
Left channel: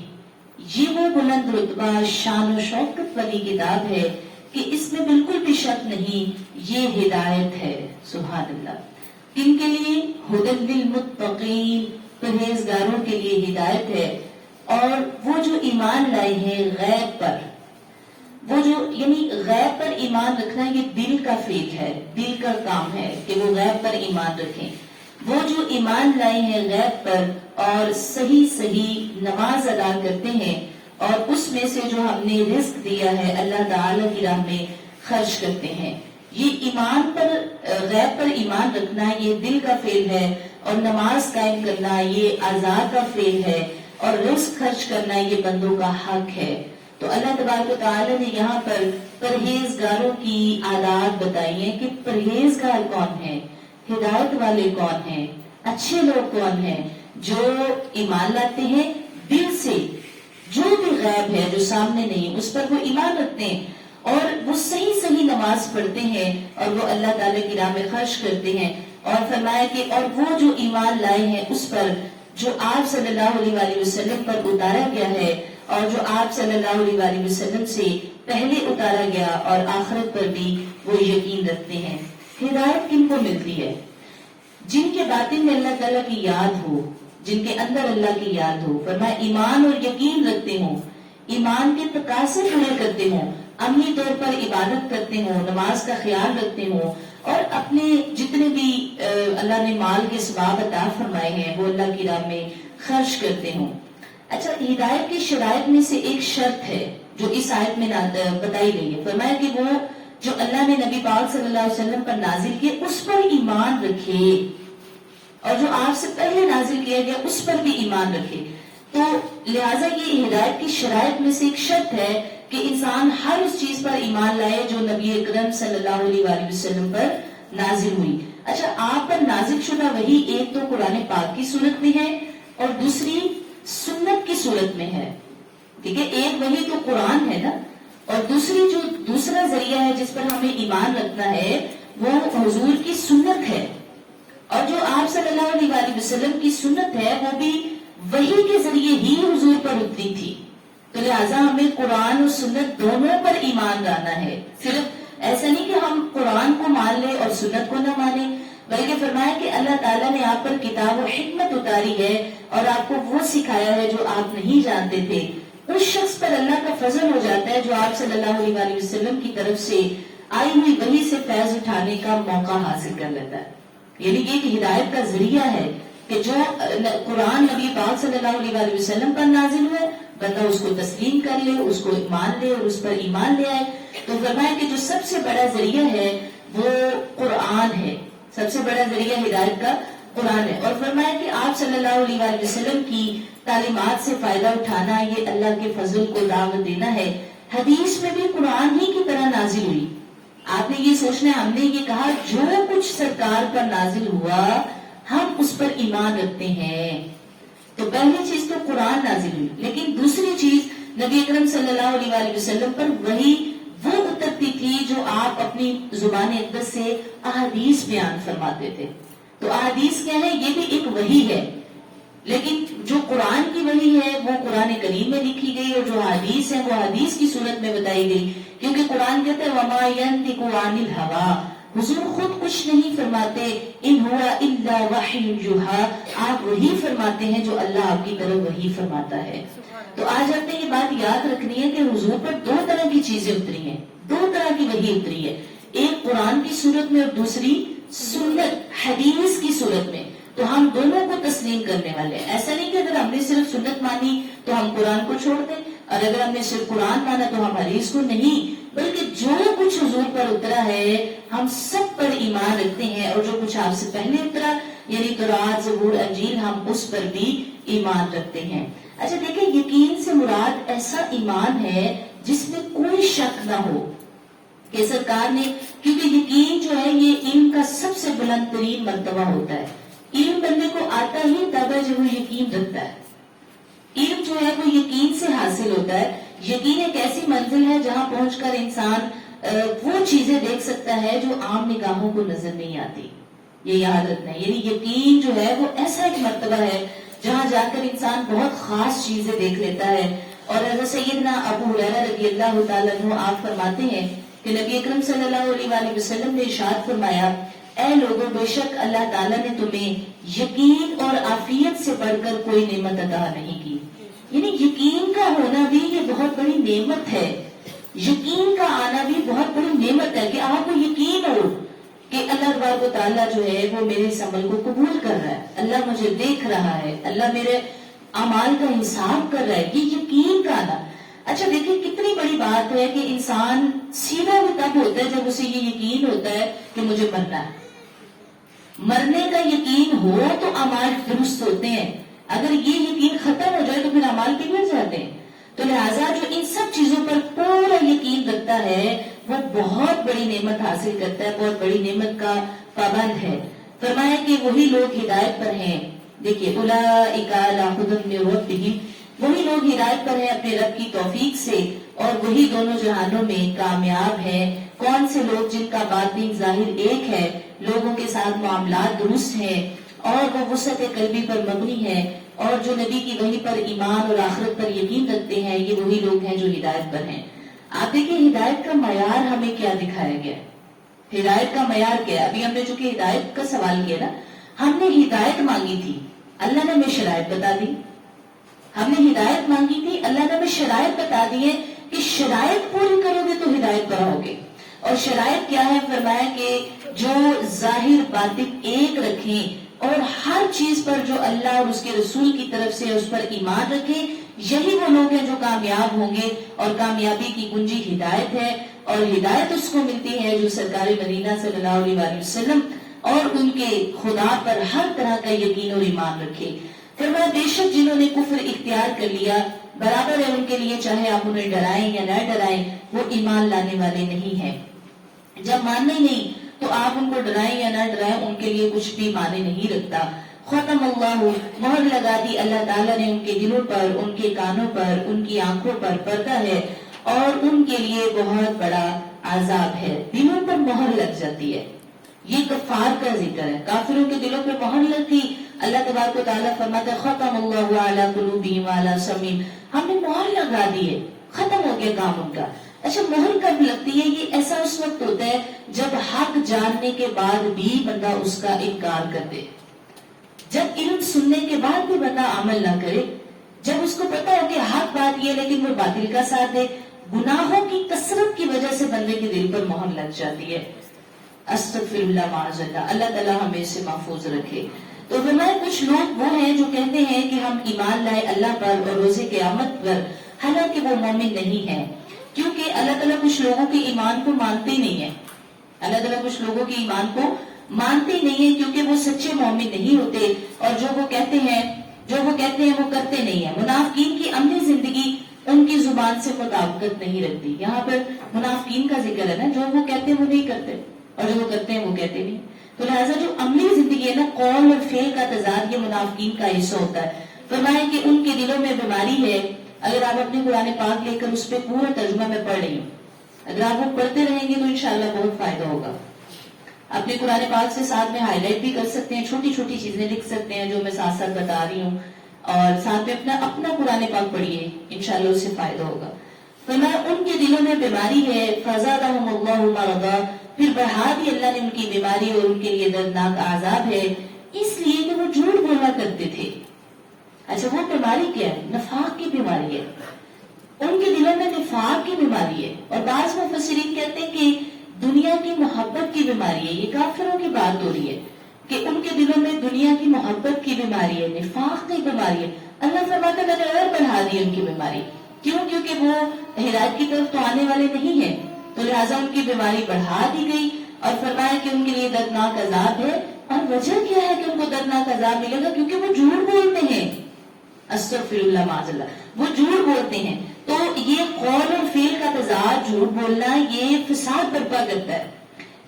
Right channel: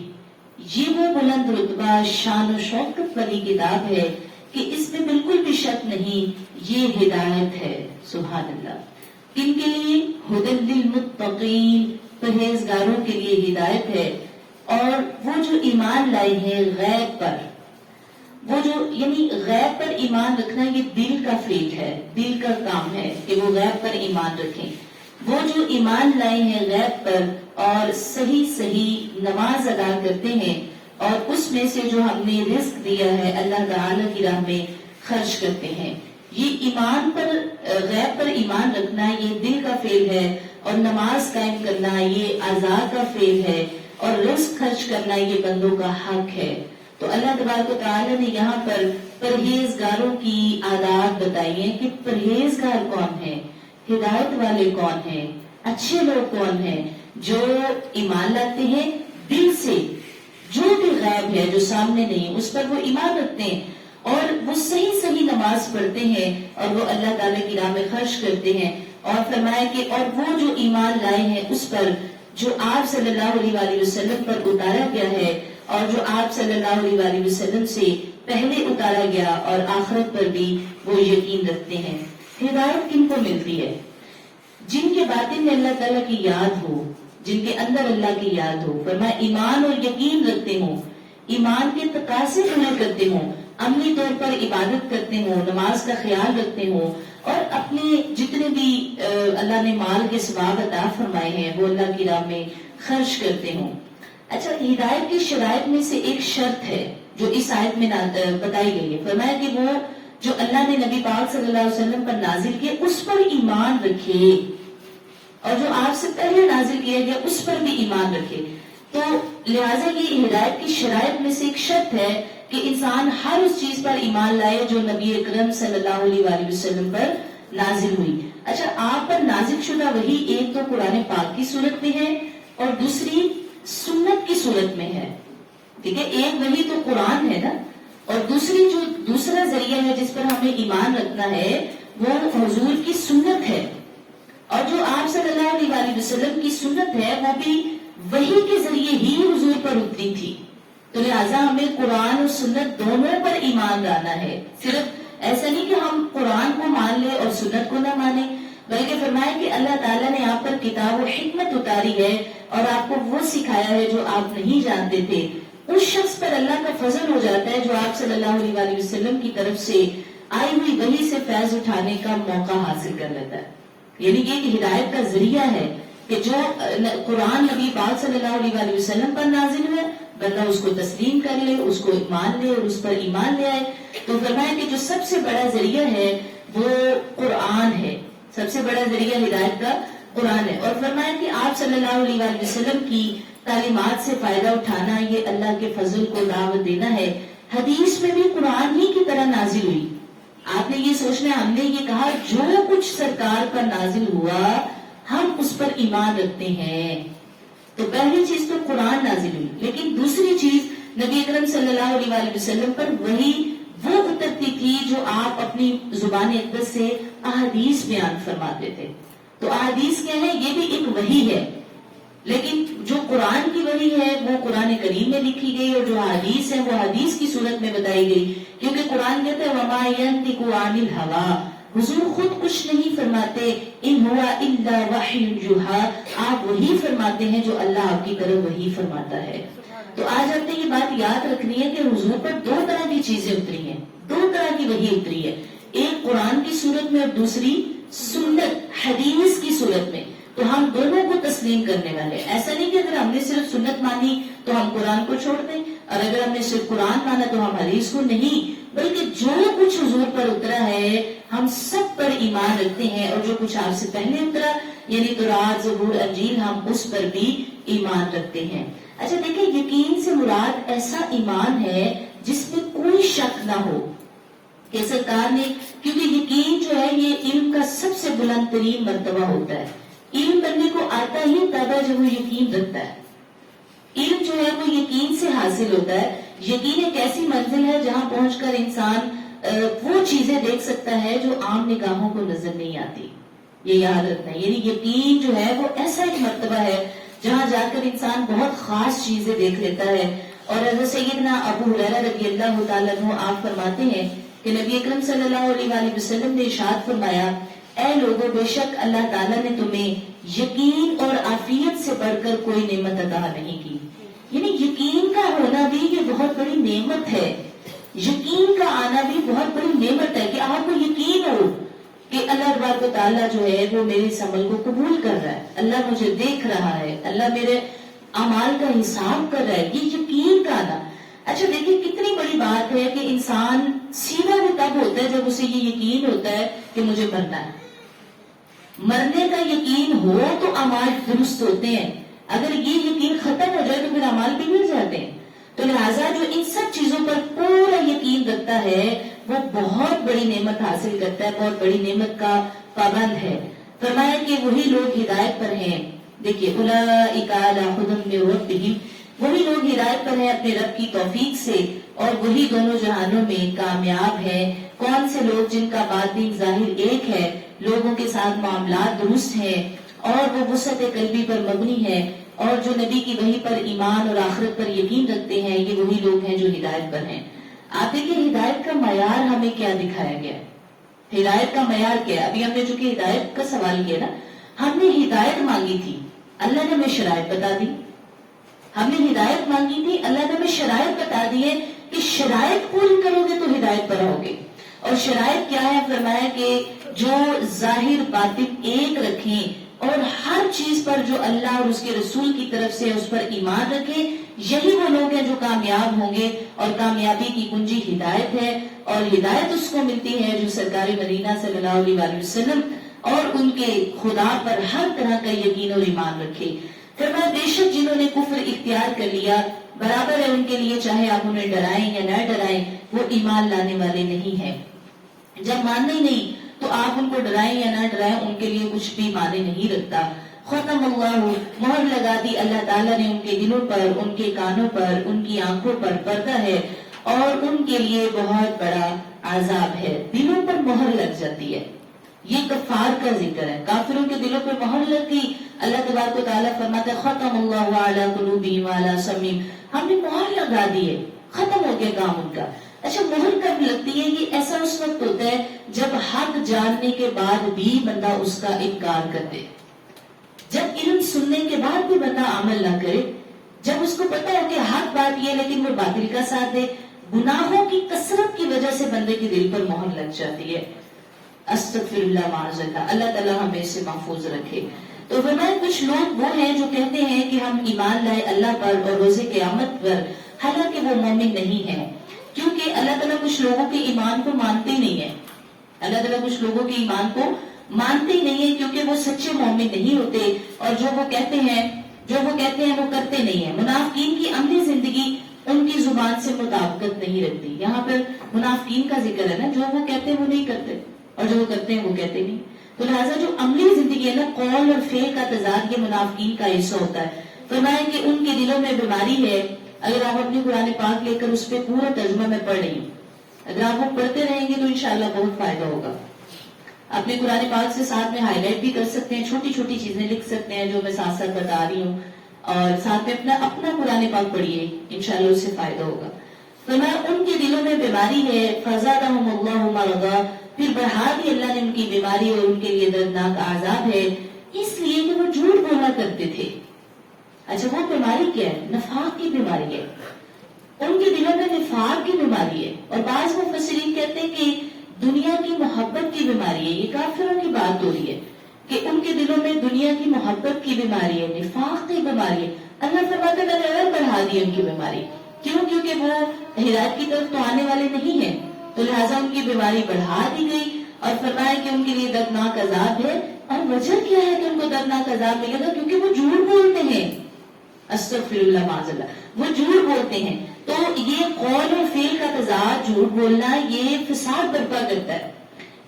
یہ وہ بلند رتبہ شان و شوکت والی کتاب ہے کہ اس میں بالکل بھی شک نہیں، یہ ہدایت ہے. سبحان اللہ. کن کے لیے؟ ھدی للمتقین، پرہیزگاروں کے لیے ہدایت ہے. اور وہ جو ایمان لائے ہیں غیب پر، وہ جو یعنی غیب پر ایمان رکھنا یہ دل کا فعل ہے، دل کا کام ہے کہ وہ غیب پر ایمان رکھیں. وہ جو ایمان لائے ہیں غیب پر اور صحیح نماز ادا کرتے ہیں اور اس میں سے جو ہم نے رزق دیا ہے اللہ تعالی کی راہ میں خرچ کرتے ہیں. یہ ایمان پر، غیب پر ایمان رکھنا یہ دل کا فعل ہے، اور نماز قائم کرنا یہ اعضاء کا فعل ہے، اور رزق خرچ کرنا یہ بندوں کا حق ہے. تو اللہ تبارک و تعالی نے یہاں پر پرہیزگاروں کی عادات بتائی ہیں کہ پرہیزگار کون ہیں، ہدایت والے کون ہیں، اچھے لوگ کون ہیں. جو ایمان لاتے ہیں دل سے، جو بھی غیب ہے جو سامنے نہیں اس پر وہ ایمان رکھتے ہیں، اور وہ صحیح نماز پڑھتے ہیں اور وہ اللہ تعالی کی راہ میں خرچ کرتے ہیں. اور فرمایا کہ اور وہ جو ایمان لائے ہیں اس پر جو آپ صلی اللہ علیہ وآلہ وسلم پر اتارا گیا ہے اور جو آپ صلی اللہ علیہ وآلہ وسلم سے پہلے اتارا گیا، اور آخرت پر بھی وہ یقین رکھتے ہیں. ہدایت کن کو ملتی ہے؟ جن کے باطن میں اللہ تعالیٰ کی یاد ہو، جن کے اندر اللہ کی یاد ہو. فرمایا ایمان اور یقین رکھتے ہوں، ایمان کے تقاضے پورے کرتے ہوں، عملی طور پر عبادت کرتے ہوں، نماز کا خیال رکھتے ہوں، اور اپنے جتنے بھی اللہ نے مال کے ثواب عطا فرمائے ہیں وہ اللہ کی راہ میں خرچ کرتے ہوں. اچھا، ہدایت کی شرائط میں سے ایک شرط ہے جو اس آیت میں بتائی گئی ہے. فرمایا کہ وہ جو اللہ نے نبی پاک صلی اللہ علیہ وسلم پر نازل کیا اس پر ایمان رکھے، اور جو آپ سے پہلے نازل کیا گیا اس پر بھی ایمان رکھے. تو لہٰذا یہ ہدایت کی شرائط میں سے ایک شرط ہے کہ انسان ہر اس چیز پر ایمان لائے جو نبی اکرم صلی اللہ علیہ وآلہ وسلم پر نازل ہوئی. اچھا، آپ پر نازل شدہ وہی ایک تو قرآن پاک کی صورت میں ہے اور دوسری سنت کی صورت میں ہے. ٹھیک ہے، ایک وہی تو قرآن ہے نا، اور دوسرا ذریعہ ہے جس پر ہمیں ایمان رکھنا ہے وہ حضور کی سنت ہے. اور جو آپ آپ صلی اللہ علیہ وآلہ وسلم کی سنت ہے وہ بھی وحی کے ذریعے ہی حضور پر اتری تھی، تو لہٰذا ہمیں قرآن اور سنت دونوں پر ایمان لانا ہے. صرف ایسا نہیں کہ ہم قرآن کو مان لیں اور سنت کو نہ مانیں، بلکہ فرمایا کہ اللہ تعالیٰ نے آپ پر کتاب و حکمت اتاری ہے اور آپ کو وہ سکھایا ہے جو آپ نہیں جانتے تھے. اس شخص پر اللہ کا فضل ہو جاتا ہے جو آپ صلی اللہ علیہ وآلہ وسلم کی طرف سے آئی ہوئی وحی سے فیض اٹھانے کا موقع حاصل کر لیتا ہے. یعنی کہ ایک ہدایت کا ذریعہ ہے کہ جو قرآن نبی پاک صلی اللہ علیہ وآلہ وسلم پر نازل ہے بندہ اس کو تسلیم کر لے، اس کو مان لے اور اس پر ایمان لے آئے. تو فرمایا کہ جو سب سے بڑا ذریعہ ہے وہ قرآن ہے، سب سے بڑا ذریعہ ہدایت کا قرآن ہے. اور فرمایا کہ آپ صلی اللہ علیہ وآلہ وسلم کی تعلیمات سے فائدہ اٹھانا یہ اللہ کے فضل کو دعوت دینا ہے. حدیث میں بھی قرآن ہی کی طرح نازل ہوئی. آپ نے یہ سوچنا ہے، ہم نے یہ کہا جو کچھ سرکار پر نازل ہوا ہم اس پر ایمان رکھتے ہیں. تو پہلی چیز تو قرآن نازل ہوئی، لیکن دوسری چیز نبی اکرم صلی اللہ علیہ وآلہ وسلم پر وہی وہ اترتی تھی جو آپ اپنی زبان اقدس سے احادیث بیان فرماتے تھے. تو احادیث کیا ہے؟ یہ بھی ایک وحی ہے، لیکن جو قرآن کی وحی ہے وہ قرآن کریم میں لکھی گئی اور جو حدیث ہے وہ حدیث کی صورت میں بتائی گئی. کیونکہ قرآن کہتا ہے وما ينطق عن الهوى، حضور خود کچھ نہیں فرماتے، ان ہوا الا وحی یوحی، آپ وہی فرماتے ہیں جو اللہ آپ کی طرف وہی فرماتا ہے. تو آج آپ نے یہ بات یاد رکھنی ہے کہ حضور پر دو طرح کی چیزیں اتری ہیں، دو طرح کی وحی اتری ہے، ایک قرآن کی صورت میں اور دوسری سنت حدیث کی صورت میں. تو ہم دونوں کو تسلیم کرنے والے ہیں. ایسا نہیں کہ اگر ہم نے صرف سنت مانی تو ہم قرآن کو چھوڑ دیں، اور اگر ہم نے صرف قرآن مانا تو ہم حدیث کو نہیں، بلکہ جو کچھ حضور پر اترا ہے ہم سب پر ایمان رکھتے ہیں، اور جو کچھ آپ سے پہلے اترا یعنی تورات، زبور، انجیل، ہم اس پر بھی ایمان رکھتے ہیں. اچھا دیکھیں، یقین سے مراد ایسا ایمان ہے جس میں کوئی شک نہ ہو کہ سرکار نے، کیونکہ یقین جو ہے یہ علم کا سب سے بلند ترین مرتبہ ہوتا ہے. علم بندے کو آتا ہی تب ہے جب وہ یقین رکھتا ہے. علم جو ہے وہ یقین سے حاصل ہوتا ہے. یقین ایک ایسی منزل ہے جہاں پہنچ کر انسان وہ چیزیں دیکھ سکتا ہے جو عام نگاہوں کو نظر نہیں آتی. یہ یاد رکھنا ہے، یعنی یقین جو ہے وہ ایسا ایک مرتبہ ہے جہاں جا کر انسان بہت خاص چیزیں دیکھ لیتا ہے. اور حضرت سیدنا ابو ہریرہ رضی اللہ تعالیٰ عنہ آپ فرماتے ہیں کہ نبی اکرم صلی اللہ علیہ وآلہ وسلم نے ارشاد فرمایا، اے لوگوں، بے شک اللہ تعالیٰ نے تمہیں یقین اور عافیت سے بڑھ کر کوئی نعمت عطا نہیں کی. یعنی یقین کا ہونا بھی یہ بہت بڑی نعمت ہے. یقین کا آنا بھی بہت بڑی نعمت ہے کہ آپ کو یقین ہو کہ اللہ تبارک و تعالیٰ جو ہے وہ میرے اس عمل کو قبول کر رہا ہے، اللہ مجھے دیکھ رہا ہے، اللہ میرے اعمال کا حساب کر رہا ہے. یہ یقین کا آنا. اچھا دیکھیں کتنی بڑی بات ہے کہ انسان سیدھا بھی تب ہوتا ہے جب اسے یہ یقین ہوتا ہے کہ مجھے مرنا ہے. مرنے کا یقین ہو تو اعمال درست ہوتے ہیں، اگر یہ یقین ختم ہو جائے تو پھر اعمال بگڑ جاتے ہیں. تو لہٰذا جو ان سب چیزوں پر پورا یقین رکھتا ہے وہ بہت بڑی نعمت حاصل کرتا ہے، بہت بڑی نعمت کا پابند ہے. فرمایا کہ وہی لوگ ہدایت پر ہیں. دیکھیے اولئک علی ھدی من ربہم، وہی لوگ ہدایت پر ہیں اپنے رب کی توفیق سے، اور وہی دونوں جہانوں میں کامیاب ہے. کون سے لوگ؟ جن کا باطن ظاہر ایک ہے، لوگوں کے ساتھ معاملات درست ہیں اور وہ وسعت قلبی پر مبنی ہے، اور جو نبی کی وحی پر ایمان اور آخرت پر یقین رکھتے ہیں، یہ وہی لوگ ہیں جو ہدایت پر ہیں. آپ دیکھیں ہدایت کا معیار ہمیں کیا دکھایا گیا. ہدایت کا معیار کیا ہے؟ ابھی ہم نے چونکہ ہدایت کا سوال کیا نا، ہم نے ہدایت مانگی تھی، اللہ نے ہمیں شرائط بتا دی. ہم نے ہدایت مانگی تھی، اللہ نے ہمیں شرائط بتا دی ہے کہ شرائط پوری کرو گے تو ہدایت پر آؤ گے. اور شرائط کیا ہے؟ فرمایا کہ جو ظاہر باطن ایک رکھیں اور ہر چیز پر جو اللہ اور اس کے رسول کی طرف سے اس پر ایمان رکھیں، یہی وہ لوگ ہیں جو کامیاب ہوں گے. اور کامیابی کی کنجی ہدایت ہے، اور ہدایت اس کو ملتی ہے جو سرکار مدینہ صلی اللہ علیہ وآلہ وسلم اور ان کے خدا پر ہر طرح کا یقین اور ایمان رکھے. فرمایا بے شک جنہوں نے کفر اختیار کر لیا، برابر ہے ان کے لیے چاہے آپ انہیں ڈرائیں یا نہ ڈرائیں، وہ ایمان لانے والے نہیں ہیں. جب ماننے نہیں تو آپ ان کو ڈرائیں یا نہ ڈرائیں، ان کے لیے کچھ بھی معنی نہیں رکھتا. ختم اللہ، مہر لگا دی اللہ تعالیٰ نے ان کے دلوں پر، ان کے کانوں پر، ان کی آنکھوں پر پردہ ہے، اور ان کے لیے بہت بڑا عذاب ہے. دلوں پر مہر لگ جاتی ہے. یہ کفار کا ذکر ہے. کافروں کے دلوں پہ مہر لگی. اللہ تبارک و تعالیٰ فرماتے ختم اللہ علی قلوبہم وعلی سمعہم، ہم نے مہر لگا دی ہے، ختم ہو گیا کام ان کا. اچھا مہر کب لگتی ہے؟ یہ ایسا اس وقت ہوتا ہے جب حق جاننے کے بعد بھی بندہ اس کا انکار کر دے، جب علم سننے کے بعد بھی بندہ عمل نہ کرے، جب اس کو پتا ہے کہ حق بات یہ لیکن وہ باطل کا ساتھ دے. گناہوں کی کثرت کی وجہ سے بندے کے دل پر مہر لگ جاتی ہے. استغفر اللہ معاذ اللہ، اللہ تعالیٰ ہمیں سے محفوظ رکھے. تو فرمایا کچھ لوگ وہ ہیں جو کہتے ہیں کہ ہم ایمان لائے اللہ پر اور روز قیامت پر، حالانکہ وہ مومن نہیں ہے. کیونکہ اللہ تعالیٰ کچھ لوگوں کے ایمان کو مانتے نہیں ہے. اللہ تعالیٰ کچھ لوگوں کے ایمان کو مانتے نہیں ہے کیونکہ وہ سچے مومن نہیں ہوتے، اور جو وہ کہتے ہیں وہ کرتے نہیں ہیں. منافقین کی عملی زندگی ان کی زبان سے مطابقت نہیں رکھتی. یہاں پر منافقین کا ذکر ہے نا، جو وہ کہتے ہیں وہ نہیں کرتے اور جو وہ کرتے ہیں وہ کہتے نہیں. تو لہٰذا جو عملی زندگی ہے نا، قول اور فعل کا تضاد، یہ منافقین کا حصہ ہوتا ہے. فرمایا کہ ان کے دلوں میں بیماری ہے. اگر آپ اپنی قرآن پاک لے کر اس پہ پورا ترجمہ میں پڑھ رہی ہوں، اگر آپ وہ پڑھتے رہیں گے تو انشاءاللہ بہت فائدہ ہوگا. اپنے قرآن پاک سے ساتھ میں ہائی لائٹ بھی کر سکتے ہیں، چھوٹی چھوٹی چیزیں لکھ سکتے ہیں جو میں ساتھ ساتھ بتا رہی ہوں، اور ساتھ میں اپنا قرآن پاک پڑھیے، انشاءاللہ اس سے فائدہ ہوگا. فرمایا ان کے دلوں میں بیماری ہے. فزادہم اللہ مرضا، پھر بڑھا دی اللہ نے ان کی بیماری اور ان کے لیے دردناک عذاب ہے، اس لیے کہ وہ جھوٹ بولنا کرتے تھے. اچھا وہ بیماری کیا ہے؟ نفاق کی بیماری ہے. ان کے دلوں میں نفاق کی بیماری ہے. اور بعض مفسرین کہتے ہیں کہ دنیا کی محبت کی بیماری ہے. یہ کافروں کی بات ہو رہی ہے کہ ان کے دلوں میں دنیا کی محبت کی بیماری ہے، نفاق کی بیماری ہے. اللہ فرماتے ہیں میں اور بڑھا دی ان کی بیماری. کیوں؟ کیونکہ وہ ہدایت کی طرف تو آنے والے نہیں ہیں، تو لہٰذا ان کی بیماری بڑھا دی گئی. اور فرمایا کہ ان کے لیے دردناک عذاب ہے. اور وجہ کیا ہے کہ ان کو دردناک عذاب ملے گا؟ کیونکہ وہ جھوٹ بولتے ہیں. استغفر اللہ معاذ اللہ، وہ جھوٹ بولتے ہیں. تو یہ قول اور فعل کا تضاد، جھوٹ بولنا، یہ فساد برپا کرتا ہے.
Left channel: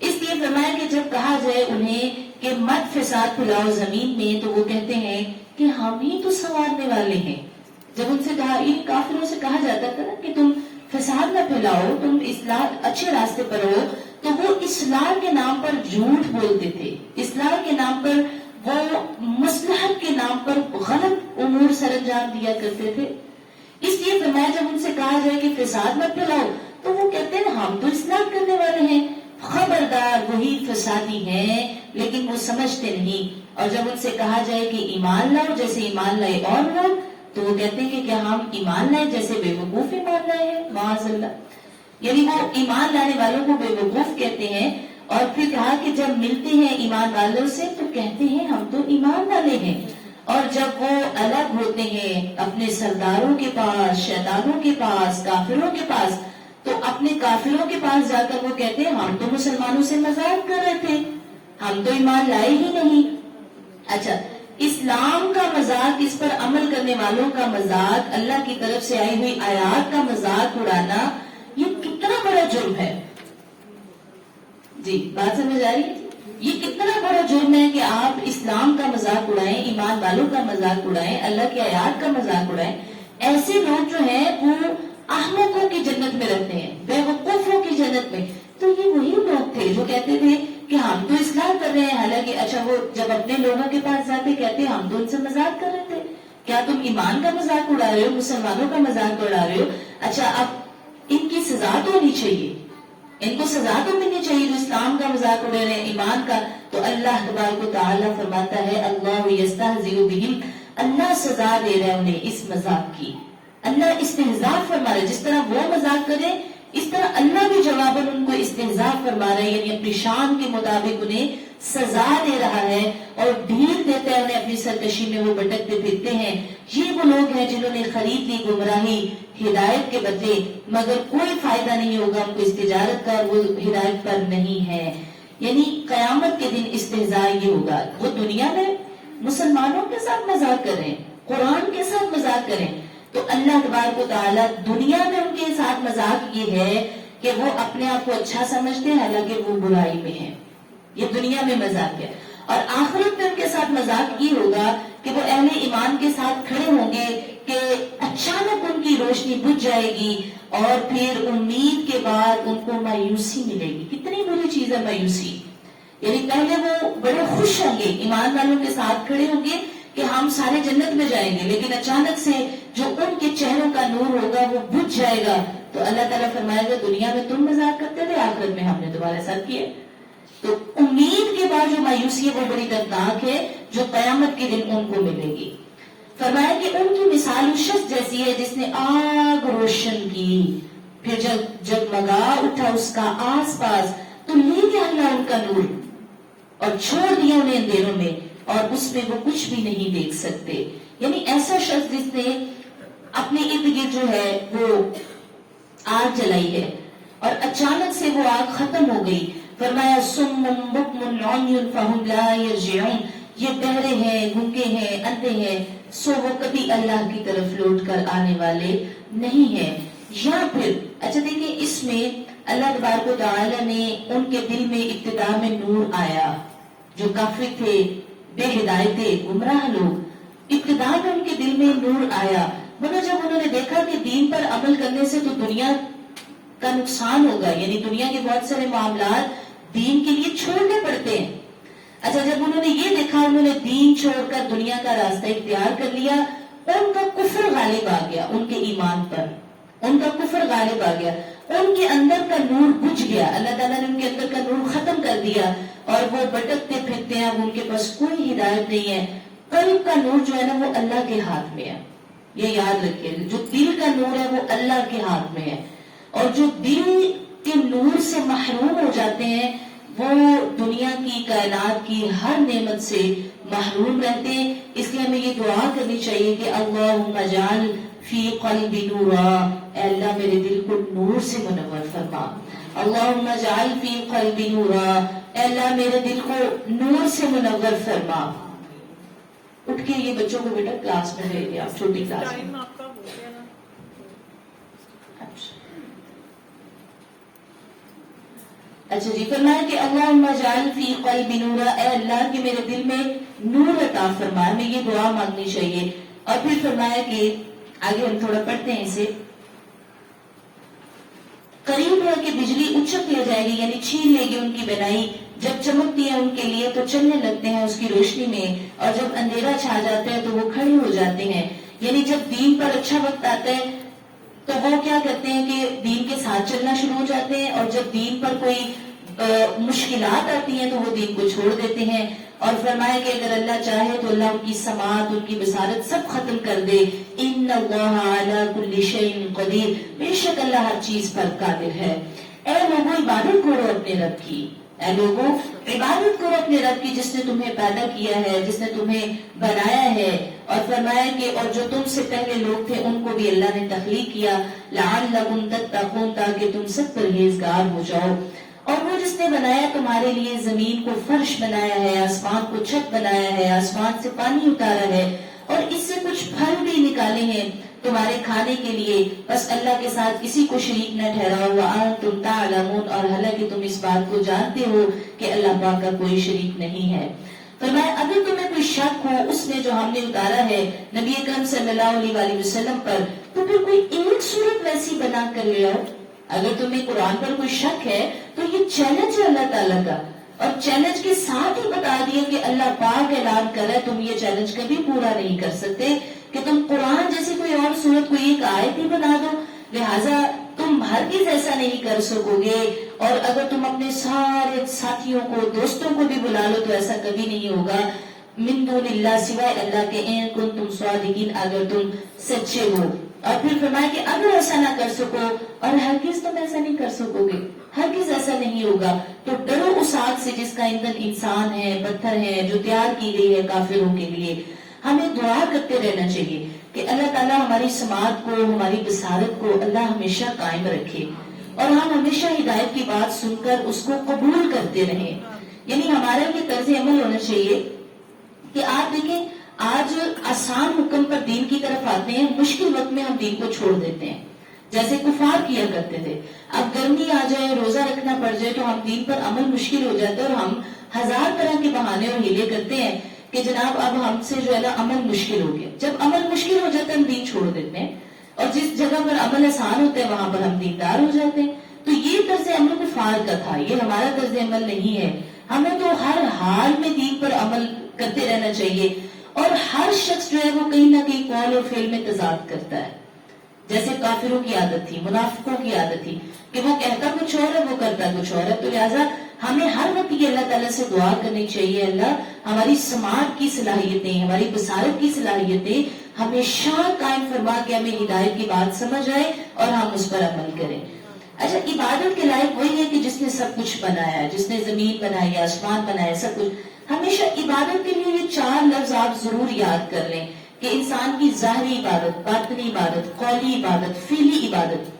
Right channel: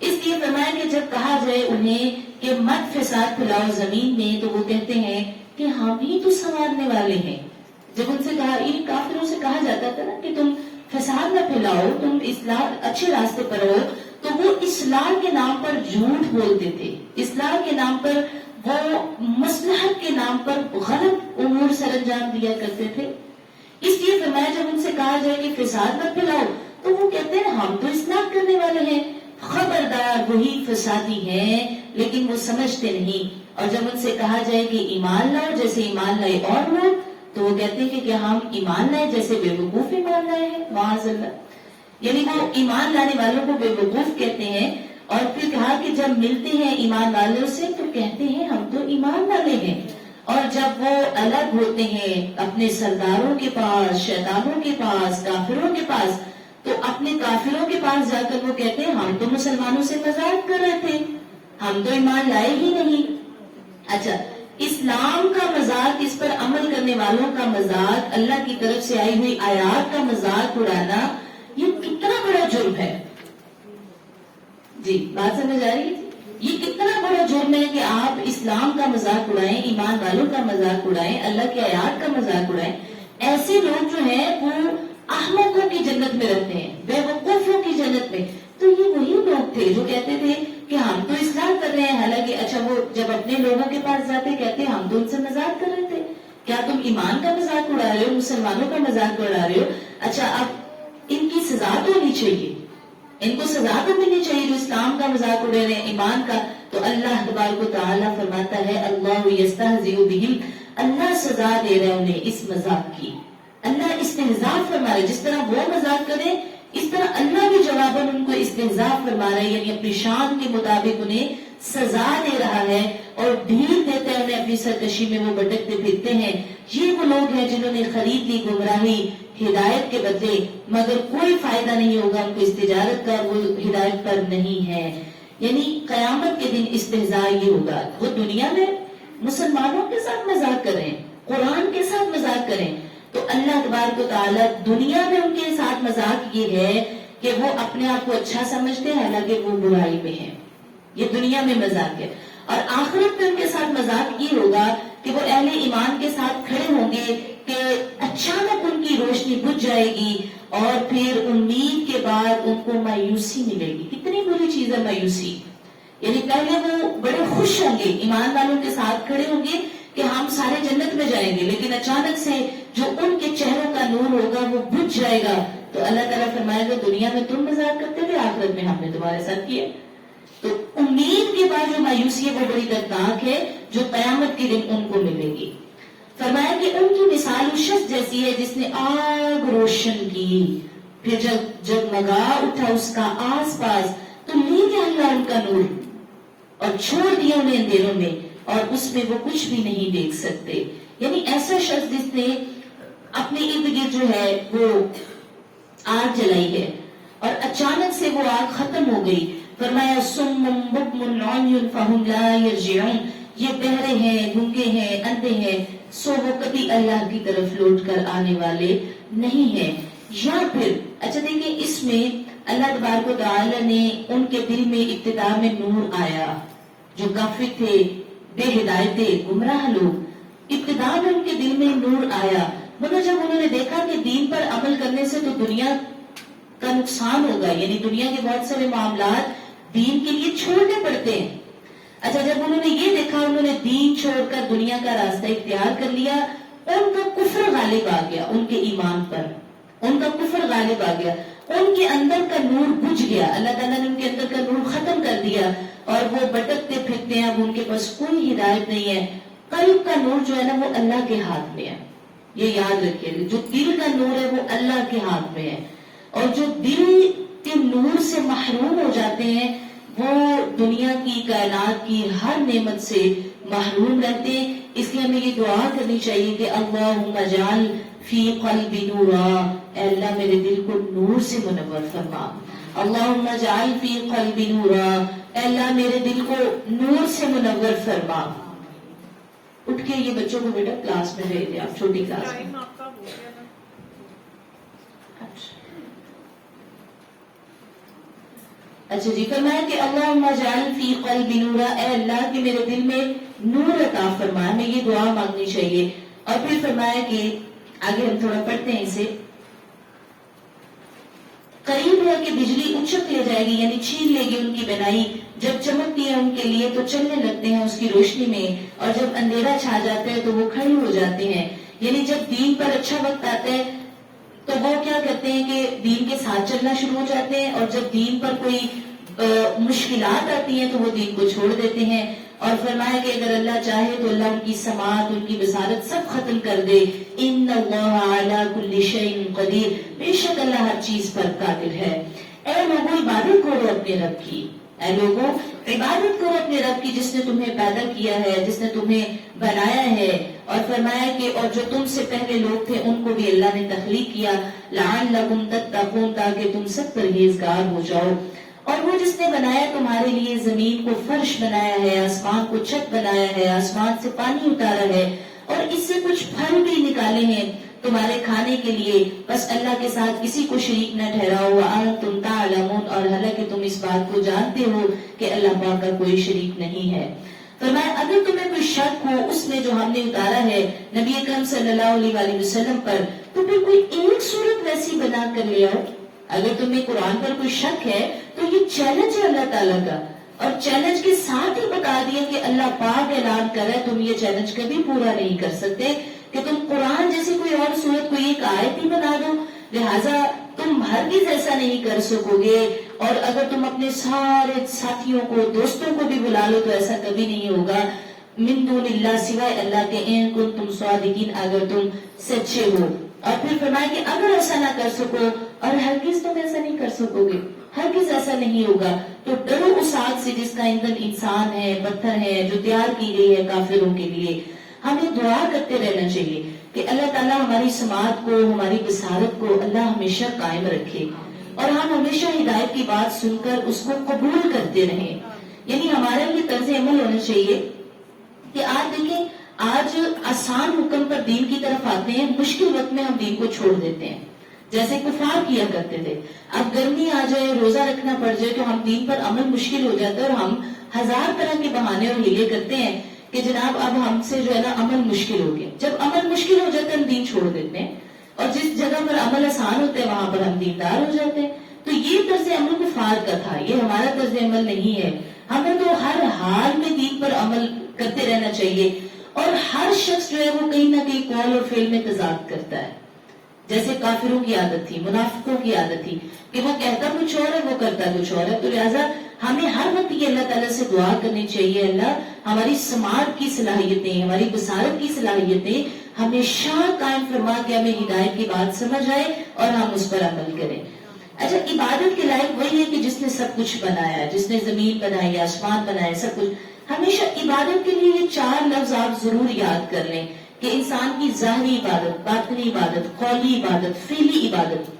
اس لیے فرمایا کہ جب کہا جائے انہیں کہ مت فساد پھیلاؤ زمین میں، تو وہ کہتے ہیں کہ ہم ہی تو سنوارنے والے ہیں. جب ان سے کہا، ان کافروں سے کہا جاتا تھا نا کہ تم فساد نہ پھیلاؤ، تم اصلاح اچھے راستے پر ہو، تو وہ اصلاح کے نام پر جھوٹ بولتے تھے. اصلاح کے نام پر، وہ مصلحت کے نام پر غلط امور سر انجام دیا کرتے تھے. اس لیے فرمایا جب ان سے کہا جائے کہ فساد مت پھیلاؤ، تو وہ کہتے ہیں ہم تو اصلاح کرنے والے ہیں. خبردار وہی فسادی ہیں لیکن وہ سمجھتے نہیں. اور جب ان سے کہا جائے کہ ایمان لاؤ جیسے ایمان لائے اور لوگ، تو وہ کہتے ہیں کہ کیا ہم ایمان لائے جیسے بے وقوف ایمان لائے ہیں؟ معاذ اللہ. یعنی وہ ایمان لانے والوں کو بے وقوف کہتے ہیں. اور پھر کہا کہ جب ملتے ہیں ایمان والوں سے تو کہتے ہیں ہم تو ایمان والے ہیں. اور جب وہ الگ ہوتے ہیں اپنے سرداروں کے پاس، شیطانوں کے پاس، کافروں کے پاس، تو اپنے کافروں کے پاس جا کر وہ کہتے ہیں ہم تو مسلمانوں سے مذاق کر رہے تھے، ہم تو ایمان لائے ہی نہیں. اچھا، اسلام کا مذاق، اس پر عمل کرنے والوں کا مذاق، اللہ کی طرف سے آئی ہوئی آیات کا مذاق اڑانا، یہ کتنا بڑا جرم ہے. جی بات سمجھ آ رہی ہے؟ یہ کتنا بڑا جرم ہے کہ آپ اسلام کا مذاق اڑائیں، ایمان والوں کا مذاق اڑائیں، اللہ کی آیات کا مذاق اڑائیں. ایسے لوگ جو ہیں وہ احمقوں کی جنت میں رہتے ہیں، بے وقوفوں کی جنت میں. تو یہ وہی لوگ تھے جو کہتے تھے کہ ہم تو اسلام کر رہے ہیں، حالانکہ اچھا وہ جب اپنے لوگوں کے پاس جاتے کہتے ہم تو ان سے مذاق کر رہے تھے. کیا تم ایمان کا مذاق اڑا رہے ہو، مسلمانوں کا مذاق اڑا رہے ہو؟ اچھا اب ان کی سزا تو ہونی چاہیے، ان کو سزا تو ملنی چاہیے جو اسلام کا مذاق اڑا رہے ہیں، ایمان کا. تو اللہ تبارک و تعالیٰ فرماتا ہے اللہ یستہزئ بہم، اللہ سزا دے رہا ہے انہیں اس مذاق کی. اللہ استہزاء فرما رہا ہے، جس طرح وہ مذاق کرے اس طرح اللہ بھی جواباً ان کو استہزاء فرما رہا ہے. یعنی اپنی شان کے مطابق انہیں سزا دے رہا ہے اور ڈھیل دیتا ہے انہیں اپنی سرکشی میں وہ بھٹکتے پھرتے ہیں. یہ وہ لوگ ہیں جنہوں نے خرید لی گمراہی ہدایت کے بدلے، مگر کوئی فائدہ نہیں ہوگا ان کو اس تجارت کا، وہ ہدایت پر نہیں ہے. یعنی قیامت کے دن استہزاء یہ ہوگا. وہ دنیا میں مسلمانوں کے ساتھ مذاق کریں، قرآن کے ساتھ مذاق کریں، تو اللہ تبارک و تعالیٰ دنیا میں ان کے ساتھ مذاق یہ ہے کہ وہ اپنے آپ کو اچھا سمجھتے ہیں حالانکہ وہ برائی میں ہیں. یہ دنیا میں مذاق ہے. اور آخرت میں ان کے ساتھ مذاق یہ ہوگا کہ وہ اہل ایمان کے ساتھ کھڑے ہوں گے کہ اچانک ان کی روشنی بجھ جائے گی اور پھر امید کے بعد ان کو مایوسی ملے گی. کتنی بری چیز ہے مایوسی. یعنی پہلے وہ بڑے خوش ہوں گے، ایمان والوں کے ساتھ کھڑے ہوں گے کہ ہم سارے جنت میں جائیں گے، لیکن اچانک سے جو ان کے چہروں کا نور ہوگا وہ بجھ جائے گا، تو اللہ تعالیٰ فرمائے گا دنیا میں تم مذاق کرتے تھے، آخرت میں ہم نے تمہارے ساتھ کیا۔ تو امید کے بعد جو مایوسی ہے وہ بڑی دردناک ہے، جو قیامت کے دن ان کو ملے گی۔ فرمایا کہ ان کی مثال اس شخص جیسی ہے جس نے آگ روشن کی، پھر جب جگمگا اٹھا اس کا آس پاس، تو لے گیا اللہ ان کا نور اور چھوڑ دیا انہیں اندھیروں میں، اور اس میں وہ کچھ بھی نہیں دیکھ سکتے۔ یعنی ایسا شخص جس نے اپنے ارد گرد جو ہے وہ آگ جلائی ہے اور اچانک سے وہ آگ ختم ہو گئی، فرمایا سم بکم عمی فہم لا یرجعون، یہ بہرے ہیں، گونگے ہیں، اندھے ہیں، سو وہ کبھی اللہ کی طرف لوٹ کر آنے والے نہیں ہیں۔ یا پھر اچھا دیکھیں، اس میں اللہ تبارک و تعالی نے ان کے دل میں ابتدا میں نور آیا، جو کافر تھے، بے ہدایت تھے، گمراہ لوگ، ابتدا میں ان کے دل میں نور آیا، مگر جب انہوں نے دیکھا کہ دین پر عمل کرنے سے تو دنیا کا نقصان ہوگا، یعنی دنیا کے بہت سارے معاملات دین کے لیے چھوڑنے پڑتے ہیں۔ اچھا جب انہوں نے یہ دیکھا، انہوں نے دین چھوڑ کر دنیا کا راستہ اختیار کر لیا، ان کا کفر غالب آ گیا ان کے ایمان پر، ان کا کفر غالب آ گیا، ان کے اندر کا نور بجھ گیا، اللہ تعالیٰ نے ان کے اندر کا نور ختم کر دیا، اور وہ بھٹکتے پھرتے ہیں، اب ان کے پاس کوئی ہدایت نہیں ہے۔ قلب کا نور جو ہے نا وہ اللہ کے ہاتھ میں ہے، یہ یاد رکھیے، جو دل کا نور ہے وہ اللہ کے ہاتھ میں ہے، اور جو دل کے نور سے محروم ہو جاتے ہیں وہ دنیا کی، کائنات کی ہر نعمت سے محروم رہتے ہیں۔ اس لیے ہمیں یہ دعا کرنی چاہیے کہ اللہم اجعل فی قلبی نورا، اے اللہ میرے دل کو نور سے منور فرما، اللہم اجعل فی قلبی نورا، اے اللہ میرے دل کو نور سے منور فرما۔ اٹھ کے یہ بچوں کو بیٹا کلاس میں لے دیا، چھوٹی کلاس میں۔ ٹائم آپ کا ہو گیا نا۔ اچھا جی، فرمایا کہ اللہم اجعل فی قلبی نورا، اے اللہ کہ میرے دل میں نور عطا فرما، ہمیں یہ دعا مانگنی چاہیے۔ اور پھر فرمایا کہ آگے ہم تھوڑا پڑھتے ہیں اسے، قریب ہے کہ بجلی اچک لے جائے گی، یعنی چھین لے گی ان کی بنائی، جب چمکتی ہے ان کے لیے تو چلنے لگتے ہیں اس کی روشنی میں، اور جب اندھیرا چھا جاتا ہے تو وہ کھڑے ہو جاتے ہیں۔ یعنی جب دین پر اچھا وقت آتا ہے تو وہ کیا کرتے ہیں کہ دین کے ساتھ چلنا شروع ہو جاتے ہیں، اور جب دین پر کوئی مشکلات آتی ہیں تو وہ دین کو چھوڑ دیتے ہیں۔ اور فرمایا کہ اگر اللہ چاہے تو اللہ ان کی سماعت، ان کی بصارت سب ختم کر دے۔ ان اللہ علی کل شیء قدیر، بے شک اللہ ہر چیز پر قادر ہے۔ اے لوگوں عبادت کرو اپنے رب کی، اے لوگوں عبادت کرو اپنے رب کی جس نے تمہیں پیدا کیا ہے، جس نے تمہیں بنایا ہے۔ اور فرمایا کہ اور جو تم سے پہلے لوگ تھے ان کو بھی اللہ نے تخلیق کیا، لعلکم تتقون، تاکہ تم سب پرہیزگار ہو جاؤ۔ اور وہ جس نے بنایا تمہارے لیے زمین کو فرش بنایا ہے، آسمان کو چھت بنایا ہے، آسمان سے پانی اتارا ہے، اور اس سے کچھ پھل بھی نکالے ہیں تمہارے کھانے کے لیے، بس اللہ کے ساتھ کسی کو شریک نہ ٹھہراؤ، وانتم تعلمون، اور حالانکہ تم اس بات کو جانتے ہو کہ اللہ پاک کا کوئی شریک نہیں ہے۔ فرمایا اگر تمہیں کوئی شک ہو اس میں جو ہم نے اتارا ہے نبی اکرم صلی اللہ علیہ وآلہ وسلم پر، تو پھر کوئی ایک صورت ویسی بنا کر لے آؤ۔ اگر تمہیں قرآن پر کوئی شک ہے تو یہ چیلنج ہے اللہ تعالیٰ کا، اور چیلنج کے ساتھ ہی بتا دیا کہ اللہ پاک اعلان کر رہا ہے تم یہ چیلنج کبھی پورا نہیں کر سکتے کہ تم قرآن جیسی کوئی اور صورت کوئی ایک آیت ہی بنا دو، لہٰذا تم ہرگز ایسا نہیں کر سکو گے۔ اور اگر تم اپنے سارے ساتھیوں کو، دوستوں کو بھی بلا لو تو ایسا کبھی نہیں ہوگا، من دون اللہ، سوائے اللہ کے، ان کنتم صادقین، اگر تم سچے ہو۔ اور پھر فرمایا کہ اگر ایسا نہ کر سکو، اور ہرگز تم ایسا نہیں کر سکو گے، ہرگز ایسا نہیں ہوگا، تو ڈرو اس آگ سے جس کا ایندھن انسان ہے، پتھر ہے، جو تیار کی گئی ہے کافروں کے لیے۔ ہمیں دعا کرتے رہنا چاہیے کہ اللہ تعالیٰ ہماری سماعت کو، ہماری بصارت کو اللہ ہمیشہ قائم رکھے، اور ہم ہمیشہ ہدایت کی بات سن کر اس کو قبول کرتے رہیں۔ یعنی ہمارا یہ طرز عمل ہونا چاہیے کہ آج دیکھیں، آج آسان حکم پر دین کی طرف آتے ہیں، مشکل وقت میں ہم دین کو چھوڑ دیتے ہیں، جیسے کفار کیا کرتے تھے۔ اب گرمی آ جائے، روزہ رکھنا پڑ جائے تو ہم دین پر عمل مشکل ہو جاتا ہے، اور ہم ہزار طرح کے بہانے اور ہیلے کرتے ہیں کہ جناب اب ہم سے جو ہے نا عمل مشکل ہو گیا۔ جب عمل مشکل ہو جاتا ہے ہم دین چھوڑ دیتے ہیں، اور جس جگہ پر عمل آسان ہوتا ہے وہاں پر ہم دیندار ہو جاتے ہیں۔ تو یہ طرز عمل کفار کا تھا، یہ ہمارا طرز عمل نہیں ہے. ہمیں تو ہر حال میں دین پر عمل کرتے رہنا چاہیے، اور ہر شخص جو ہے وہ کہیں نہ کہیں قول اور فعل میں تضاد کرتا ہے. جیسے کافروں کی عادت تھی، منافقوں کی عادت تھی کہ وہ کہتا کچھ اور ہے، وہ کرتا کچھ اور ہے. تو لہٰذا ہمیں ہر وقت یہ اللہ تعالیٰ سے دعا کرنی چاہیے، اللہ ہماری سماعت کی صلاحیتیں، ہماری بصارت کی صلاحیتیں ہمیشہ قائم فرما کے ہمیں ہدایت کی بات سمجھ آئے اور ہم اس پر عمل کریں. اچھا، عبادت کے لائق وہی ہے کہ جس نے سب کچھ بنایا، جس نے زمین بنائی، آسمان بنایا، سب کچھ. ہمیشہ عبادت کے لیے یہ 4 لفظ آپ ضرور یاد کر لیں کہ انسان کی ظاہری عبادت، باطنی عبادت، قولی عبادت، فعلی عبادت.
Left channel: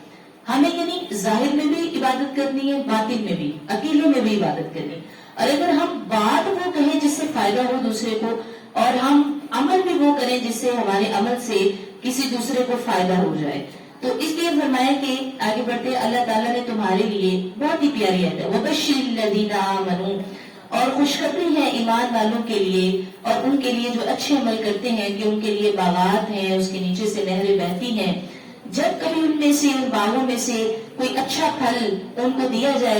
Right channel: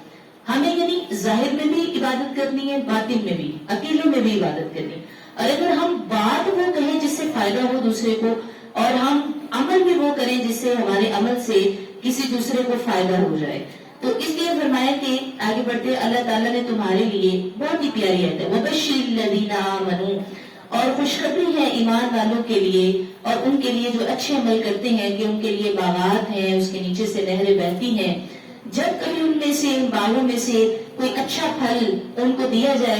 ہمیں یعنی ظاہر میں بھی عبادت کرنی ہے، باطن میں بھی، عقیدے میں بھی عبادت کرنی ہے. اور اگر ہم بات وہ کہیں جس سے فائدہ ہو دوسرے کو، اور ہم عمل بھی وہ کریں جس سے ہمارے عمل سے کسی دوسرے کو فائدہ ہو جائے. تو اس لیے فرمایا کہ آگے بڑھتے اللہ تعالیٰ نے تمہارے لیے بہت ہی پیاری آیت ہے، وَبَشِّرِ الَّذِينَ آمَنُوا، اور خوشخبری ہے ایمان والوں کے لیے اور ان کے لیے جو اچھے عمل کرتے ہیں کہ ان کے لیے باغات ہیں، اس کے نیچے سے نہریں بہتی ہیں. جب کبھی ان میں سے، ان باغوں میں سے کوئی اچھا پھل ان کو دیا جائے